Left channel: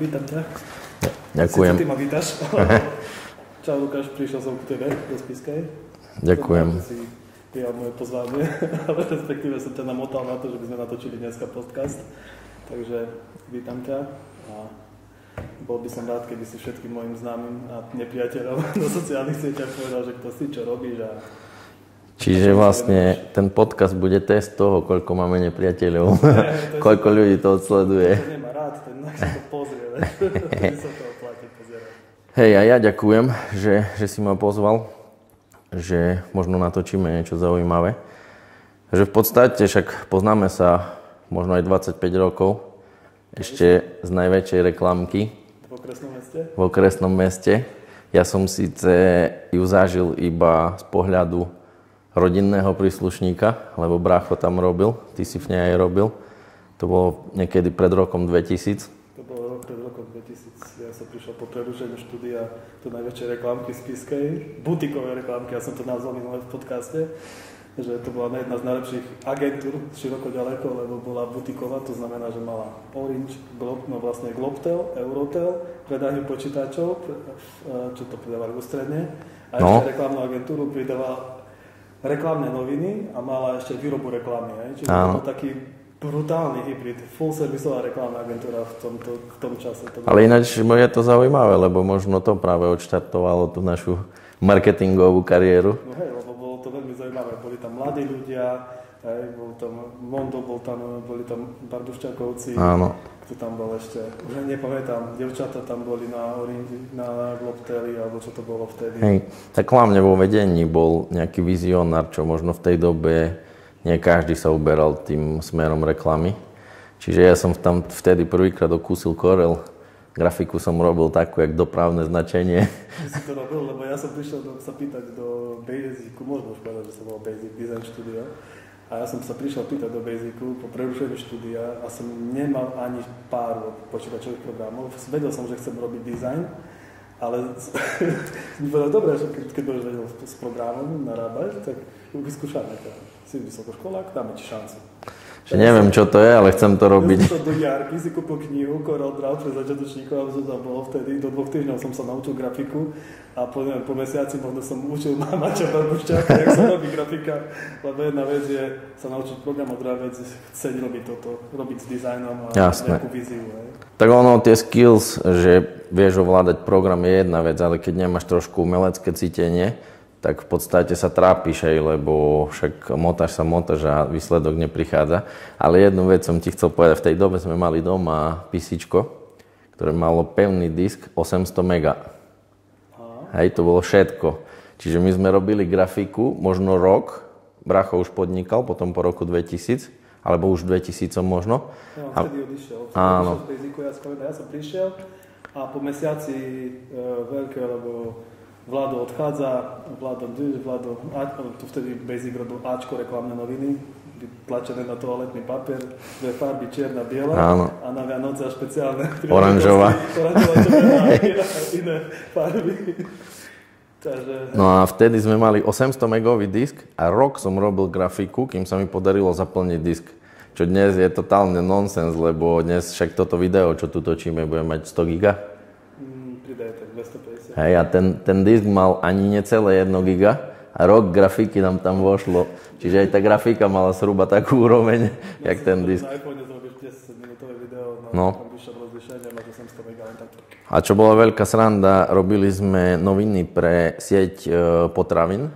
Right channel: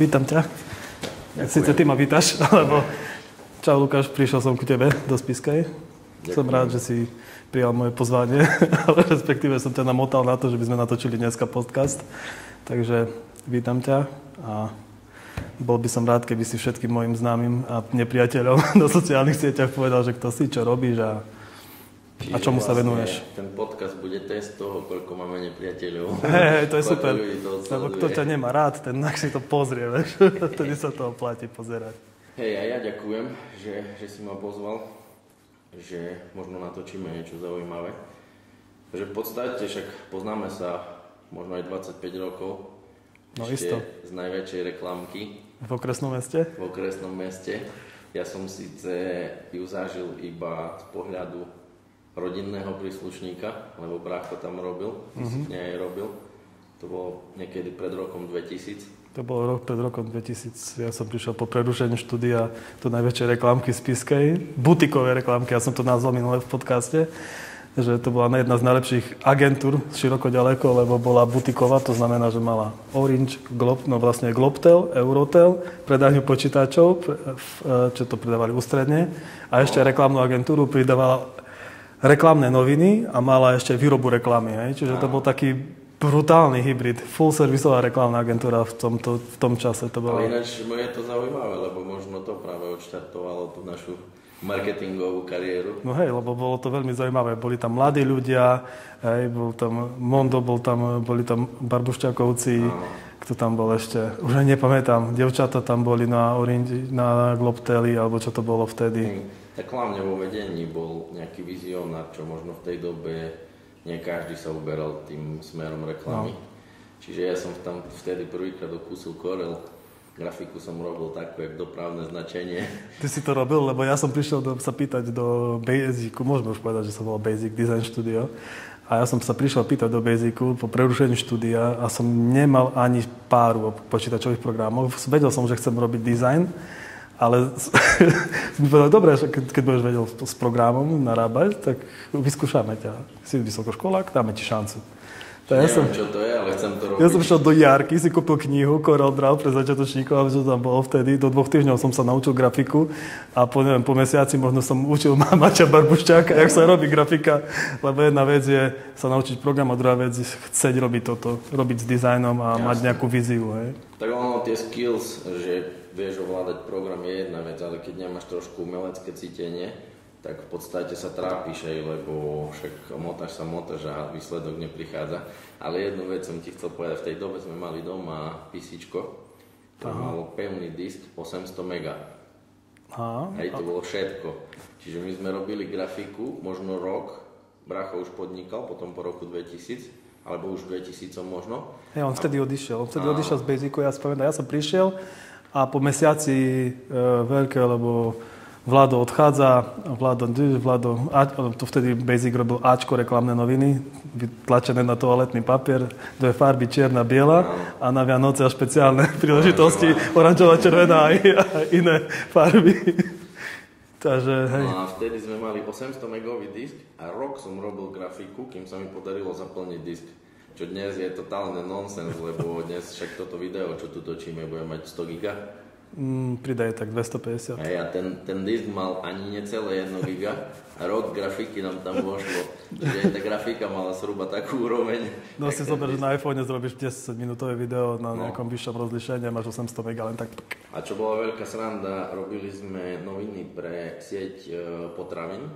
Vítam ťa. Ďakujem. Sice ty ma vítaš, čau Lukáš, prišiel som k tebe do Spišskej. Ďakujem. Som rád, že si prijal moje pozvanie, ale respektíve som ťa namotal na to, že by sme natočili dneska podcast. Takže vítam ťa a bol by som rád, keby si všetkým mojim známym a nepriateľom na sociálnych sieťach povedal, že kto si, čo robíš a čiže vlastne ten podcast bude test toho, koľko máme nepriateľov, koľko super. Ľudí to odsleduje. Kto ťa nemá rád, ten si to pozrie, vtedy sa to oplatí pozerať. Hej, a ja ďakujem, že si ma pozval, že možno natočíme niečo zaujímavé. Že v podstate však poznáme sa možno aj 25 rokov, ešte z najväčšej reklamky. V okresnom meste? V okresnom meste. Ja som síce ju zažil iba z pohľadu rodinného príslušníka, lebo brácho tam robil, ty si v nej aj robil. To bolo niekedy pred rokom 2000. To bolo pred rokom 2000. Ja som prišiel po prerušení štúdia do najväčšej reklamky Spišskej, butikové reklamky, ja som to nazval minule v podcaste, že to bola jedna z najlepších agentúr široko ďaleko, lebo bola butiková, to znamená, že mala Orange, Globtel, Eurotel, predajňu počítačov, čo to predávali ústredne, a ešte reklamnú agentúru pridávala reklamné noviny a mala ešte výrobu reklamy. Čiže to bol taký brutálny hybrid, full-servisová reklamná agentúra v tom čase. To bolo... Ale ináč je to zaujímavé, lebo možno to práve odštartovalo tú našu marketingovú kariéru. No hej, lebo bolo to veľmi zaujímavé. Boli tam mladí ľudia, bol tam Mondo, boli tam Barbušťakovci, kto tam bol ešte, už aj nepamätám, devčata tam boli na Globteli, alebo čo to bolo vtedy. Hej, tak hlavne vo vedení bol nejaký vizionár, čo možno v tej dobe nie každý sa uberal tým smerom reklamy. Čiže ja som tam vtedy prvýkrát okúsil Corel. Grafiku som robil takú, jak dopravné značenie. Ty si to robil, lebo ja som prišiel sa pýtať do Basicu, môžeme už povedať, že som bol Basic Design Studio. A ja som sa prišiel pýtať do Basicu po prerušení štúdia a som nemal ani páru o počítačových programoch. Vedel som, že chcem robiť design, ale som povedal, dobre, keď budeš vedel s programom narábať, tak vyskúšame ťa. Si vysokoškolák, dáme ti šancu. Neviem, čo to je, ale chcem to robiť. Ja som šiel do Jarky, si kúpil knihu CorelDRAW pre začiatočníkov, aby to tam bolo vtedy. Do 2 týždňov som sa naučil grafiku a po mesiaci možno som učil Maťa Barbušťáka, jak sa robí grafika. Lebo jedna vec je sa naučiť program a druhá vec je chcieť robiť toto, robiť s dizajnom a mať nejakú víziu. Tak ono, tie skills, že vieš ovládať program je jedna vec, ale keď nemáš trošku umelecké cítenie, tak v podstate sa trápiš aj, lebo však motáš a výsledok neprichádza. Ale jednu vec som ti chcel povedať, v tej dobe sme mali doma písičko, ktoré malo pevný disk 800 mega. Hej, to bolo všetko. Čiže my sme robili grafiku, možno rok, bracho už podnikal, potom po roku 2000, alebo už 2000 možno. Ja, on vtedy odišiel. Odišiel z Basicu, ja som prišiel a po mesiaci veľké, lebo Vlado odchádza, Vlado, to vtedy Basic robil Ačko reklamné noviny, vytlačené na toaletný papier, 2 farby, čierna, biela a na Vianoce a špeciálne príležitosti, oranžová, červená a iné farby. Takže, no a vtedy sme mali 800 megový disk a rok som robil grafiku, kým sa mi podarilo zaplniť disk. Čo dnes je totálne nonsens, lebo dnes však toto video, čo tu točíme, bude mať 100 giga. Pridaj tak 250. Hej, a ten disk mal ani necelé 1 giga a rok grafiky nám tam vošlo. Čiže aj tá grafika mala zhruba takú úroveň, jak ten disk. Na iPhone zrobíš 10-minútové video na nejakom vyššom rozlišení a máš 800 mega len tak. A čo bola veľká sranda, robili sme noviny pre sieť potravín.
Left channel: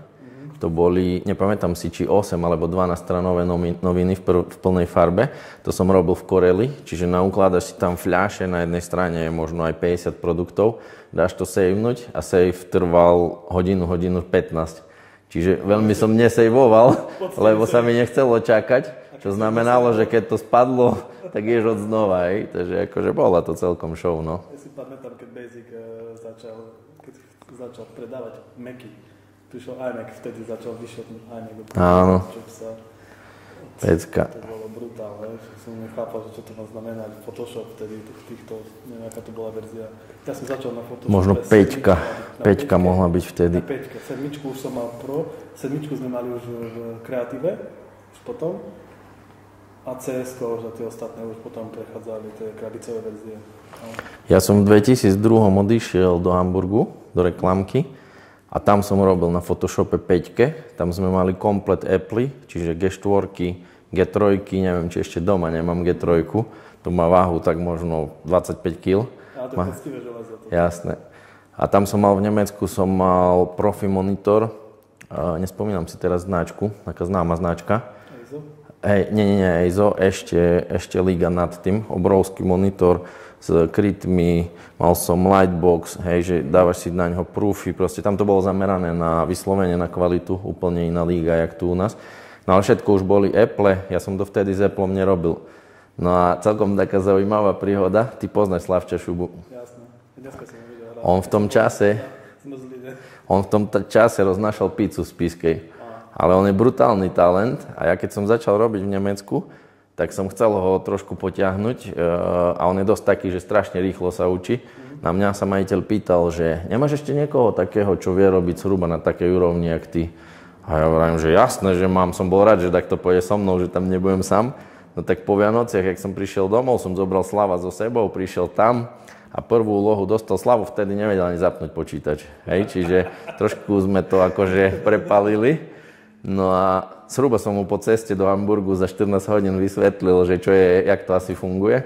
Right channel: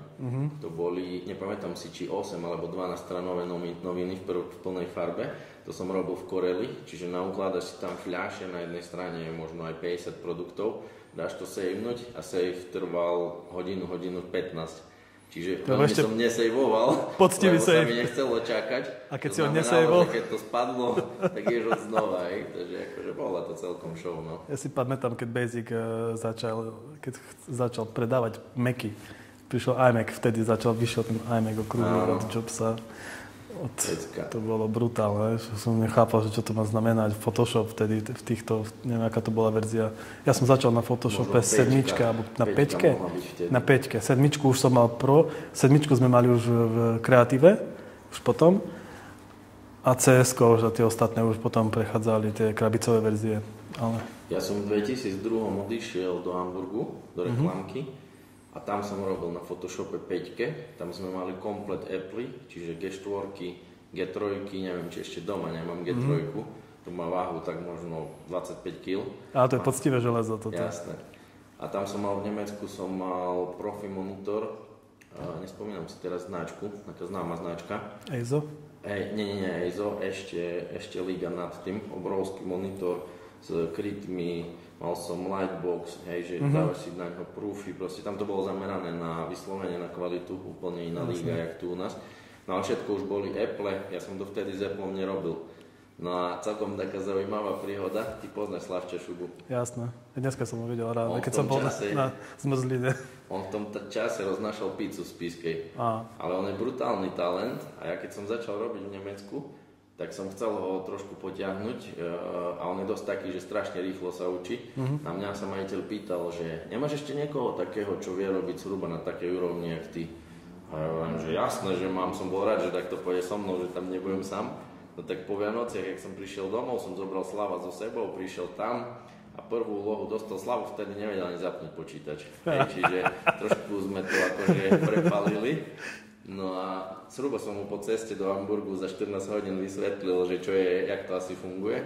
To boli, nepamätám si, či 8 alebo 12 stranové noviny v plnej farbe. To som robil v Coreli, čiže naukladaš si tam fľaše, na jednej strane je možno aj 50 produktov, dáš to savenúť a save trval hodinu 15. Čiže veľmi som nesejvoval, lebo sa mi nechcelo čakať. To znamenalo, že keď to spadlo, tak ješ od znova. Takže akože bola to celkom show. No. Ja si pamätám, keď Basic začal predávať Macy. Prišiel iMac, vtedy vyšiel ten iMac okolo Jobsa. To bolo brutálne, že som nechápal, že čo to má znamenať. Photoshop vtedy v týchto, neviem, aká to bola verzia. Ja som začal na Photoshop možno 5, na 5 mohla byť vtedy. Na 5. 7 už som mal Pro, 7 sme mali už v Kreatíve, už potom. A CS-ko, že tie ostatné už potom prechádzali tie krabicové verzie. Ale... Ja som v 2002 odišiel do Hamburgu, do reklamky a tam som robil na Photoshope 5. Tam sme mali komplet Apple, čiže G4, G3, neviem, či ešte doma nemám G3. To má váhu tak možno 25 kg. Ale to je poctivé železo. Toto. Jasné. A tam som mal v Nemecku, profi monitor, nespomínam si teraz značku, taká známa značka. EIZO? Hej, nie EIZO, ešte liga nad tým, obrovský monitor s krytmi, mal som lightbox, hej, že dávaš si na ňo proofy, proste tam to bolo zamerané na vyslovene, na kvalitu, úplne iná liga, jak tu u nás. No ale všetko už boli Apple, ja som to vtedy s Appleom nerobil. No a celkom taká zaujímavá príhoda, ty poznáš Slavča Šubu. Jasné, dneska som ho videl rád. On v tom čase, on v tom čase roznášal pizzu z Spiskej, ale on je brutálny talent a ja keď som začal robiť v Nemecku, tak som chcel ho trošku potiahnuť a on je dosť taký, že strašne rýchlo sa učí. Na mňa sa majiteľ pýtal, že nemáš ešte niekoho takého, čo vie robiť zhruba na takej úrovni, jak ty. A ja hovorím, že jasné, že mám, som bol rád, že takto pôjde so mnou, že tam nebudem sám. No tak po Vianociach, jak som prišiel domov, som zobral Slava so sebou, prišiel tam a prvú úlohu dostal Slavu, vtedy nevedel ani zapnúť počítač. Hej, čiže trošku sme to akože prepalili. No a zhruba som mu po ceste do Hamburgu za 14 hodín vysvetlil, že čo je, jak to asi funguje.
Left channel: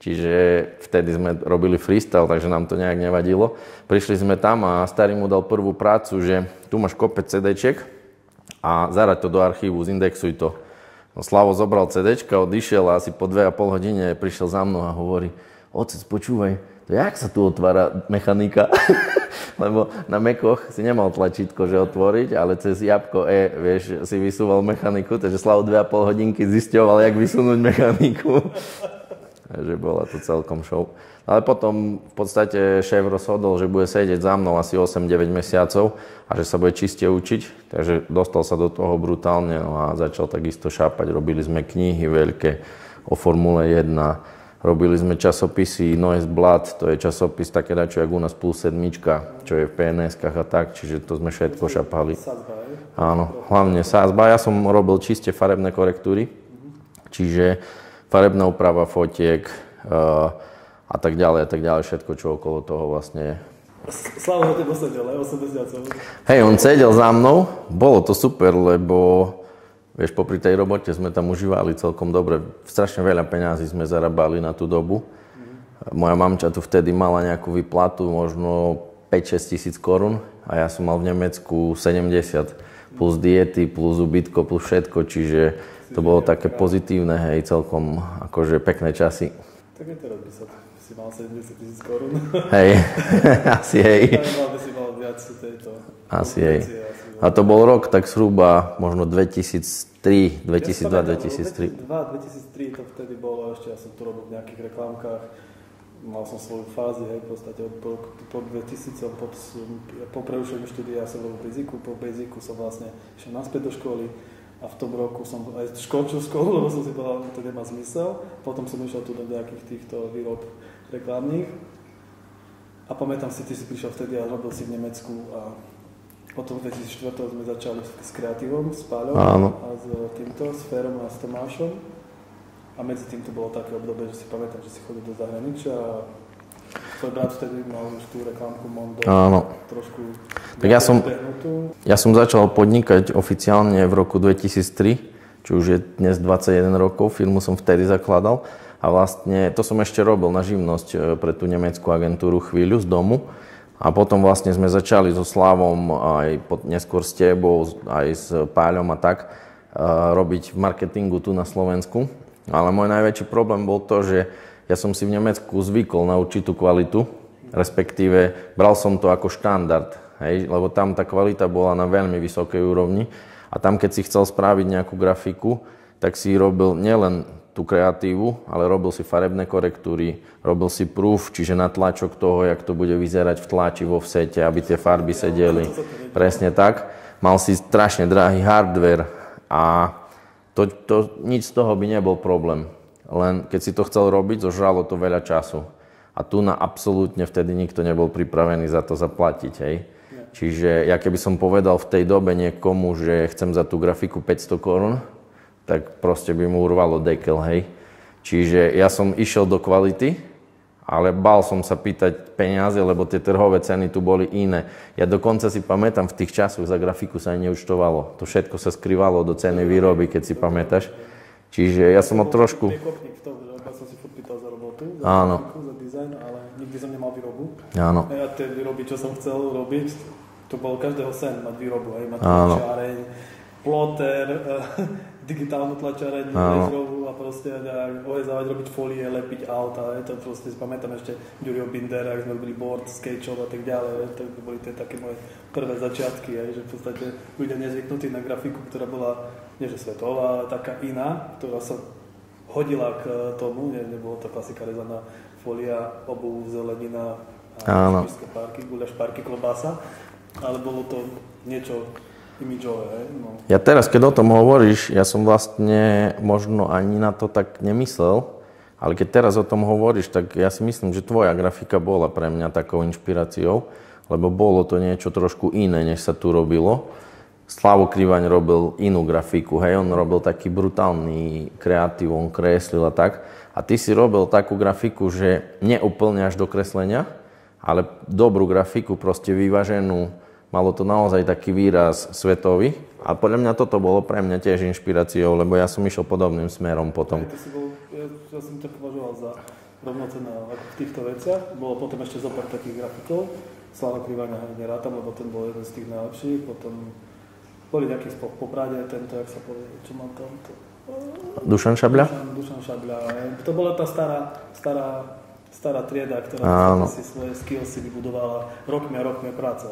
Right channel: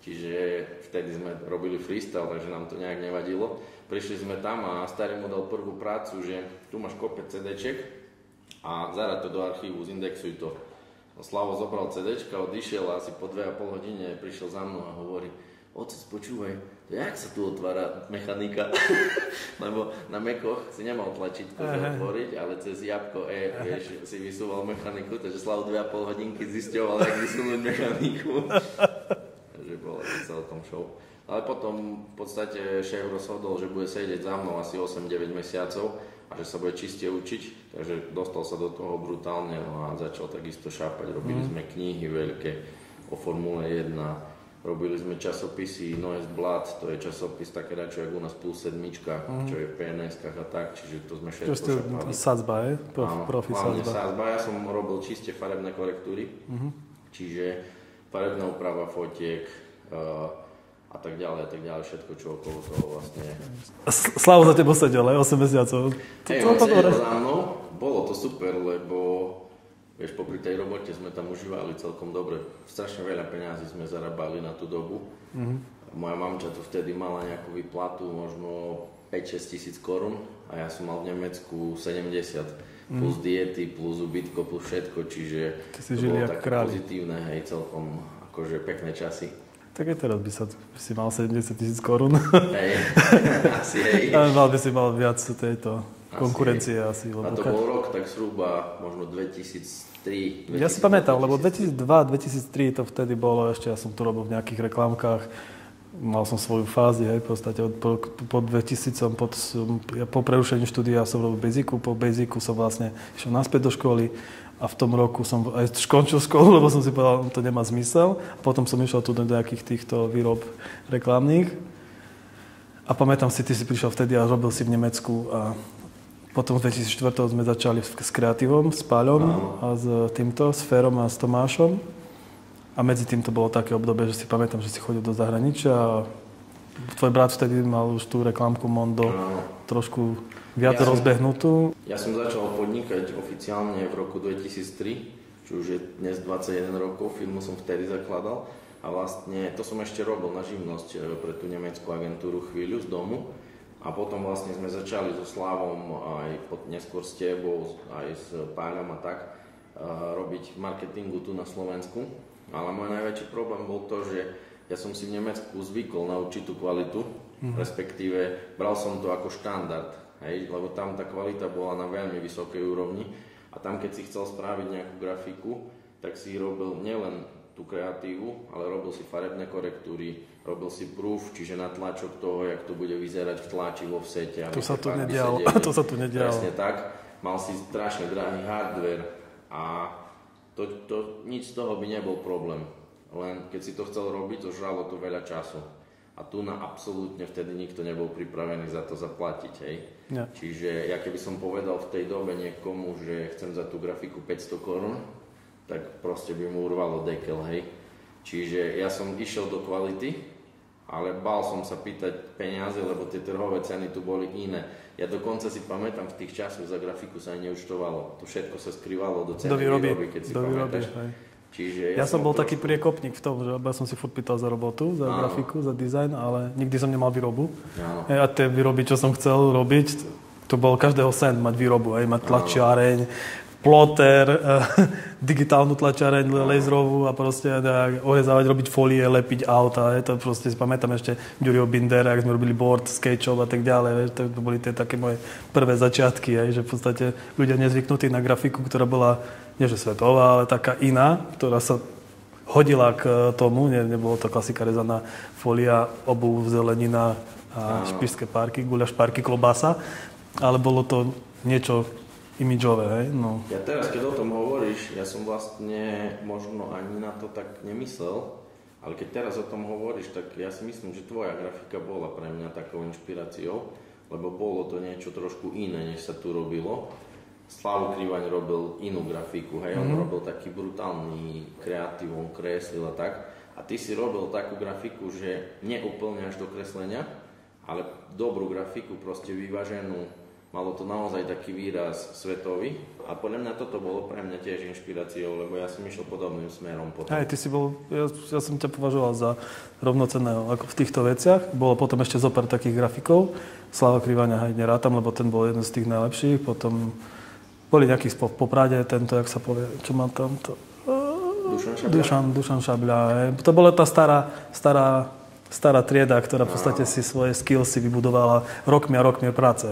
Čiže vtedy sme robili freestyle, takže nám to nejak nevadilo. Prišli sme tam a starý mu dal prvú prácu, že tu máš kopec CD-čiek a zaraď to do archívu, zindexuj to. No, Slavo zobral CDčka, odišiel a asi po 2,5 hodine prišiel za mnou a hovorí: Otec, počúvaj, to jak sa tu otvára mechanika? Lebo na Macoch si nemal tlačítko, že otvoriť, ale cez jabko vieš, si vysúval mechaniku, takže Slavo 2,5 hodinky zisťoval, jak vysunúť mechaniku. Takže bola to celkom show. Ale potom v podstate šéf rozhodol, že bude sedieť za mnou asi 8-9 mesiacov a že sa bude čiste učiť. Takže dostal sa do toho brutálne a začal takisto šápať. Robili sme knihy veľké o Formule 1, robili sme časopisy Noise Blood, to je časopis také dačo, jak u nás Plus 7, čo je v PNS-kách a tak, čiže to sme všetko šapali. Sadzba, je? Áno, hlavne Sadzba. Ja som robil čiste farebné korektúry, čiže farebná úprava fotiek, a tak ďalej, všetko, čo okolo toho vlastne je. Slavo za tebou sedel, aj 8 mesiacov. Hej, on sedel za mnou, bolo to super, lebo vieš, popri tej robote sme tam užívali celkom dobre. Strašne veľa peňazí sme zarábali na tú dobu. Moja mamča tu vtedy mala nejakú výplatu, možno 5-6 tisíc korún a ja som mal v Nemecku 70, plus diety, plus ubytko, plus všetko, čiže to bolo také pozitívne, hej, celkom akože pekné časy. Tak aj teraz by si mal 70 000 korún. Hej, asi hej. Ale by si mal viac tejto konkurencie. Asi a to bol rok tak zhruba možno 2003, 2002, ja si pamätám, lebo 2002-2003 to vtedy bolo, ešte ja som to robil v nejakých reklamkách. Mal som svoju fázi, hej, v podstate po 2000, po prerušení štúdia som robil Basicu, po Basicu som vlastne išiel naspäť do školy. A v tom roku som aj skončil školu, lebo som si povedal, že to nemá zmysel. A potom som išiel tu do nejakých týchto výrob reklamných. A pamätám si, ty si prišiel vtedy a robil si v Nemecku. A potom v 2004 sme začali s kreatívom, s Páľom a s týmto, s Ferom a s Tomášom. A medzi tým to bolo také obdobie, že si pamätám, že si chodil do zahraničia a tvoj brat vtedy mal už tú reklamku Mondo trošku viac rozbehnutú. Ja som začal podnikať oficiálne v roku 2003, čo už je dnes 21 rokov, firmu som vtedy zakladal a vlastne to som ešte robil na živnosť pre tú nemeckú agentúru chvíľu z domu a potom vlastne sme začali so Slavom aj neskôr s tebou, aj s Páľom a tak robiť v marketingu tu na Slovensku, ale môj najväčší problém bol to, že ja som si v Nemecku zvykol na určitú kvalitu, respektíve bral som to ako štandard, hej, lebo tam tá kvalita bola na veľmi vysokej úrovni a tam keď si chcel spraviť nejakú grafiku, tak si robil nielen tú kreatívu, ale robil si farebné korektúry, robil si proof, čiže natlačok toho, jak to bude vyzerať v tlači, vo offsete, aby tie farby sedeli. Presne tak. Mal si strašne drahý hardware a nič z toho by nebol problém. Len keď si to chcel robiť, zožralo to veľa času. A tu na absolútne vtedy nikto nebol pripravený za to zaplatiť, hej. Ja. Čiže ja keby som povedal v tej dobe niekomu, že chcem za tú grafiku 500 korún, tak proste by mu urvalo dekel, hej. Čiže ja som išiel do kvality, ale bál som sa pýtať peniaze, lebo tie trhové ceny tu boli iné. Ja dokonca si pamätám, v tých časoch za grafiku sa ani neúčtovalo. To všetko sa skrývalo do ceny výroby, keď si pamätáš. Čiže ja som trošku... taký priekopník v tom, že ja som si furt pýtal za robotu, za grafiku, za dizajn, ale nikdy som nemal výrobu. Áno. A tie výroby, čo som chcel robiť, to bol každého sen mať výrobu, aj mať tlačiareň, ploter, digitálnu tlačiareň, laserovú a proste ohezávať, robiť folie, lepiť auta. To proste si pamätám ešte Ďuriho Bindera, ak sme robili board, sketchov a tak ďalej. To boli tie také moje prvé začiatky, že v podstate ľudia nezvyknutí na grafiku, ktorá bola nie že svetová, ale taká iná, ktorá sa hodila k tomu. Nebolo to klasika rezaná folia, obuv, zelenina a špišské párky, guľaš párky, klobása, ale bolo to niečo imidžové, hej? No. Ja teraz, keď o tom hovoríš, ja som vlastne možno ani na to tak nemyslel, ale keď teraz o tom hovoríš, tak ja si myslím, že tvoja grafika bola pre mňa takou inšpiráciou, lebo bolo to niečo trošku iné, než sa tu robilo. Slavo Krivaň robil inú grafiku, hej, on robil taký brutálny kreatív, on kreslil a tak. A ty si robil takú grafiku, že neúplne až do kreslenia, ale dobrú grafiku, proste vyváženú. Malo to naozaj taký výraz svetový a podľa mňa toto bolo pre mňa tiež inšpiráciou, lebo ja som išiel podobným smerom potom. Ty si bol, ja som ťa považoval za rovnocenného ako v týchto veciach. Bolo potom ešte zopár takých grafikov. Slava Krivaňa aj nerátam, lebo ten bol jeden z tých najlepších. Potom boli nejakí v Poprade, tento, jak sa povie, čo má tam to... Dušan Šabľa? Dušan Šabľa. To bola tá stará trieda, ktorá v podstate si svoje skillsy vybudovala rokmi a rokmi práce.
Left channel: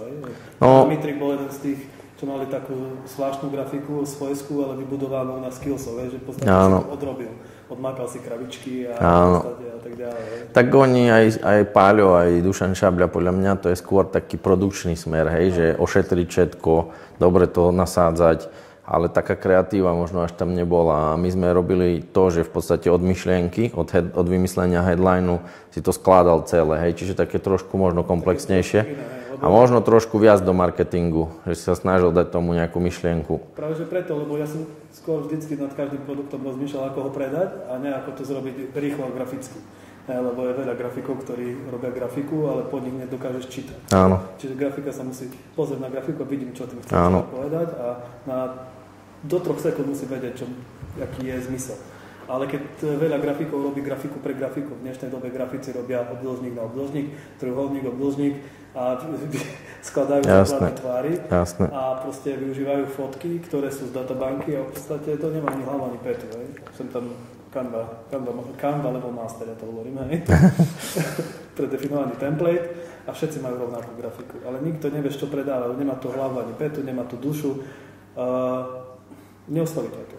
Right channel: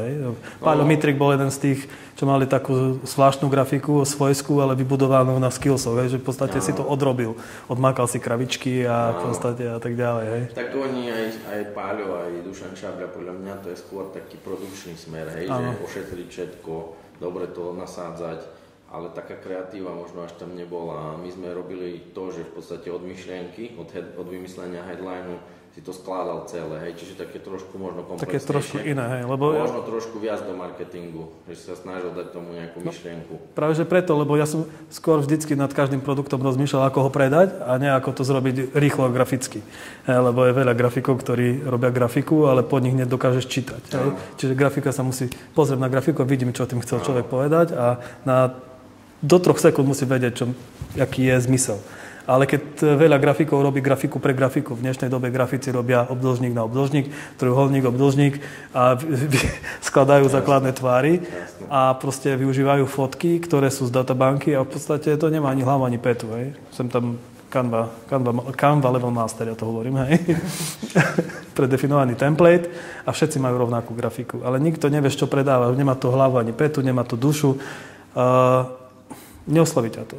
Páľo Mitrik bol jeden z tých, čo mali takú zvláštnu grafiku svojskú, ale vybudovanú na skillsov, že v podstate si to odrobil. Odmákal si kravičky a v podstate a tak ďalej. Tak oni, aj Páľo, aj Dušan Šabľa, podľa mňa to je skôr taký produkčný smer, že ošetriť všetko, dobre to nasádzať, ale taká kreatíva možno až tam nebola. A my sme robili to, že v podstate od myšlienky, od vymyslenia headlineu si to skládal celé, čiže také trošku možno komplexnejšie. A možno trošku viac do marketingu, že si sa snažil dať tomu nejakú myšlienku. Práve že preto, lebo ja som skôr vždycky nad každým produktom rozmýšľal, ako ho predať a nie ako to zrobiť rýchlo a graficky. Lebo je veľa grafikov, ktorí robia grafiku, ale pod nich nedokážeš čítať. Čiže grafika sa musí pozrieť na grafiku a vidím, čo tým chce človek povedať a do 3 sekúnd musí vedieť, aký je zmysel. Ale keď veľa grafikov robí grafiku pre grafiku, v dnešnej dobe grafici robia obdĺžnik na obdĺžnik, trojuholník, obdĺžnik a skladajú základné tvary a proste využívajú fotky, ktoré sú z databanky a v podstate to nemá ani hlavu, ani petu. Som tam Canva Level Master, ja to hovorím, predefinovaný template a všetci majú rovnakú grafiku. Ale nikto nevie, čo predáva, nemá to hlavu, ani petu, nemá to dušu. Neosloví ťa to.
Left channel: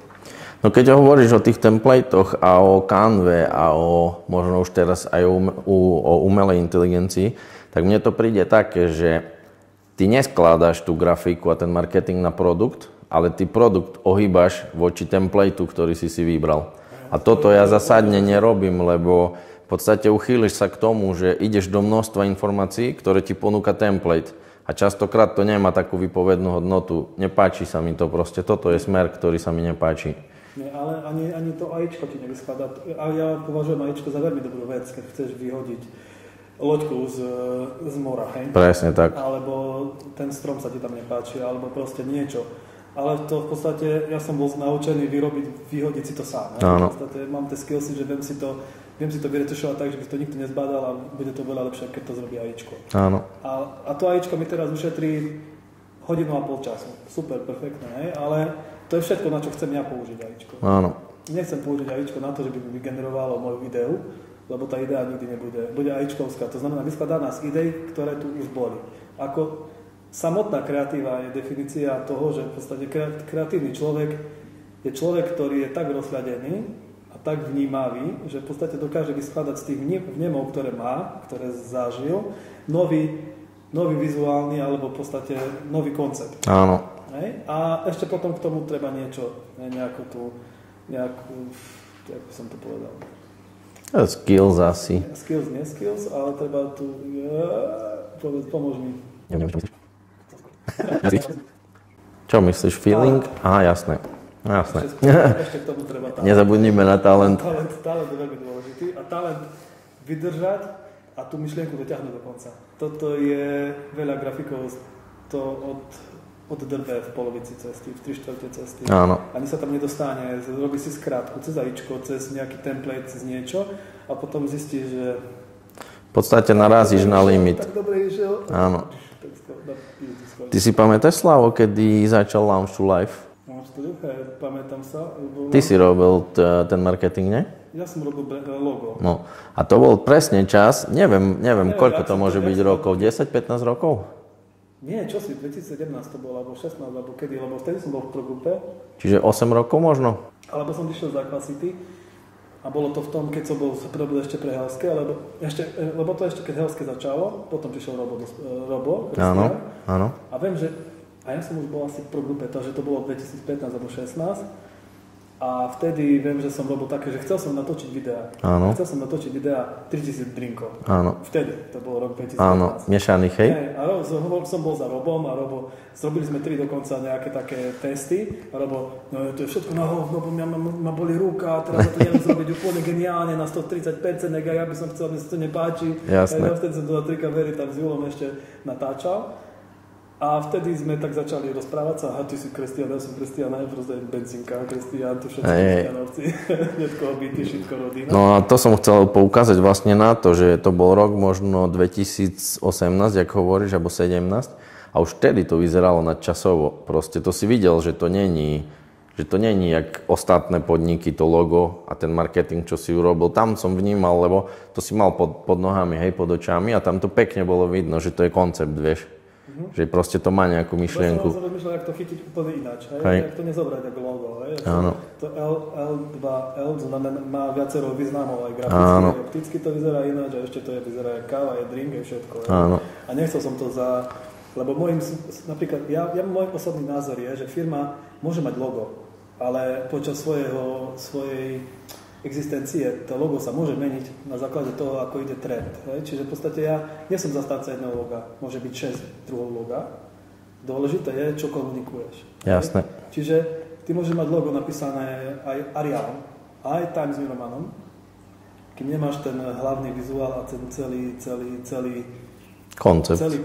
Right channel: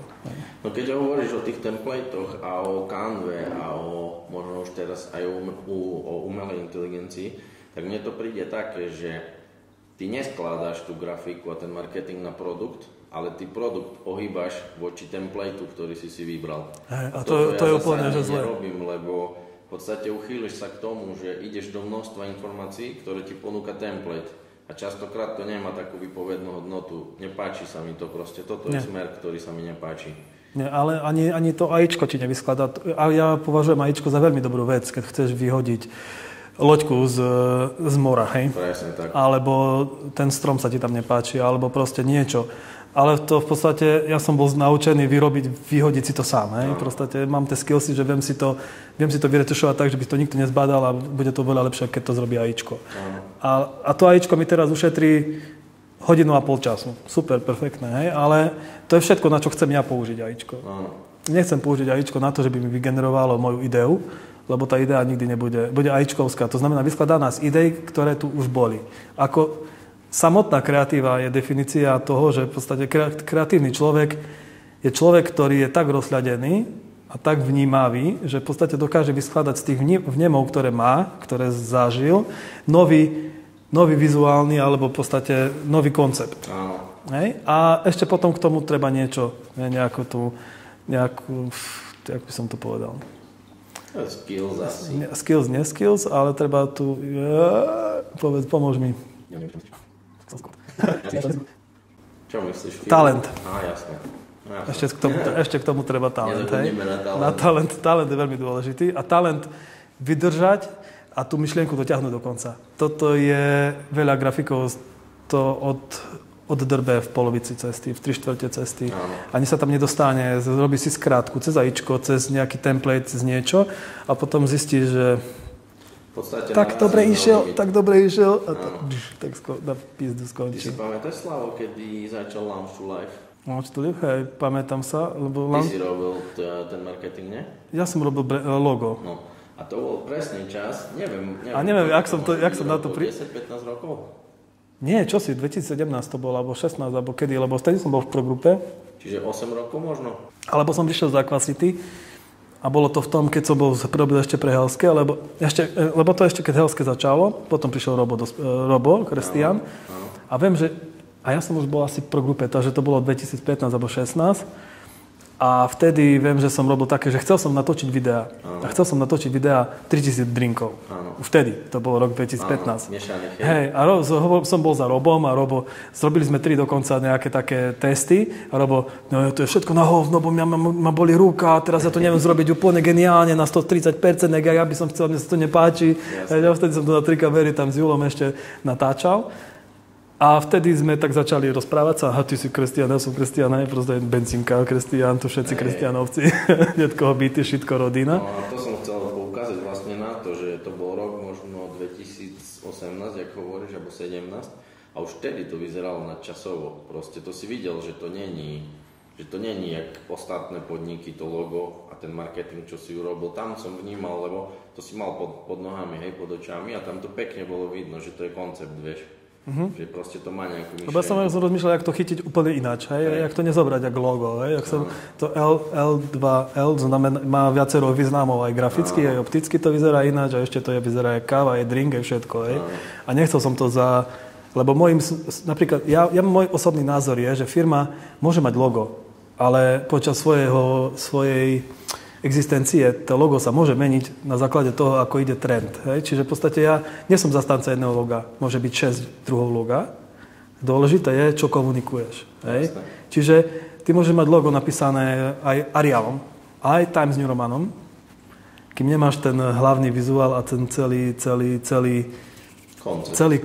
No keď hovoríš o tých templatoch a o Canve a o možno už teraz aj o umelej inteligencii, tak mne to príde také, že ty neskladaš tú grafiku a ten marketing na produkt, ale ty produkt ohýbaš voči templateu, ktorý si vybral. A toto ja zásadne nerobím, lebo v podstate uchýliš sa k tomu, že ideš do množstva informácií, ktoré ti ponúka template. A častokrát to nemá takú výpovednú hodnotu. Nepáči sa mi to proste. Toto je smer, ktorý sa mi nepáči. Nie, ale ani to AIčko ti nevyskladá. A ja považujem AIčko za veľmi dobrú vec, keď chceš vyhodiť loďku z mora, hej? Presne tak. Alebo ten strom sa ti tam nepáči, alebo proste niečo. Ale to v podstate, ja som bol naučený vyhodiť si to sám. V podstate mám tie skillsy, že viem si to vyretušovať tak, že by to nikto nezbadal a bude to veľa lepšie, keď to zrobí AIčko. A to AIčko mi teraz ušetrí 1,5 hodinu času. Super, perfektné, hej? Ale to je všetko, na čo chcem ja použiť AIčko. Nechcem použiť AIčko na to, že by mi vygenerovalo moju ideu, lebo tá idea nikdy nebude. Bude AIčkovská, to znamená vyskladaná z idej, ktoré tu už boli. Samotná kreatíva je definícia toho, že v podstate kreatívny človek je človek, ktorý je tak rozhľadený a tak vnímavý, že v podstate dokáže vyskladať z tých vnemov, ktoré má, ktoré zažil, nový vizuálny alebo v podstate nový koncept. Hej? A ešte potom k tomu treba niečo, nejakú, jak by som to povedal? Skills asi. Skills, ale treba tu... Pomôž mi. Čo myslíš? Talent. Aha, jasné. Ešte k tomu treba talent. Nezabudnime na talent. Talent je veľmi dôležitý a talent vydržať a tú myšlienku dotiahnuť do konca. Toto je veľa grafikov to oddrbe v polovici cesty, v 3/4 cesty. Áno. Ani sa tam nedostane, robí si skrátku cez AIčko, cez nejaký template, cez niečo a potom zistí, že v podstate narazíš na limit. Tak dobre išiel. Áno. Tak na pizdu skončil. Ty si pamätáš, Slavo, kedy začal Launch to Life? Launch to Life, hej, pamätám sa. Lebo Ty si robil ten marketing, nie? Ja som robil logo. No. A to bol presne čas, neviem koľko to môže byť rokov, 10-15 rokov? Nie, čo si, 2017 to bolo, alebo 16, alebo kedy, lebo vtedy som bol v progrupe. Čiže 8 rokov možno? Alebo som išiel z Aquacity a bolo to v tom, keď som robil ešte pre Helske, lebo to ešte keď Helske začalo, potom prišiel Robo, Kristián. Áno. A viem, že ja som už bol asi v progrupe, takže to bolo 2015 alebo 16. A vtedy viem, že som robil také, že chcel som natočiť videá. Áno. A chcel som natočiť videá 3000 drinkov. Áno. Vtedy, to bol rok 2015. Áno, miešaných, hej? Hej, a som bol za Robom a zrobili sme 3 dokonca nejaké také testy. A Robo, no to je všetko na hovno, bo ma boli ruka, teraz ja to neviem zrobiť úplne geniálne na 130%, ja by som chcel, mne sa to nepáči. Jasné. Ja vtedy som to na 3 kamery tam s Julom ešte natáčal. A vtedy sme tak začali rozprávať sa, ty si Kristián, ja som Kristián, proste benzínka, Kristián, tu všetci Kristiánovci, všetkoho byty, všetko rodina. No a to som chcel poukázať vlastne na to, že to bol rok možno 2018, jak hovoríš, alebo 17, a už vtedy to vyzeralo nadčasovo. Proste to si videl, že to není jak ostatné podniky, to logo a ten marketing, čo si urobil. Tam som vnímal, lebo to si mal pod nohami, hej, pod očami a tam to pekne bolo vidno, že to je koncept, vieš. Že proste to má nejakú myšlienku. Lebo som rozmýšľal, jak to chytiť úplne ináč, hej? Jak to nezobrať ako logo, hej? To L2L znamená, má viacero významov, aj graficky, aj opticky to vyzerá ináč, a ešte to vyzerá aj káva, aj drink, aj všetko, hej? A nechcel som to lebo napríklad, môj osobný názor je, že firma môže mať logo, ale počas svojej existencie to logo sa môže meniť na základe toho, ako ide trend. Hej? Čiže v podstate ja nie som zastanca jedného loga. Môže byť 6 druhov loga. Dôležité je, čo komunikuješ. Hej? Jasné. Čiže ty môžeš mať logo napísané aj Arialom, aj Times New Romanom, kým nemáš ten hlavný vizuál a ten celý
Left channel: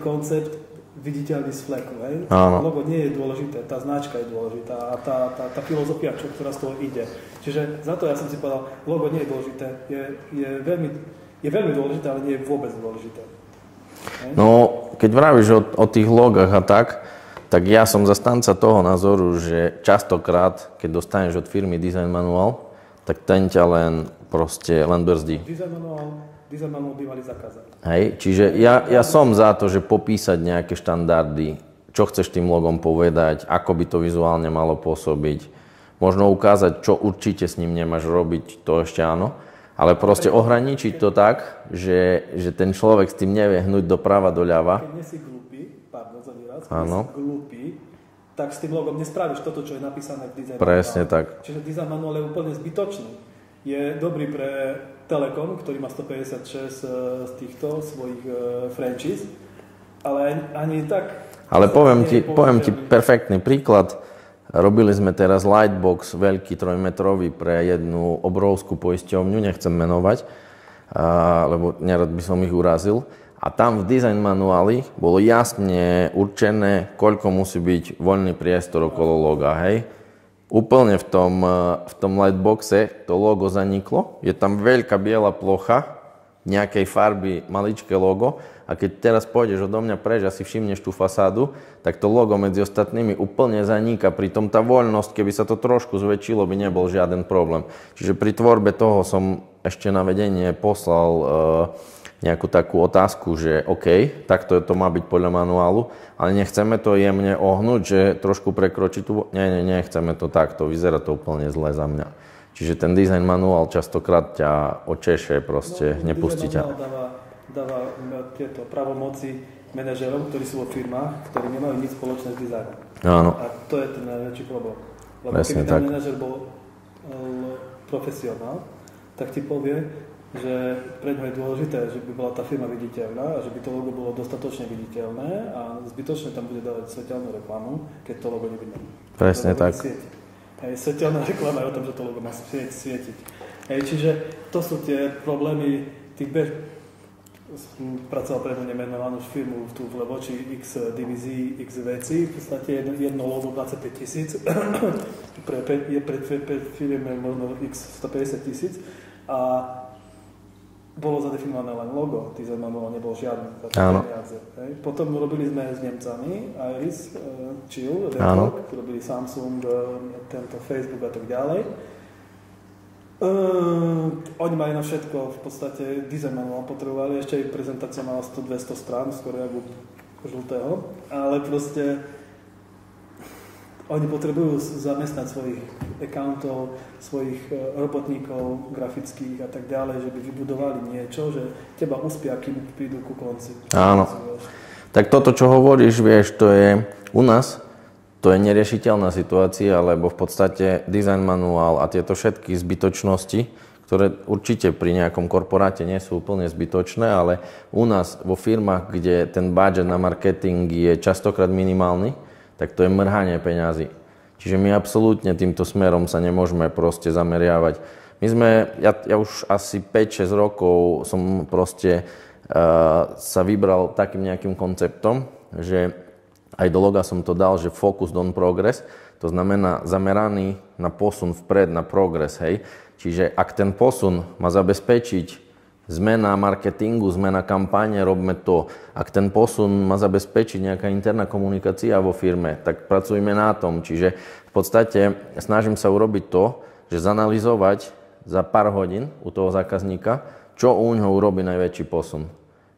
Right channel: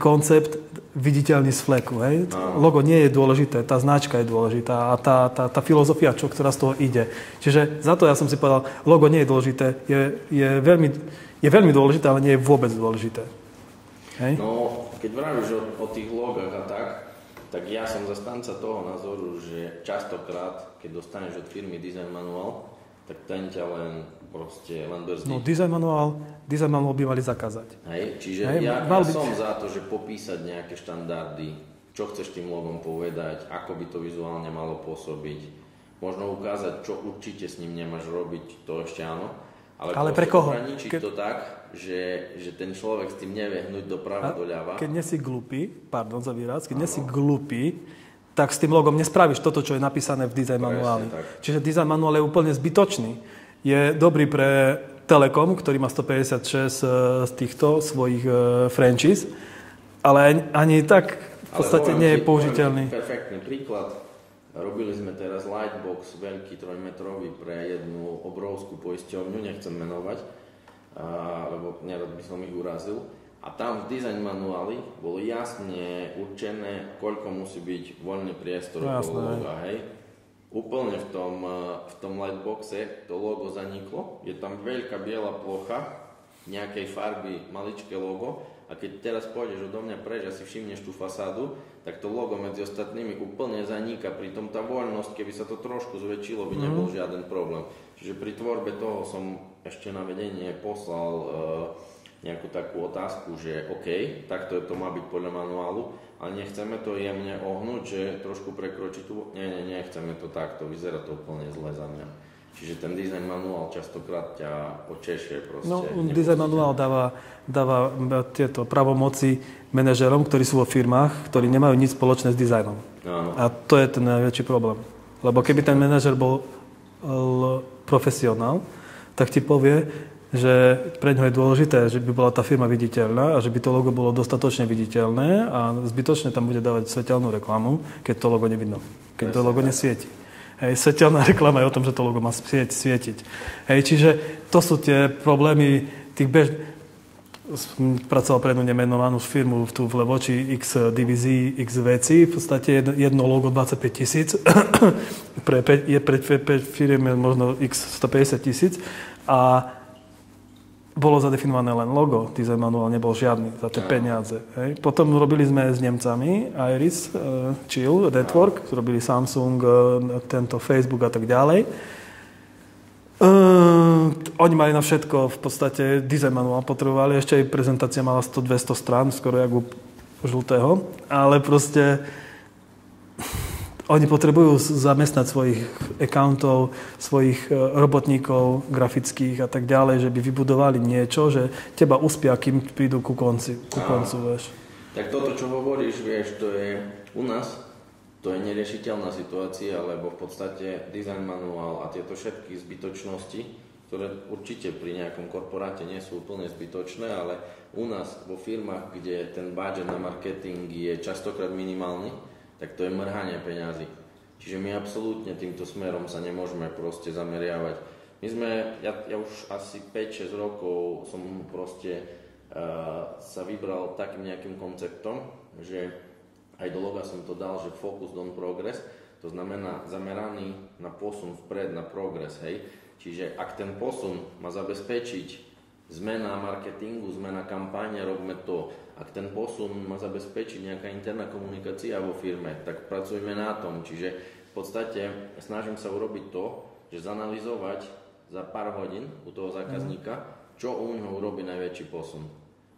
koncept viditeľný z fleku, hej? Logo nie je dôležité, tá značka je dôležitá a tá filozofia, ktorá z toho ide. Čiže za to ja som si povedal, logo nie je dôležité, je veľmi dôležité, ale nie je vôbec dôležité. Hej? No, keď vravíš o tých logách a tak ja som zastanca toho názoru, že častokrát, keď dostaneš od firmy design manuál, tak ten ťa len brzdí. No, design manuál by mali zakázať. Hej, čiže ja som za to, že popísať nejaké štandardy, čo chceš tým logom povedať, ako by to vizuálne malo pôsobiť, možno ukázať, čo určite s ním nemáš robiť, to ešte áno, ale proste ohraničiť to tak, že ten človek s tým nevie hnúť doprava, doľava. Keď nie si glupý, tak s tým logom nespravíš toto, čo je napísané v design manuále. Presne tak. Čiže design manuál je úplne zbytočný. Je dobrý pre Telekom, ktorý má 156 z týchto svojich franchise, ale ani tak ale poviem ti perfektný príklad. Robili sme teraz Lightbox, veľký 3-metrový pre jednu obrovskú poisťovňu, nechcem menovať, lebo nerad by som ich urazil. A tam v design manuáli bolo jasne určené, koľko musí byť voľný priestor okolo loga, hej. Úplne v tom lightboxe to logo zaniklo. Je tam veľká biela plocha, nejakej farby, maličké logo. A keď teraz pôjdeš odo mňa preč a si všimneš tú fasádu, tak to logo medzi ostatnými úplne zaníka. Pritom tá voľnosť, keby sa to trošku zväčšilo, by nebol žiaden problém. Čiže pri tvorbe toho som ešte na vedenie poslal nejakú takú otázku, že OK, takto to má byť podľa manuálu, ale nechceme to jemne ohnúť, že trošku prekročiť tú... Nie, chceme to takto, vyzerá to úplne zle za mňa. Čiže ten design manuál častokrát ťa očeše, proste nepustí ťa. Design manuál dáva tieto pravomoci manažerom, ktorí sú vo firmách, ktorí nemajú nič spoločné s dizajnom. Áno. A to je ten najväčší problém. Lebo keby ten manažer bol profesionál, tak ti povie, že pre ňo je dôležité, že by bola tá firma viditeľná a že by to logo bolo dostatočne viditeľné a zbytočne tam bude dávať svetelnú reklamu, keď to logo nevidno. Keď to logo nesvieti. Hej, svetelná reklama je o tom, že to logo má svietiť. Hej, čiže to sú tie problémy tých pracoval pre jednu nemenovanú firmu tu v Levoči, X divízií, X vecí, v podstate jedno logo 25 000, pre firmy možno X 150 000 a bolo zadefinované len logo, design manuál nebol žiadny za tie peniaze. Hej. Potom robili sme s Nemcami Iris, Chill, Network, robili Samsung, tento Facebook a tak ďalej. Oni mali na všetko v podstate design manuál potrebovali, ešte aj prezentácia mala 100-200 strán, skoro jak u žltého, ale proste oni potrebujú zamestnať svojich accountov, svojich robotníkov grafických a tak ďalej, že by vybudovali niečo, že teba uspia, kým prídu ku konci. Áno. Tak toto, čo hovoríš, vieš, to je u nás, to je neriešiteľná situácia, lebo v podstate design manuál a tieto všetky zbytočnosti, ktoré určite pri nejakom korporáte nie sú úplne zbytočné, ale u nás vo firmách, kde ten budget na marketing je častokrát minimálny, tak to je mrhanie peňazí. Čiže my absolútne týmto smerom sa nemôžeme proste zameriavať. Ja už asi 5-6 rokov som proste sa vybral takým nejakým konceptom, že aj do loga som to dal, že focus on progress, to znamená zameraný na posun vpred, na progres, hej. Čiže ak ten posun má zabezpečiť zmena marketingu, zmena kampáne, robme to. Ak ten posun má zabezpečiť nejaká interná komunikácia vo firme, tak pracujme na tom. Čiže v podstate snažím sa urobiť to, že zanalizovať za pár hodín u toho zákazníka, čo u ňoho urobí najväčší posun.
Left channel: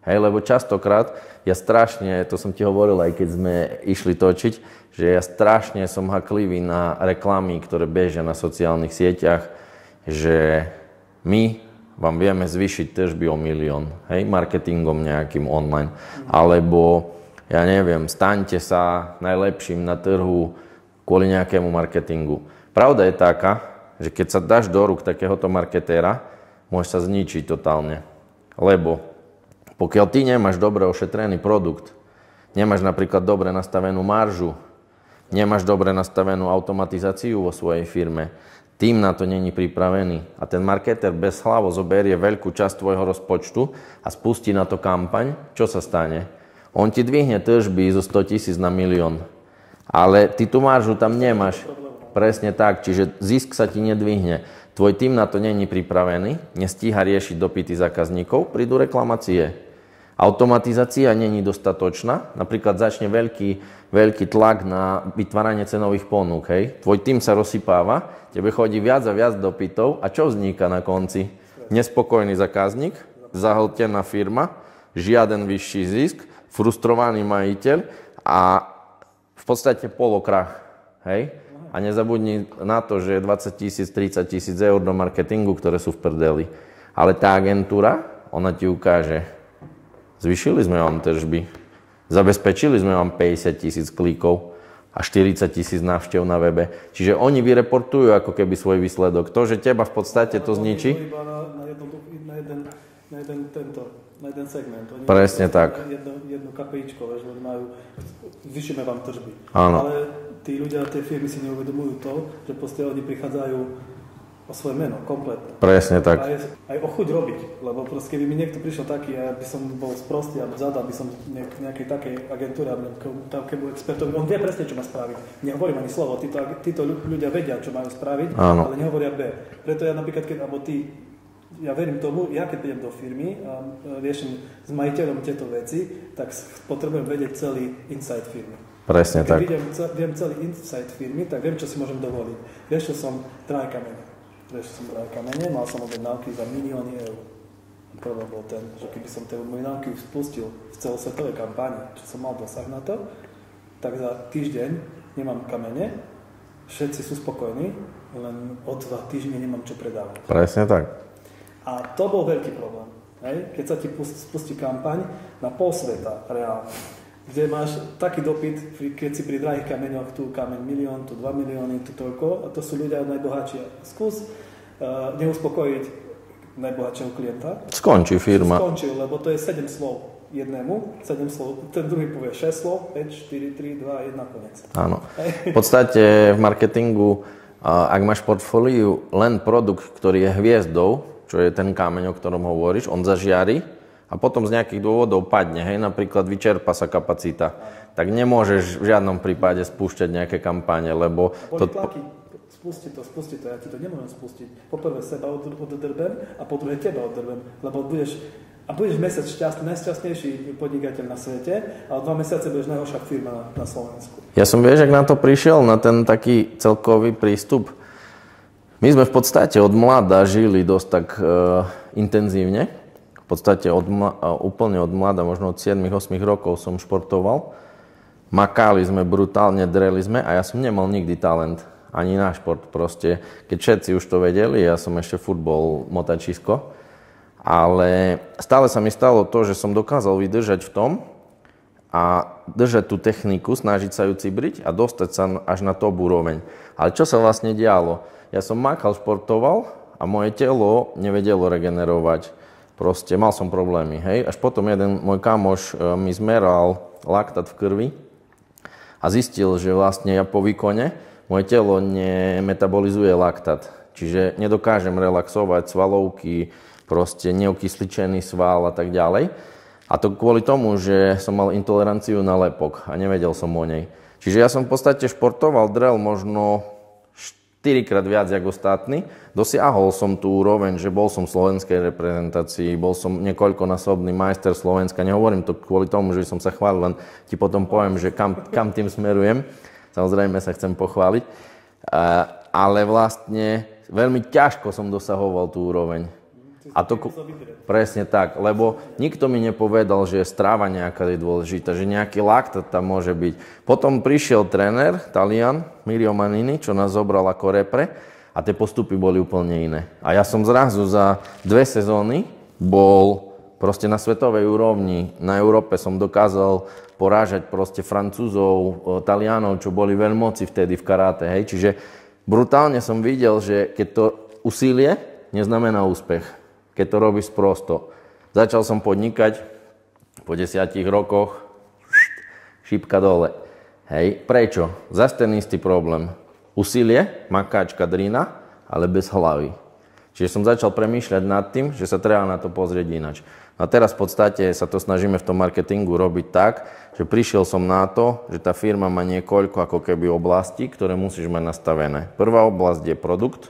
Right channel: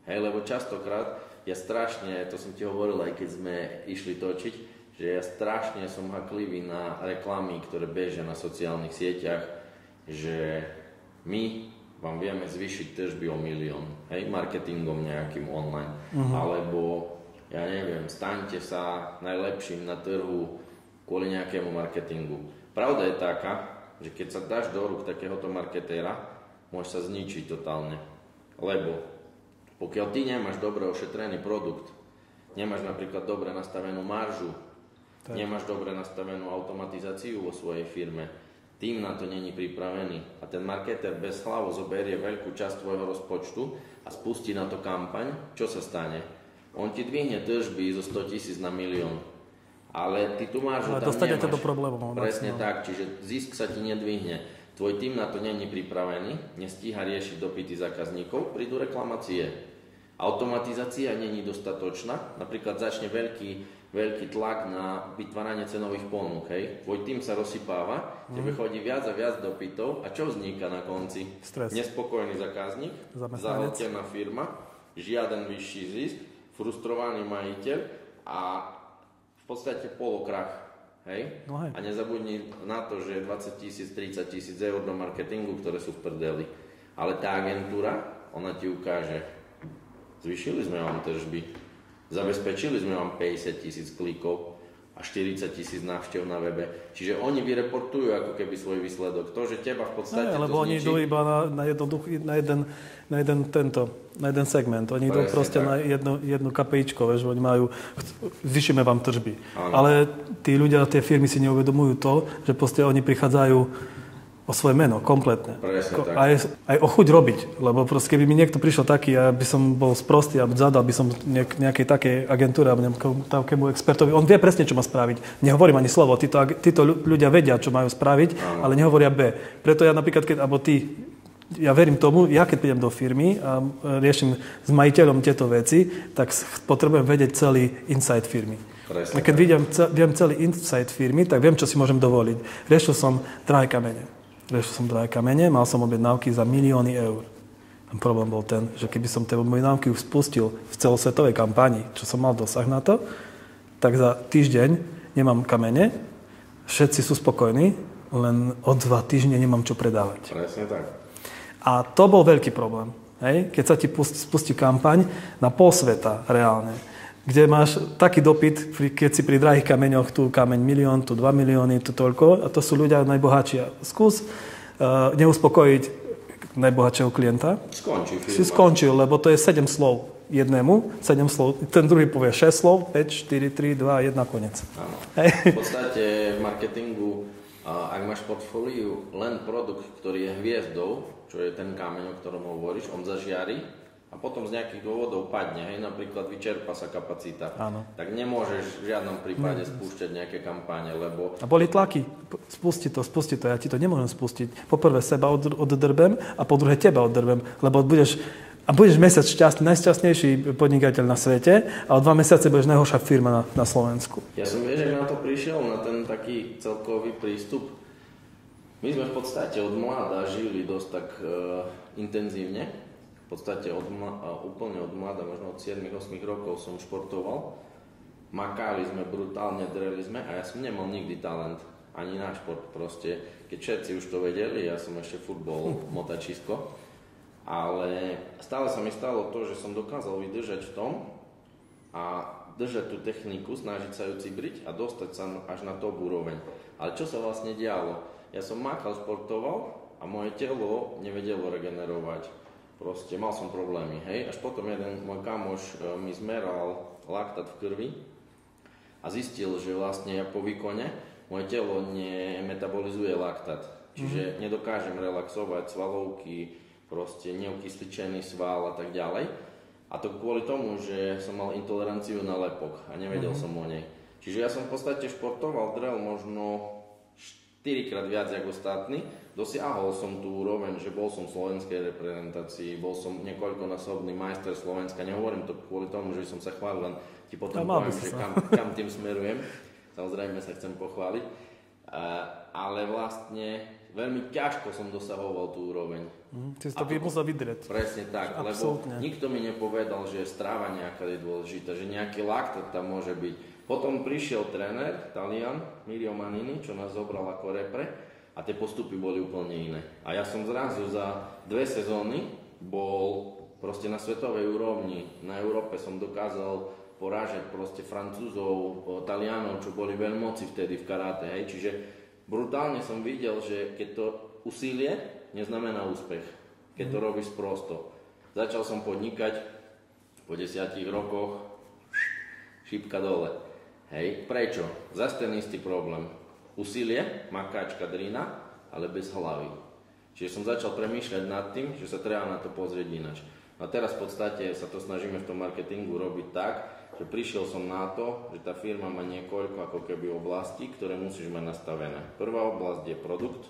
Hej, lebo častokrát ja strašne, to som ti hovoril aj keď sme išli točiť, že ja strašne som haklivý na reklamy, ktoré bežia na sociálnych sieťach, že my vám vieme zvýšiť tržby o 1 000 000, hej, marketingom nejakým online. Alebo, ja neviem, staňte sa najlepším na trhu kvôli nejakému marketingu. Pravda je taká, že keď sa dáš do rúk takéhoto marketéra, môžeš sa zničiť totálne. Lebo pokiaľ ty nemáš dobre ošetrený produkt, nemáš napríklad dobre nastavenú maržu, nemáš dobre nastavenú automatizáciu vo svojej firme, tým na to není pripravený a ten marketer bez hlavo zoberie veľkú časť tvojho rozpočtu a spustí na to kampaň, čo sa stane? On ti dvihne tržby zo 100 000 na 1 000 000, ale ty tú maržu tam nemáš. Presne tak, čiže zisk sa ti nedvihne. Tvoj tým na to není pripravený, nestíha riešiť dopyty zákazníkov, prídu reklamácie. Automatizácia není dostatočná, napríklad začne veľký tlak na vytváranie cenových ponúk. Hej. Tvoj tým sa rozsypáva, tebe chodí viac a viac dopytov a čo vzniká na konci? Stres. Nespokojný zákazník, zahltená firma, žiaden vyšší zisk, frustrovaný majiteľ a v podstate polokrach. Hej? A nezabudni na to, že 20 000, 30 000 eur do marketingu, ktoré sú v prdeli. Ale tá agentúra, ona ti ukáže, zvýšili sme vám tržby, zabezpečili sme vám 50 000 klikov a 40 000 návštev na webe. Čiže oni vyreportujú ako keby svoj výsledok. To, že teba v podstate to zničí. Oni idú iba na jeden segment. Oni presne tak. Na jedno KPIčko, že oni majú, zvýšime vám tržby. Áno. Ale tí ľudia, tie firmy si neuvedomujú to, že proste oni prichádzajú o svoje meno, kompletne. Presne tak. Aj o chuť robiť, lebo proste keby mi niekto prišiel taký, ja by som bol sprostý a zadal by som nejakej takej agentúre alebo takému expertovi, on vie presne, čo má spraviť. Nehovorím ani slovo, títo ľudia vedia, čo majú spraviť, áno, ale nehovoria B. Preto ja napríklad, ja verím tomu, ja keď prídem do firmy a riešim s majiteľom tieto veci, tak potrebujem vedieť celý inside firmy. Presne tak. Keď viem celý inside firmy, tak viem, čo si môžem dovoliť. Riešil som drahé kamene, mal som objednávky za milióny eur. Problém bol ten, že keby som tie objednávky spustil v celosvetovej kampani, čo som mal dosah na to, tak za týždeň nemám kamene, všetci sú spokojní, len o 2 týždne nemám čo predávať. Presne tak. A to bol veľký problém. Hej? Keď sa ti spustí kampaň na pol sveta reálne, kde máš taký dopyt, keď si pri drahých kameňoch, tu kameň 1 000 000, tu 2 milióny, tu toľko, a to sú ľudia najbohatší. Skús neuspokojiť najbohatšieho klienta. Skončí firma. Skončil, lebo to je 7 slov jednému, 7 slov, ten druhý povie 6 slov, 5, 4, 3, 2, 1, konec. Áno. V podstate v marketingu Ak máš v portfóliu len produkt, ktorý je hviezdou, čo je ten kameň, o ktorom hovoríš, on zažiari a potom z nejakých dôvodov padne, hej, napríklad vyčerpa sa kapacita, tak nemôžeš v žiadnom prípade spúšťať nejaké kampáne, lebo... A boli tlaky, spusti to, ja ti to nemôžem spustiť. Po prvé seba oddrbem a po druhé teba oddrbem, lebo budeš mesiac najšťastnejší podnikateľ na svete a o 2 mesiace budeš najhoršia firma na Slovensku. Ja som, vieš, ak na to prišiel, na ten taký celkový prístup. My sme v podstate od mlada žili dosť tak intenzívne. V podstate úplne od mlada, možno od 7-8 rokov som športoval. Makali sme brutálne, dreli sme a ja som nemal nikdy talent. Ani na šport proste. Keď všetci už to vedeli, ja som ešte futbol, motačisko. Ale stále sa mi stalo to, že som dokázal vydržať v tom a držať tú techniku, snažiť sa ju cibriť a dostať sa až na top úroveň. Ale čo sa vlastne dialo? Ja som makal, športoval a moje telo nevedelo regenerovať. Proste mal som problémy, hej. Až potom jeden môj kamoš mi zmeral laktát v krvi a zistil, že vlastne ja po výkone moje telo nemetabolizuje laktát. Čiže nedokážem relaxovať svalovky, proste neokysličený sval a tak ďalej. A to kvôli tomu, že som mal intoleranciu na lepok a nevedel som o nej. Čiže ja som v podstate športoval, drel možno 4-krát viac ako ostatní. Dosiahol som tú úroveň, že bol som v slovenskej reprezentácii, bol som niekoľkonásobný majster Slovenska. Nehovorím to kvôli tomu, že som sa chválil, len ti potom poviem, že kam tým smerujem. Samozrejme sa chcem pochváliť. Ale vlastne veľmi ťažko som dosahoval tú úroveň. A to presne tak, lebo nikto mi nepovedal, že strava nejaká je dôležitá, že nejaký laktát tam môže byť. Potom prišiel tréner, Talian, Mirio Manini, čo nás zobral ako repre a tie postupy boli úplne iné. A ja som zrazu za 2 sezóny bol proste na svetovej úrovni. Na Európe som dokázal porážať proste Francúzov, Talianov, čo boli veľmoci vtedy v karate, hej. Čiže brutálne som videl, že keď to úsilie neznamená úspech, keď to robíš prosto. Začal som podnikať, po 10 rokoch šipka dole. Hej, prečo? Zas ten istý problém. Úsilie, makáčka, drina, ale bez hlavy. Čiže som začal premýšľať nad tým, že sa treba na to pozrieť inač. A teraz v podstate sa to snažíme v tom marketingu robiť tak, že prišiel som na to, že tá firma má niekoľko ako keby oblastí, ktoré musíš mať nastavené. Prvá oblasť je produkt,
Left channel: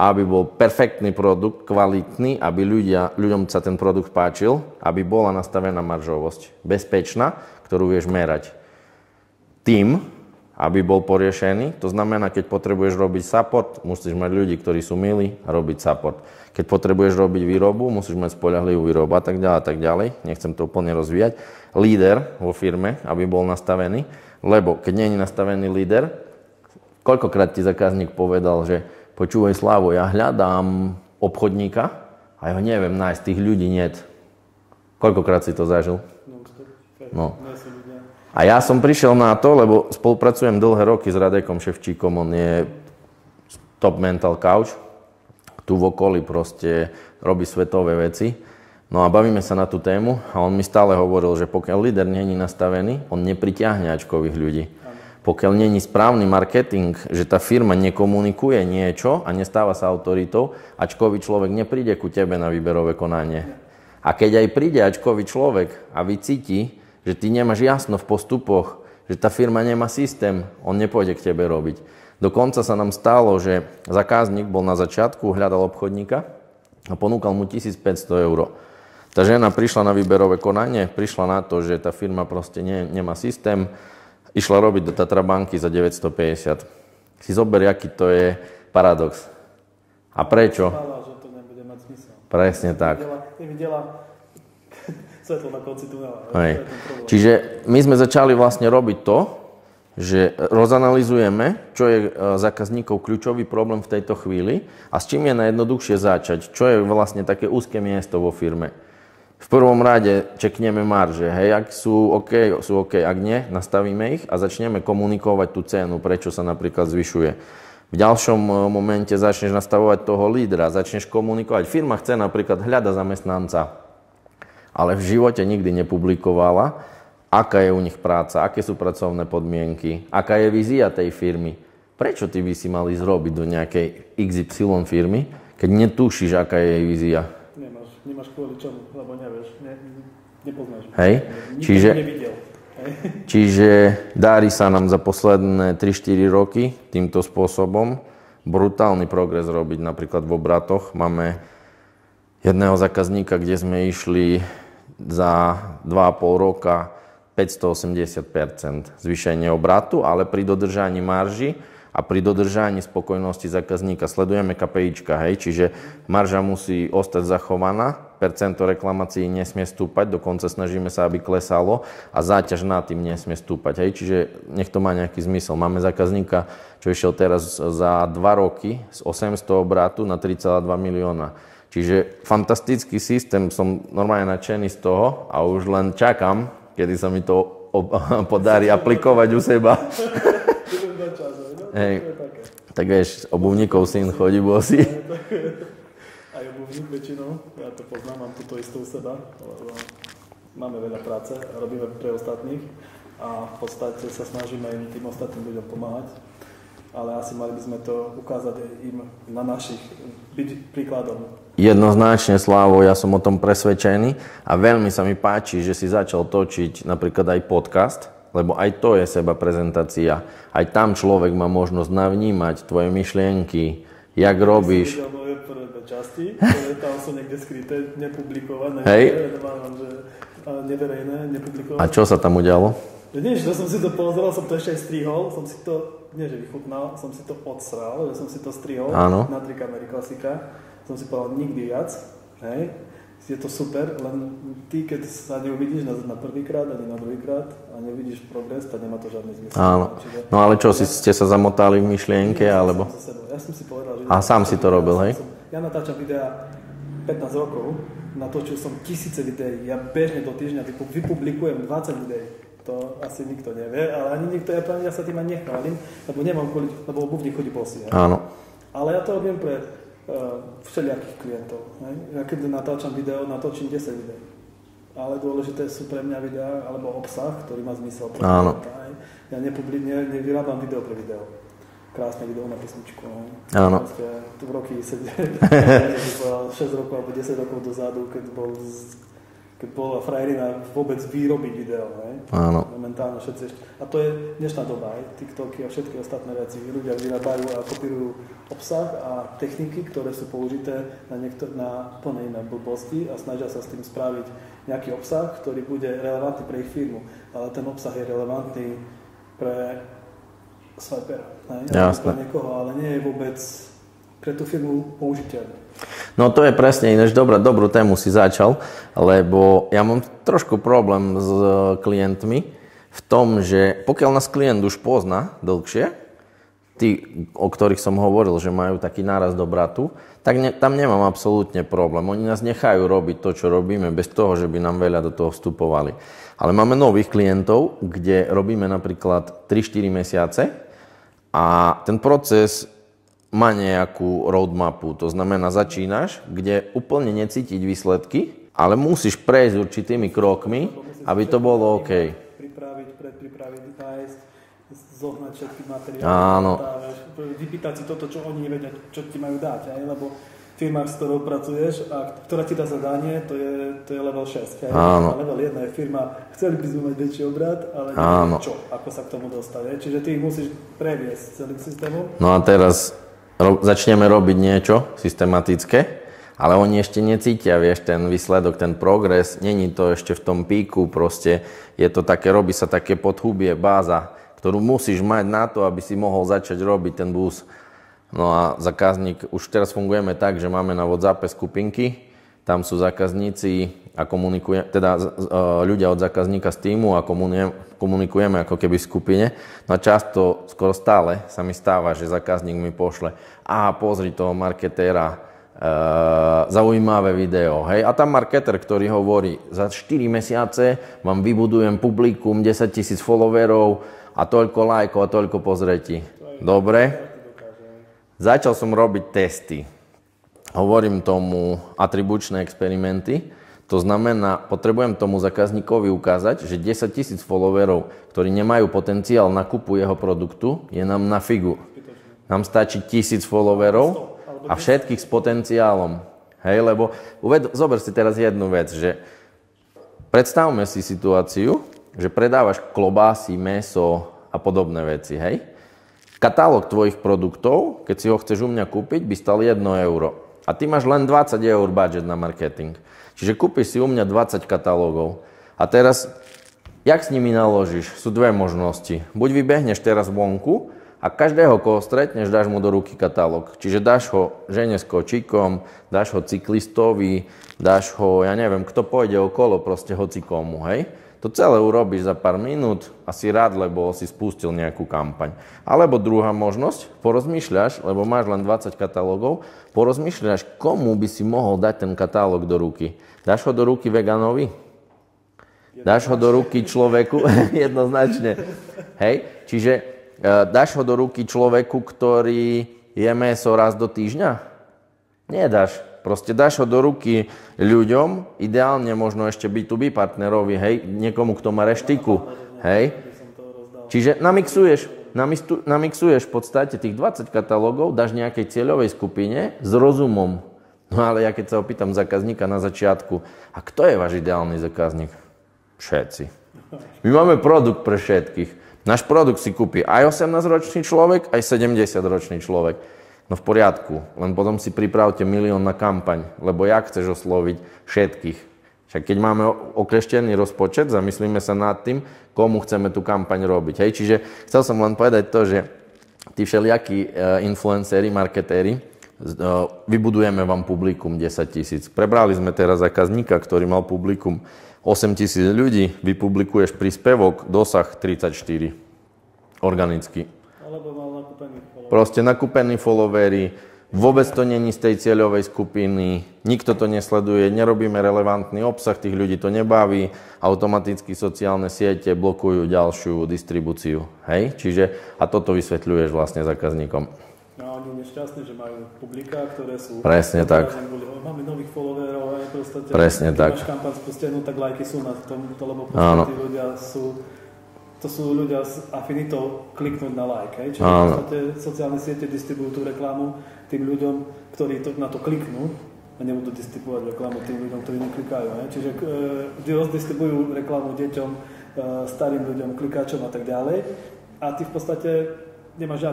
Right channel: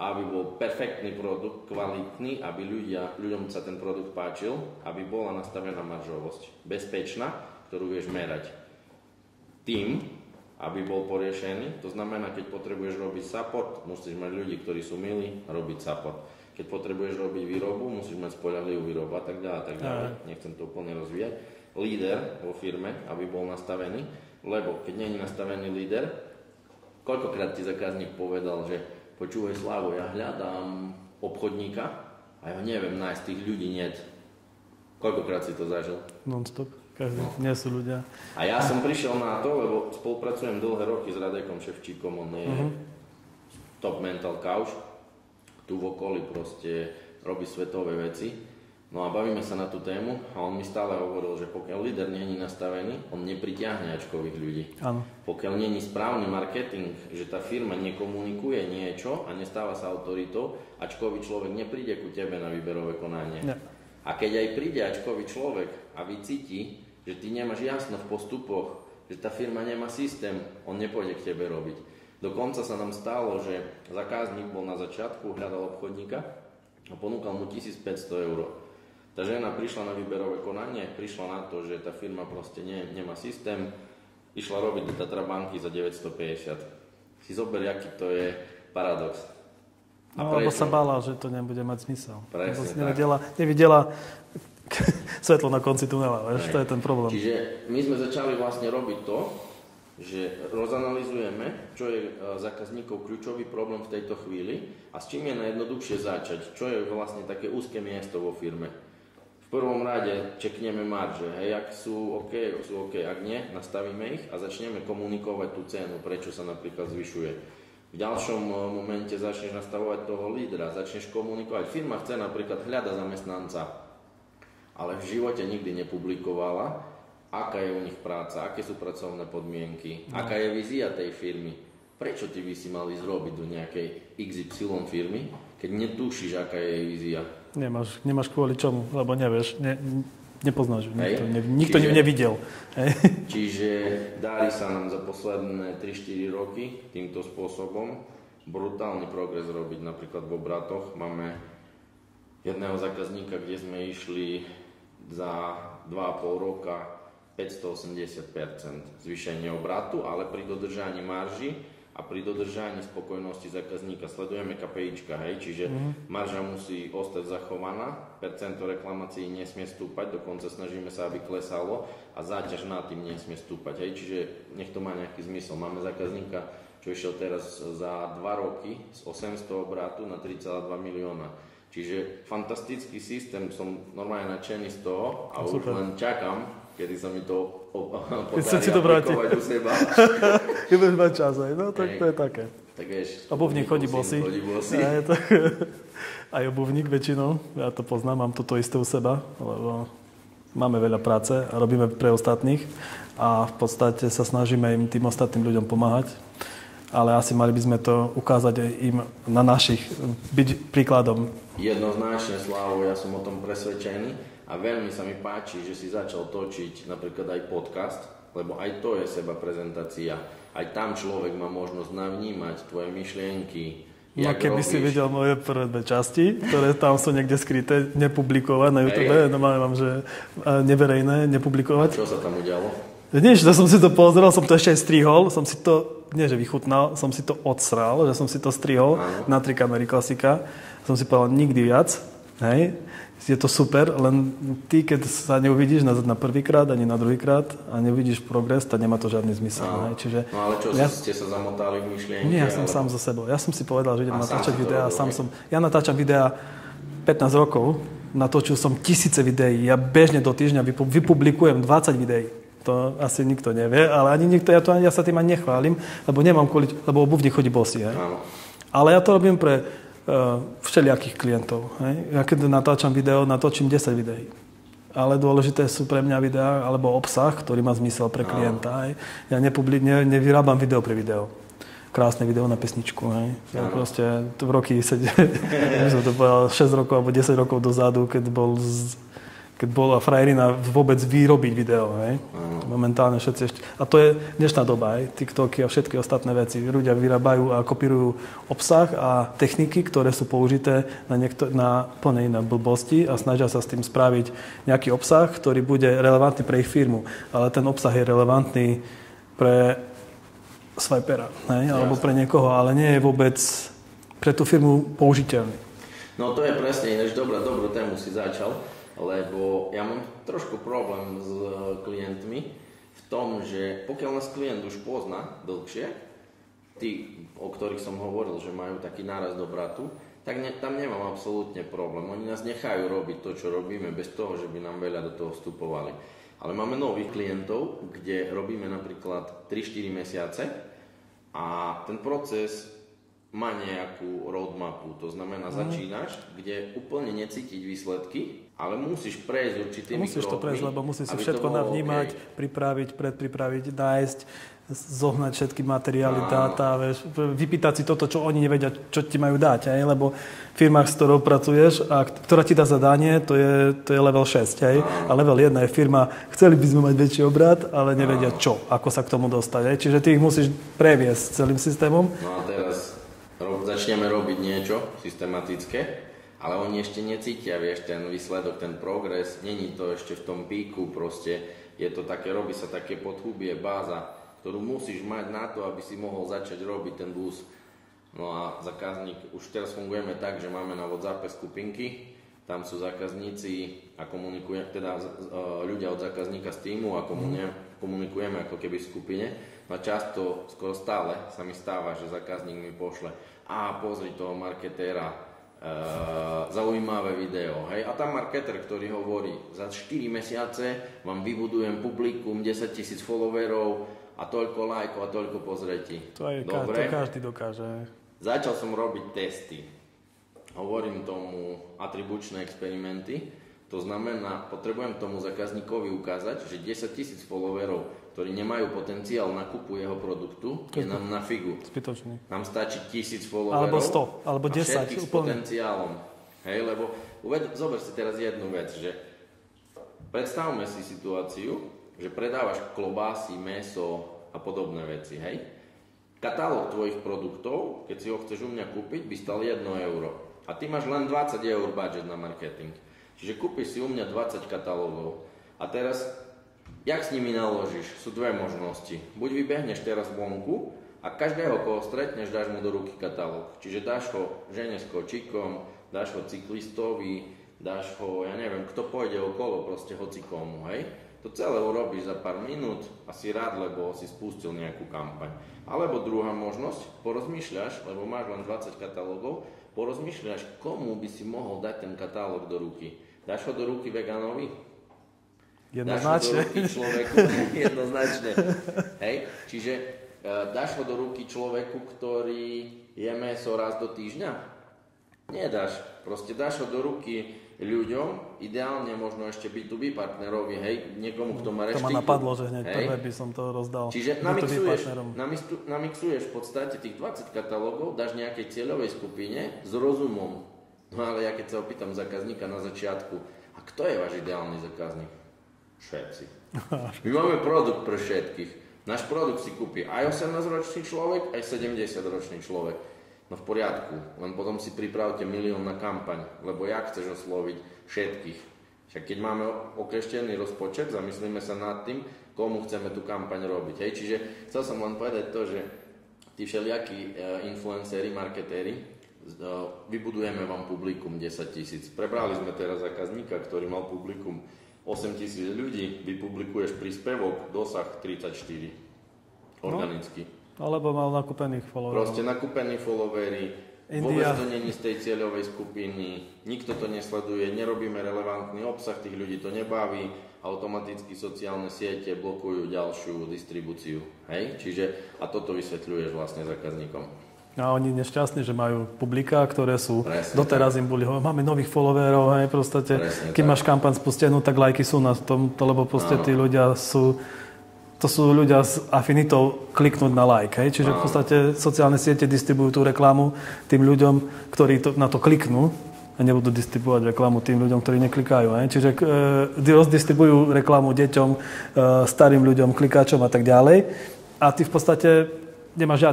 aby bol perfektný produkt, kvalitný, aby ľuďom sa ten produkt páčil, aby bola nastavená maržovosť. Bezpečná, ktorú vieš merať. Tým, aby bol poriešený, to znamená, keď potrebuješ robiť support, musíš mať ľudí, ktorí sú milí a robiť support. Keď potrebuješ robiť výrobu, musíš mať spoľahlivú výrobu a tak ďalej. Nechcem to úplne rozvíjať. Líder vo firme, aby bol nastavený, lebo keď nie je nastavený líder, koľkokrát ti zákazník povedal, že počúvaj Slavo, ja hľadám obchodníka a ja ho neviem nájsť, tých ľudí niet. Koľkokrát si to zažil? Non-stop. Nie sú ľudia. A ja som prišiel na to, lebo spolupracujem dlhé roky s Radekom Ševčíkom, on je top mental coach. Tu v okolí proste robí svetové veci. No a bavíme sa na tú tému a on mi stále hovoril, že pokiaľ líder nie je nastavený, on nepritiahne ačkových ľudí. Ano. Pokiaľ nie je správny marketing, že tá firma nekomunikuje niečo a nestáva sa autoritou, ačkový človek nepríde ku tebe na výberové konanie. Ja. A keď aj príde ačkový človek a vycíti, že ty nemáš jasno v postupoch, že tá firma nemá systém, on nepôjde k tebe robiť. Dokonca sa nám stalo, že zákazník bol na začiatku, hľadal obchodníka a ponúkal mu 1500 €. Tá žena prišla na výberové konanie, prišla na to, že tá firma proste nemá systém, išla robiť do Tatrabanky za 950. Si zober, aký to je paradox. A prečo? Sa bála, že to nebude mať zmysel. Presne tak. Nevidela svetlo na konci tunela, to je ten problém. Čiže my sme začali vlastne robiť to, že rozanalizujeme, čo je zákazníkov kľúčový problém v tejto chvíli a s čím je najjednoduchšie začať, čo je vlastne také úzke miesto vo firme. V prvom rade čekneme marže, hej, ak sú OK, ak nie, nastavíme ich a začneme komunikovať tú cenu, prečo sa napríklad zvyšuje. V ďalšom momente začneš nastavovať toho lídra, začneš komunikovať. Firma chce napríklad hľada zamestnanca, ale v živote nikdy nepublikovala, aká je u nich práca, aké sú pracovné podmienky, aká je vízia tej firmy. prečo ty by si mal ísť robiť do nejakej XY firmy, keď netušíš, aká je jej vízia? Nemáš kvôli čomu, lebo nevieš, nepoznáš. Hej. Nikto ju nevidel. Hej. Čiže darí sa nám za posledné 3-4 roky týmto spôsobom brutálny progres robiť napríklad v obratoch. Máme jedného zákazníka, kde sme išli za 2,5 roka 580% zvýšenie obratu, ale pri dodržaní marži a pri dodržaní spokojnosti zákazníka sledujeme KPIčka, hej, čiže marža musí ostať zachovaná, percento reklamácií nesmie stúpať, dokonca snažíme sa, aby klesalo a záťaž nad tým nesmie stúpať, hej, čiže nech to má nejaký zmysel. Máme zákazníka, čo išiel teraz za 2 roky z 800 obratu na 3,2 milióna. Čiže fantastický systém, som normálne nadšený z toho a už len čakám, kedy sa mi to podarí aplikovať u seba. Ty budeš mať čas, no tak to je také. Tak vieš, obuvníkov syn chodí bosý. Aj obuvník väčšinou, ja to poznám, mám toto isté u seba, lebo máme veľa práce a robíme pre ostatných a v podstate sa snažíme im tým ostatným ľuďom pomáhať. Ale asi mali by sme to ukázať aj im na našich, byť príkladom. Jednoznačne, Slávo, ja som o tom presvedčený a veľmi sa mi páči, že si začal točiť napríklad aj podcast, lebo aj to je seba prezentácia. Aj tam človek má možnosť navnímať tvoje myšlienky, jak robíš. Keby si videl moje prvé 2 časti, ktoré tam sú niekde skryté, nepublikované, mám, že neverejné, nepublikované. A čo sa tam udialo? Nič, som si to pozrel, som to ešte aj strihol, som si to, nie že vychutnal, som si to odsral, že som si to strihol na 3 kamery klasika. Som si povedal, nikdy viac, hej, je to super, len ty, keď sa neuvidíš na prvýkrát, ani na druhýkrát a neuvidíš progres, tak nemá to žiadny zmysel. Čiže, no ale čo, ste sa zamotali v myšlienke? Ja som alebo? sám so sebou. Ja som si povedal, že a sám si to robil, hej? Ja natáčam videá 15 rokov, natočil som tisíce videí, ja bežne do týždňa vypublikujem 20 videí. To asi nikto nevie, ale ani nikto, ja sa tým ani nechválim, lebo nemám lebo obuvník chodí bosý. Áno. Ale ja to robím pre všelijakých klientov. Hej. Ja keď natáčam video, natočím 10 videí. Ale dôležité sú pre mňa videá alebo obsah, ktorý má zmysel pre klienta. Hej. Ja nevyrábam video pre video. Krásne video na pesničku. Hej. Proste v roky 6 rokov alebo 10 rokov dozadu, keď bola frajerina vôbec vyrobiť video, hej? Áno. Momentálne všetci ešte. A to je dnešná doba, hej? TikToky a všetky ostatné veci. Ľudia vyrábajú a kopírujú obsah a techniky, ktoré sú použité na plne iné blbosti a snažia sa s tým spraviť nejaký obsah, ktorý bude relevantný pre ich firmu. Ale ten obsah je relevantný pre swipera, hej? Alebo pre niekoho, ale nie je vôbec pre tú firmu použiteľný. No to je presne ináč dobrú tému si začal, lebo ja mám trošku problém s klientmi v tom, že pokiaľ nás klient už pozná dlhšie, tí, o ktorých som hovoril, že majú taký nárast obratu, tak tam nemám absolútne problém. Oni nás nechajú robiť to, čo robíme, bez toho, že by nám veľa do toho vstupovali. Ale máme nových klientov, kde robíme napríklad 3-4 mesiace a ten proces má nejakú roadmapu, to znamená začínaš, kde úplne necítiť výsledky, ale musíš prejsť určitými krokmi, aby to bolo OK. Pripraviť, nájsť, zohnať všetky materiály, vypýtať si toto, čo oni nevedia, čo ti majú dať, hej? Lebo firma, s ktorou pracuješ a ktorá ti dá zadanie, to je level 6, hej? A level 1 je firma, chceli by sme mať väčší obrat, ale nevedia čo, ako sa k tomu dostať, hej? Čiže ty ich musíš previesť celým systémom. No a teraz začneme robiť niečo systematické, ale oni ešte necítia, vieš, ten výsledok, ten progres, není to ešte v tom píku, proste je to také, robí sa také podhubie, báza, ktorú musíš mať na to, aby si mohol začať robiť ten boost. No a zákazník, už teraz fungujeme tak, že máme na WhatsAppe skupinky, tam sú zákazníci a ľudia od zákazníka z týmu a komunikujeme ako keby v skupine. No a často, skoro stále sa mi stáva, že zákazník mi pošle pozri toho marketéra, zaujímavé video, hej. A tam marketer, ktorý hovorí, za 4 mesiace vám vybudujem publikum, 10 000 followerov a toľko lajkov a toľko pozretí. Dobre? Každý dokáže. Začal som robiť testy. Hovorím tomu atribučné experimenty. To znamená, potrebujem tomu zákazníkovi ukázať, že 10 000 followerov, ktorí nemajú potenciál na kúpu jeho produktu, je nám na figu. Zbytočný. Nám stačí 1000 followerov alebo 100, alebo a všetkých s potenciálom. Hej, lebo zober si teraz jednu vec, že predstavme si situáciu, že predávaš klobásy, mäso a podobné veci, hej? Katalóg tvojich produktov, keď si ho chceš u mňa kúpiť, by stal 1 euro. A ty máš len 20 eur budget na marketing. Čiže kúpiš si u mňa 20 katalógov. A teraz, jak s nimi naložíš? Sú dve možnosti. Buď vybehneš teraz vonku a každého, koho stretneš, dáš mu do ruky katalóg. Čiže dáš ho žene s kočíkom, dáš ho cyklistovi, dáš ho, ja neviem, kto pôjde okolo, proste hocikomu, hej? To celé urobíš za pár minút a si rád, lebo si spustil nejakú kampaň. Alebo druhá možnosť, porozmýšľaš, lebo máš len 20 katalógov, porozmýšľaš, komu by si mohol dať ten katalóg do ruky. Dáš ho do ruky veganovi? Dáš ho do ruky človeku? Jednoznačne. Hej? Čiže dáš ho do ruky človeku, ktorý je mäso raz do týždňa? Nedáš. Proste dáš ho do ruky ľuďom, ideálne možno ešte B2B partnerovi, hej, niekomu, kto má reštiku. Hej. Čiže namixuješ v podstate tých 20 katalógov, dáš nejakej cieľovej skupine s rozumom. No ale ja keď sa opýtam zákazníka na začiatku, a kto je váš ideálny zákazník? Všetci. My máme produkt pre všetkých. Náš produkt si kúpi aj 18-ročný človek, aj 70-ročný človek. No v poriadku, len potom si pripravte 1 000 000 na kampaň, lebo jak chceš osloviť všetkých? Však keď máme okleštený rozpočet, zamyslíme sa nad tým, komu chceme tú kampaň robiť. Hej? Čiže chcel som len povedať to, že tí všelijakí influenceri, marketéri, vybudujeme vám publikum 10 000. Prebrali sme teraz zákazníka, ktorý mal publikum 8 000 ľudí, vypublikuješ príspevok, dosah 34. Organicky. Alebo mal nakúpených followerov. Proste nakúpení followery, vôbec to není z tej cieľovej skupiny, nikto to nesleduje, nerobíme relevantný obsah, tých ľudí to nebaví, automaticky sociálne siete blokujú ďalšiu distribúciu. Hej? Čiže, a toto vysvetľuješ vlastne zákazníkom. A oni nešťastní, že majú publiká, ktoré sú... Presne tak. Teraz im boli, máme nových followerov, hej, proste. Presne keď tak. máš kampaň spustenú, tak lajky sú na tomto, lebo proste tí ľudia sú... To sú ľudia s afinitou kliknúť na like, hej? Čiže v podstate sociálne siete distribujú tú reklamu tým ľuďom, ktorí na to kliknú a nebudú distribuovať reklamu tým ľuďom, ktorí neklikajú, hej? Čiže rozdistribujú reklamu deťom, starým ľuďom, klikáčom a tak ďalej. A ty v podstate nemáš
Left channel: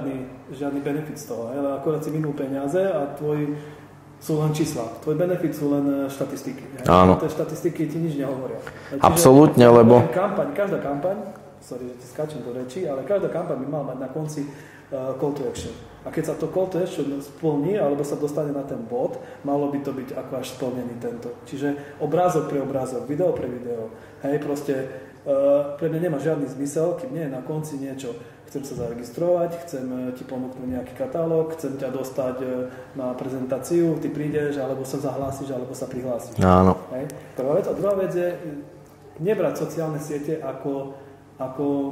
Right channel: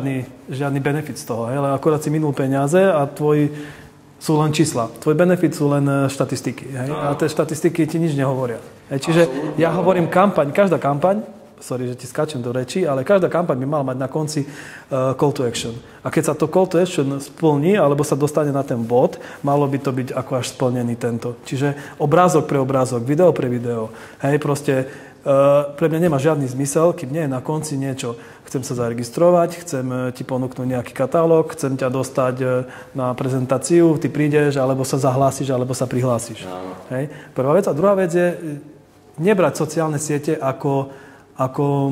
žiadny benefit z toho, hej? Ale akurát si minul peniaze a sú len čísla. Tvoj benefit sú len štatistiky, hej? Ale tie štatistiky ti nič nehovoria. Hej? Čiže absolútne, ja hovorím každá kampaň, sorry, že ti skáčem do reči, ale každá kampaň by mala mať na konci call to action. A keď sa to call to action splní, alebo sa dostane na ten bod, malo by to byť ako až splnený tento. Čiže obrázok pre obrázok, video pre video. Hej, proste pre mňa nemá žiadny zmysel, keď nie je na konci niečo. Chcem sa zaregistrovať, chcem ti ponúknuť nejaký katalóg, chcem ťa dostať na prezentáciu, ty prídeš, alebo sa zahlásiš, alebo sa prihlásiš. Áno. Hej. Prvá vec. A druhá vec je nebrať sociálne siete ako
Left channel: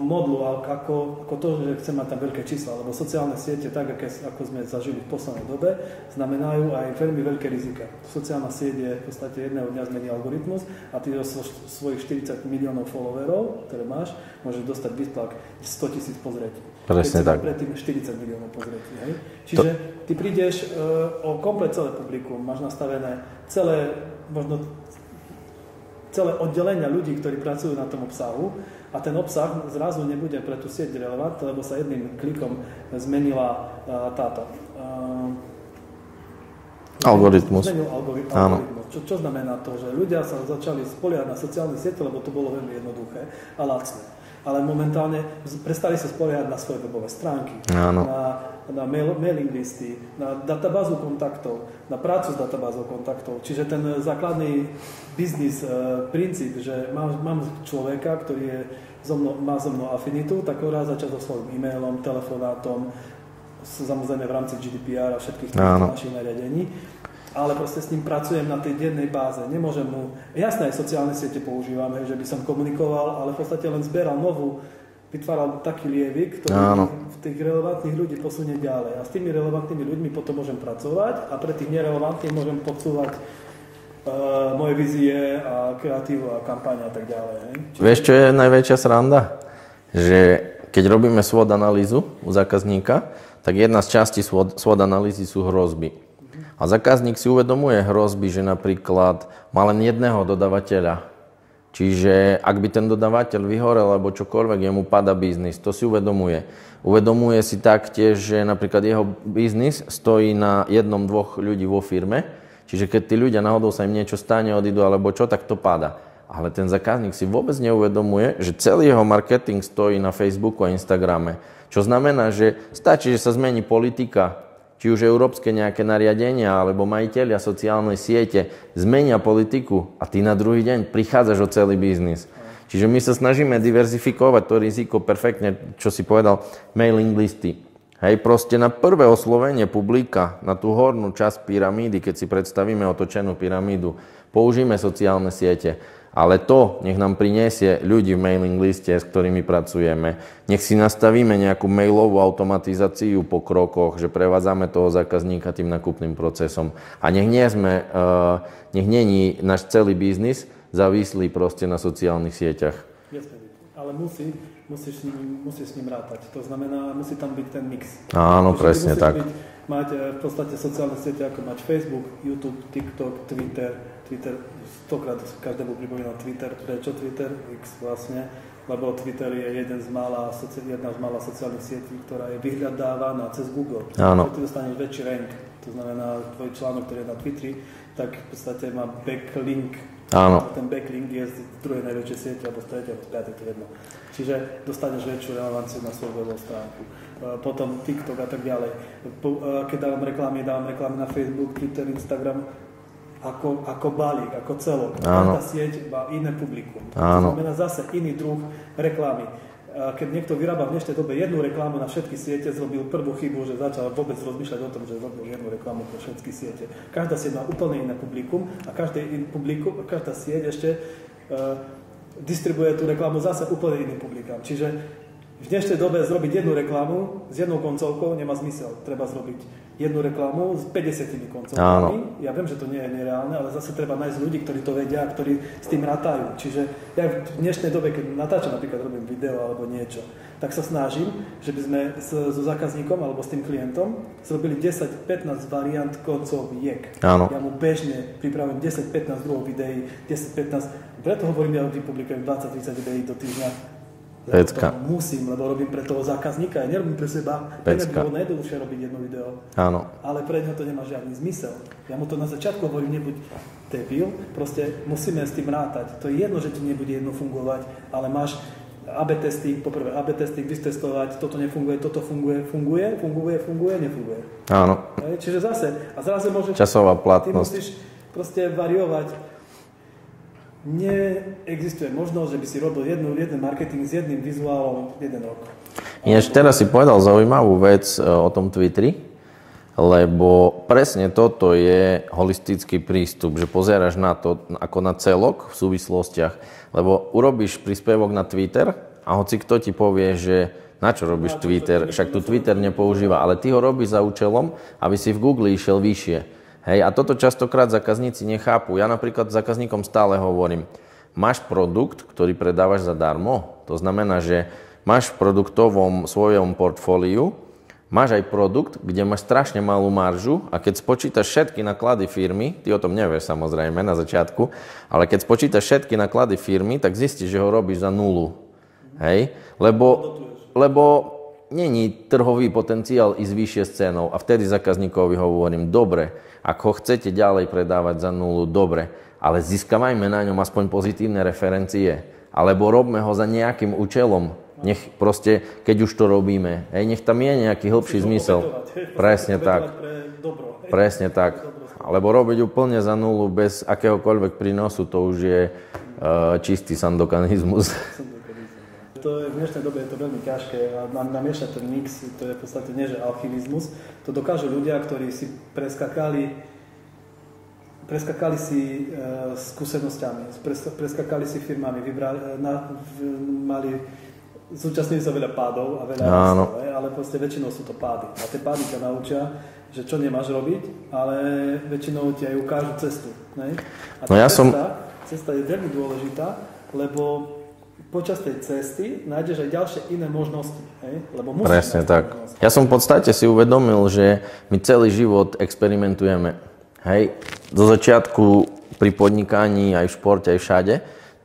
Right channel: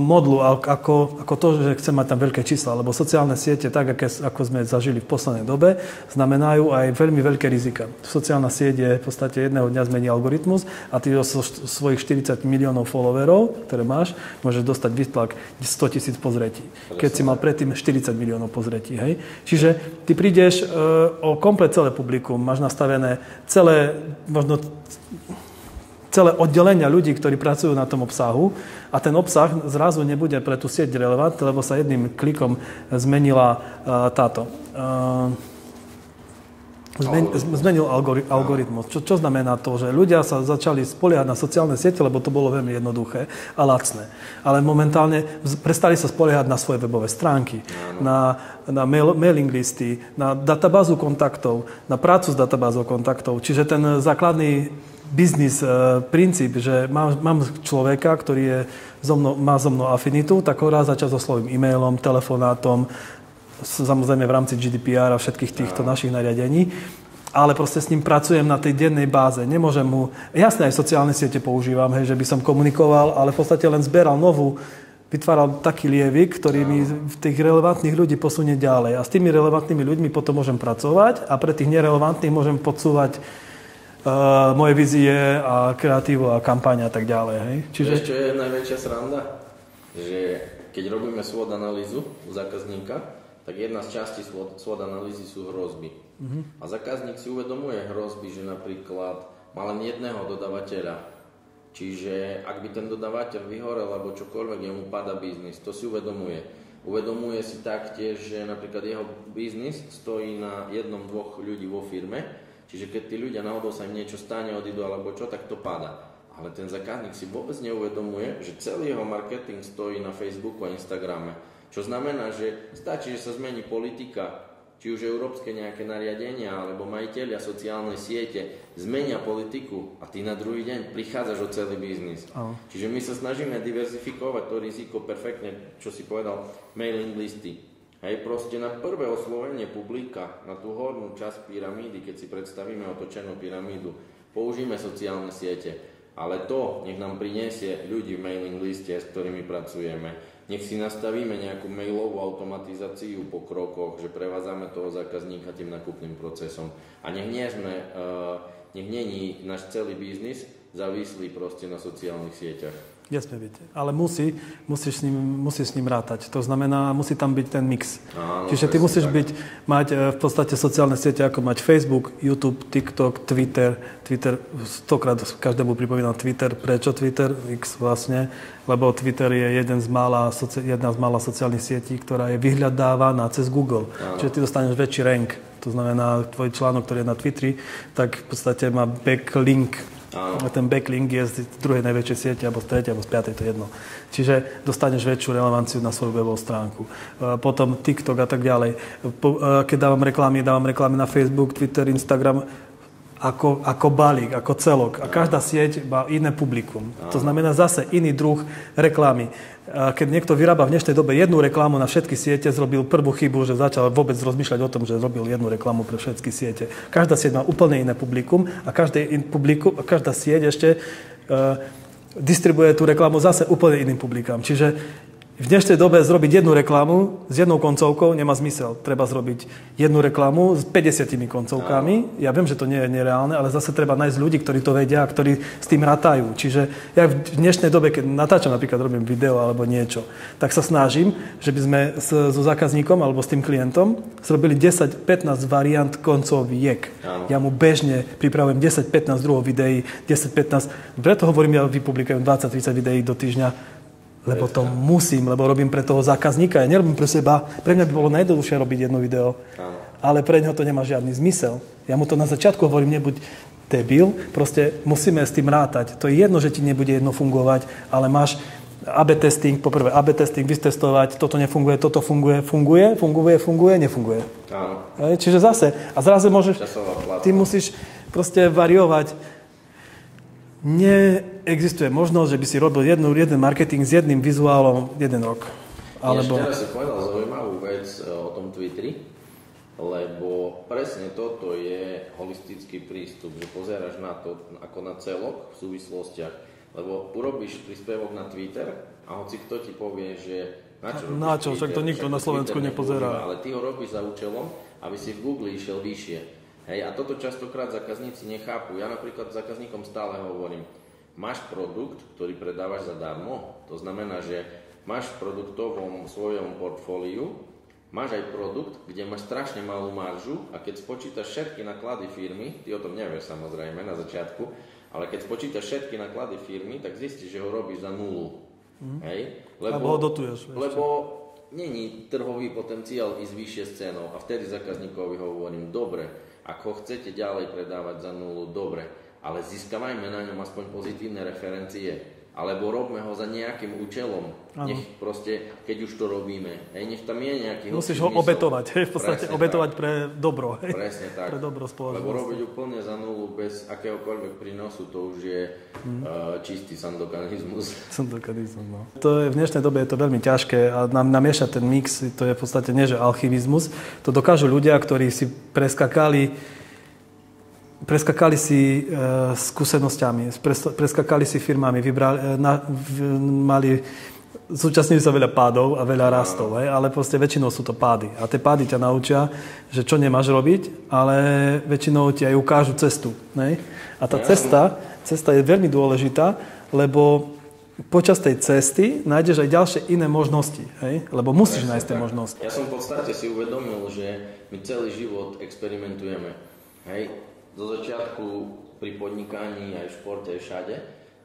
modlu, ako to, že chcem mať tam veľké čísla, lebo sociálne siete, tak ako sme zažili v poslednej dobe, znamenajú aj veľmi veľké rizika. Sociálna sieť je v podstate jedného dňa zmení algoritmus a ty zo svojich 40 miliónov followerov, ktoré máš, môžeš dostať výtlak 100 000 pozretí. Keď si mal predtým 40 miliónov pozretí. Hej? Čiže ty prídeš o komplet celé publikum, máš nastavené celé oddelenia ľudí, ktorí pracujú na tom obsahu a ten obsah zrazu nebude pre tú sieť relevant, lebo sa jedným klikom zmenila Zmenil algoritmus. Čo znamená to, že ľudia sa začali spoliehať na sociálne siete, lebo to bolo veľmi jednoduché a lacné. Ale momentálne prestali sa spoliehať na svoje webové stránky, na mailing listy, na databázu kontaktov, na prácu s databázou kontaktov. Čiže ten základný biznis princíp, že mám človeka, ktorý má so mnou afinitu, tak ho raz za čas oslovím e-mailom, telefonátom, samozrejme v rámci GDPR a všetkých týchto našich nariadení, ale proste s ním pracujem na tej dennej báze. Nemôžem mu... Jasné, aj sociálne siete používam, hej, že by som komunikoval, ale v podstate len zberal vytváral taký lievik, ktorý tých relevantných ľudí posunie ďalej. A s tými relevantnými ľuďmi potom môžem pracovať a pre tých nerelevantných môžem podsúvať moje vízie a kreatívu a kampaň a tak ďalej. Hej? Čiže... Vieš, čo je najväčšia sranda? Že keď robíme SWOT analýzu u zákazníka, tak jedna z častí SWOT analýzy sú hrozby. A zákazník si uvedomuje hrozby, že napríklad má len jedného dodavateľa. Čiže ak by ten dodavateľ vyhorel alebo čokoľvek, jemu pada biznis. To si uvedomuje. Uvedomuje si taktiež, že napríklad jeho biznis stojí na jednom, dvoch ľudí vo firme. Čiže keď tí ľudia náhodou sa im niečo stane, odídu alebo čo, tak to pada. Ale ten zákazník si vôbec neuvedomuje, že celý jeho marketing stojí na Facebooku a Instagrame. Čo znamená, že stačí, že sa zmení politika, či už európske nejaké nariadenia, alebo majitelia sociálnej siete zmenia politiku a ty na druhý deň prichádzaš o celý biznis. Čiže my sa snažíme diverzifikovať to riziko perfektne, čo si povedal, mailing listy. Hej, proste na prvé oslovenie publika, na tú hornú časť pyramídy, keď si predstavíme otočenú pyramídu, použijeme sociálne siete. Ale to nech nám prinesie ľudí v mailing liste, s ktorými pracujeme. Nech si nastavíme nejakú mailovú automatizáciu po krokoch, že prevádzame toho zákazníka tým nakupným procesom. A nech není náš celý biznis závislý proste na sociálnych sieťach. Jasne byť. Ale musíš s ním rátať. To znamená, musí tam byť ten mix. Áno, čiže ty musíš tak. mať v podstate sociálne siete, ako mať Facebook, YouTube, TikTok, Twitter, 100-krát každému pripomínam Twitter. Prečo Twitter? X vlastne. Lebo Twitter je jedna z mála sociálnych sietí, ktorá je vyhľadávaná cez Google. Áno. Čiže ty dostaneš väčší rank. To znamená, tvoj článok, ktorý je na Twitteri, tak v podstate má backlink. Áno. A ten backlink je z druhej najväčšej siete, alebo z tretej, alebo z piatej, to je jedno. Čiže dostaneš väčšiu relevanciu na svoju webovú stránku. Potom TikTok a tak ďalej. Keď dávam reklamy na Facebook, Twitter, Instagram, ako balík, ako celok. A každá sieť má iné publikum. To znamená zase iný druh reklamy. Keď niekto vyrába v dnešnej dobe jednu reklamu na všetky siete, zrobil prvú chybu, že začal vôbec rozmýšľať o tom, že zrobil jednu reklamu pre všetky siete. Každá sieť má úplne iné publikum a každá sieť ešte distribuje tú reklamu zase úplne iným publikám. Čiže v dnešnej dobe zrobiť jednu reklamu s jednou koncovkou nemá zmysel. Treba zrobiť jednu reklamu s 50 koncovkami. Áno. Ja viem, že to nie je nereálne, ale zase treba nájsť ľudí, ktorí to vedia a ktorí s tým rátajú. Čiže ja v dnešnej dobe, keď natáčam, napríklad robím video alebo niečo, tak sa snažím, že by sme so zákazníkom alebo s tým klientom zrobili 10-15 variant koncoviek. Áno. Ja mu bežne pripravujem 10-15 druhov videí, 10-15, preto hovorím, ja vypublikujem 20-30 videí do týždňa. Lebo to musím, lebo robím pre toho zákazníka. Ja nerobím pre seba. Pre mňa by bolo najjednoduchšie robiť jedno video. Áno. Ale pre neho to nemá žiadny zmysel. Ja mu to na začiatku hovorím, nebuď debil, proste musíme s tým rátať. To je jedno, že ti nebude jedno fungovať, ale máš AB testing, poprvé AB testing, vystestovať, toto nefunguje, toto funguje, nefunguje. Áno. Čiže zase, a zrazu môžeš... Časová platnosť. Ty musíš proste variovať. Neexistuje možnosť, že by si robil jeden marketing s jedným vizuálom jeden rok. Teraz si povedal zaujímavú vec o tom Twitteri, lebo presne toto je holistický prístup, že pozeráš na to ako na celok v súvislostiach, lebo urobíš príspevok na Twitter a hoci kto ti povie, že na čo robíš Twitter, však to Twitter nepoužíva, ale ty ho robíš za účelom, aby si v Google išiel vyššie. Hej, a toto častokrát zákazníci nechápu. Ja napríklad zákazníkom stále hovorím, máš produkt, ktorý predávaš zadarmo. To znamená, že máš v produktovom svojom portfóliu, máš aj produkt, kde máš strašne malú maržu a keď spočítaš všetky náklady firmy, ty o tom nevieš samozrejme na začiatku, ale keď spočítaš všetky náklady firmy, tak zistíš, že ho robíš za nulu. Hej, lebo není trhový potenciál ísť vyššie s cenou a vtedy zákazníkovi hovorím, dobre, ak ho chcete ďalej predávať za nulu, dobre, ale získavajme na ňom aspoň pozitívne referencie. Alebo robme ho za nejakým účelom. Nech proste, keď už to robíme, nech tam je nejaký hlbší zmysel. Musíš ho obetovať, presne obetovať tak. Pre dobro. Presne tak. Lebo robiť úplne za nulu bez akéhokoľvek prínosu, to už je čistý sandokanizmus. No. To je, v dnešnej dobe je to veľmi ťažké a namiešať ten mix, to je v podstate nie že alchymizmus. To dokážu ľudia, ktorí si preskakali si skúsenosťami, preskakali si firmami, mali zúčastňujú sa veľa pádov a veľa rastov, ale proste väčšinou sú to pády. A tie pády ťa naučia, že čo nemáš robiť, ale väčšinou ti aj ukážu cestu. Ne? A tá cesta je veľmi dôležitá, lebo počas tej cesty nájdeš aj ďalšie iné možnosti, hej? Lebo musíš nájsť možnosti. Ja som v podstate si uvedomil, že my celý život experimentujeme. Hej? Do začiatku pri podnikaní, aj v športe, aj všade,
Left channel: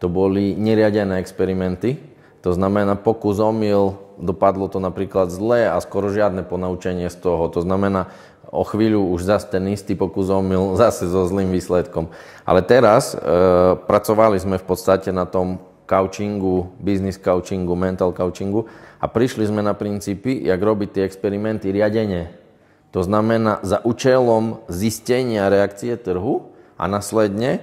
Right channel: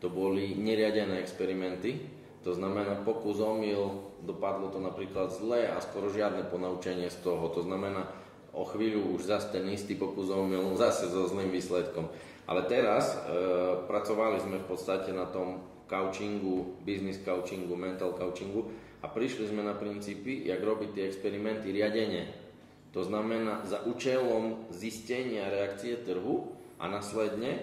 to boli neriadené experimenty. To znamená pokus omyl, dopadlo to napríklad zle a skoro žiadne ponaučenie z toho. To znamená o chvíľu už zase ten istý pokus omyl, zase so zlým výsledkom. Ale teraz pracovali sme v podstate na tom coachingu, business coachingu, mental coachingu a prišli sme na princípy, jak robiť tie experimenty riadene. To znamená za účelom zistenia reakcie trhu a následne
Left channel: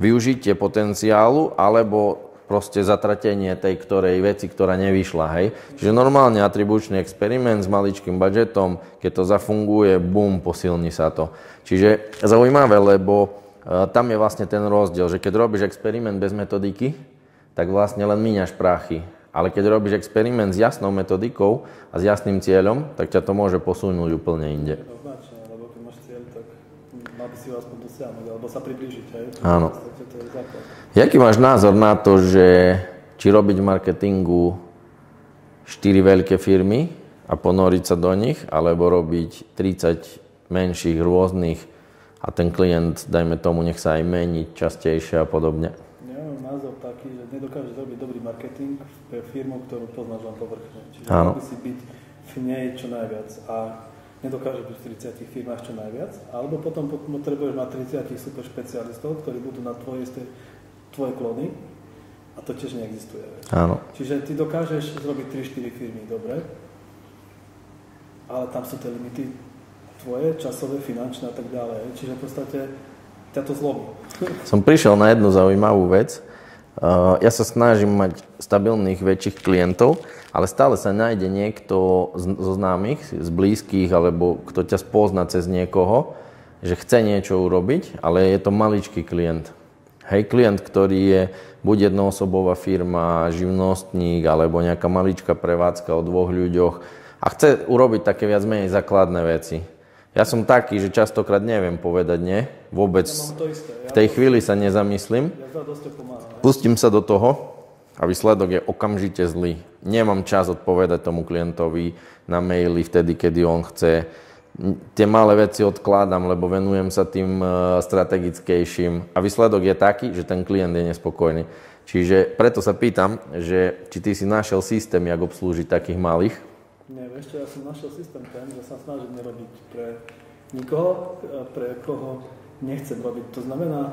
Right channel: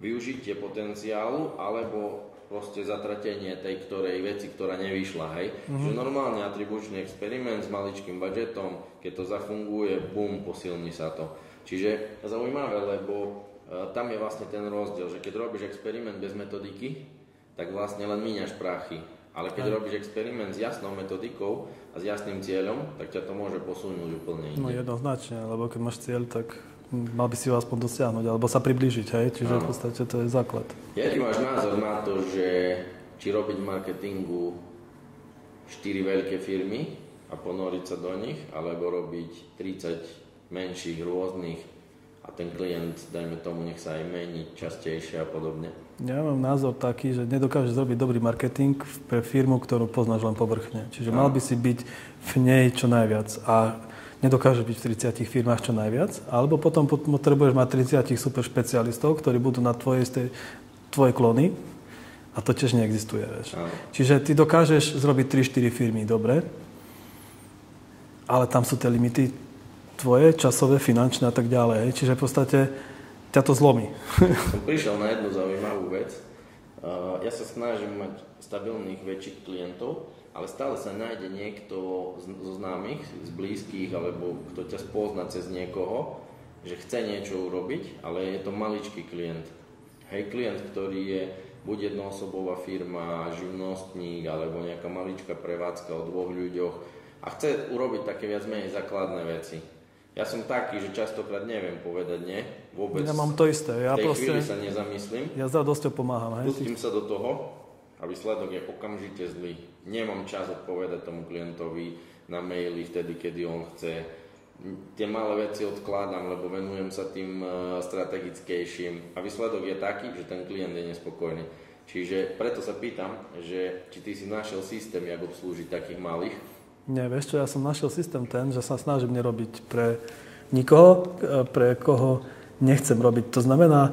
využitie potenciálu alebo proste zatratenie tej ktorej veci, ktorá nevyšla, hej. Čiže normálne atribučný experiment s maličkým budžetom, keď to zafunguje, bum, posilní sa to. Čiže zaujímavé, lebo tam je vlastne ten rozdiel, že keď robíš experiment bez metodiky, tak vlastne len míňaš prachy. Ale keď robíš experiment s jasnou metodikou a s jasným cieľom, tak ťa to môže posunúť úplne inde. No jednoznačne, lebo keď máš cieľ, tak mal by si ho aspoň dosiahnuť, alebo sa priblížiť, hej? Čiže v podstate to je základ. Jaký máš názor na to, že či robiť v marketingu 4 veľké firmy a ponoriť sa do nich, alebo robiť 30 menších, rôznych a ten klient, dajme tomu, nech sa aj mení častejšie a podobne? Ja mám názor taký, že nedokážeš zrobiť dobrý marketing pre firmu, ktorú poznáš len povrchne. Čiže mal by si byť v nej čo najviac a nedokážeš byť v 30 firmách čo najviac, alebo potom potrebuješ mať 30 super špecialistov, ktorí budú na tvoje klony a to tiež neexistuje. Vieš. Čiže ty dokážeš zrobiť 3-4 firmy, dobre, ale tam sú tie limity tvoje, časové, finančné a tak ďalej. Čiže v podstate ťa to zlomí. Som prišiel na jednu zaujímavú vec. Ja sa snažím mať stabilných väčších klientov, ale stále sa nájde niekto zo známych, z blízkych, alebo kto ťa spozná cez niekoho, že chce niečo urobiť, ale je to maličký klient. Hej, klient, ktorý je buď jednoosobová firma, živnostník, alebo nejaká maličká prevádzka o 2 ľuďoch a chce urobiť také viac menej základné veci. Ja som taký, že častokrát neviem povedať nie, vôbec ja mám to isté. V tej chvíli sa nezamyslím. Ja za dosť pomáham. Pustím sa do toho a výsledok je okamžite zlý. Nemám čas odpovedať tomu klientovi na maily vtedy, kedy on chce. Tie malé veci odkladám, lebo venujem sa tým strategickejším a výsledok je taký, že ten klient je nespokojný. Čiže preto sa pýtam, že či ty si našiel systém, jak obslúžiť takých malých? Nie, vieš čo, ja som našiel systém ten, že sa snažím nerobiť pre nikoho, pre koho nechcem robiť. To znamená,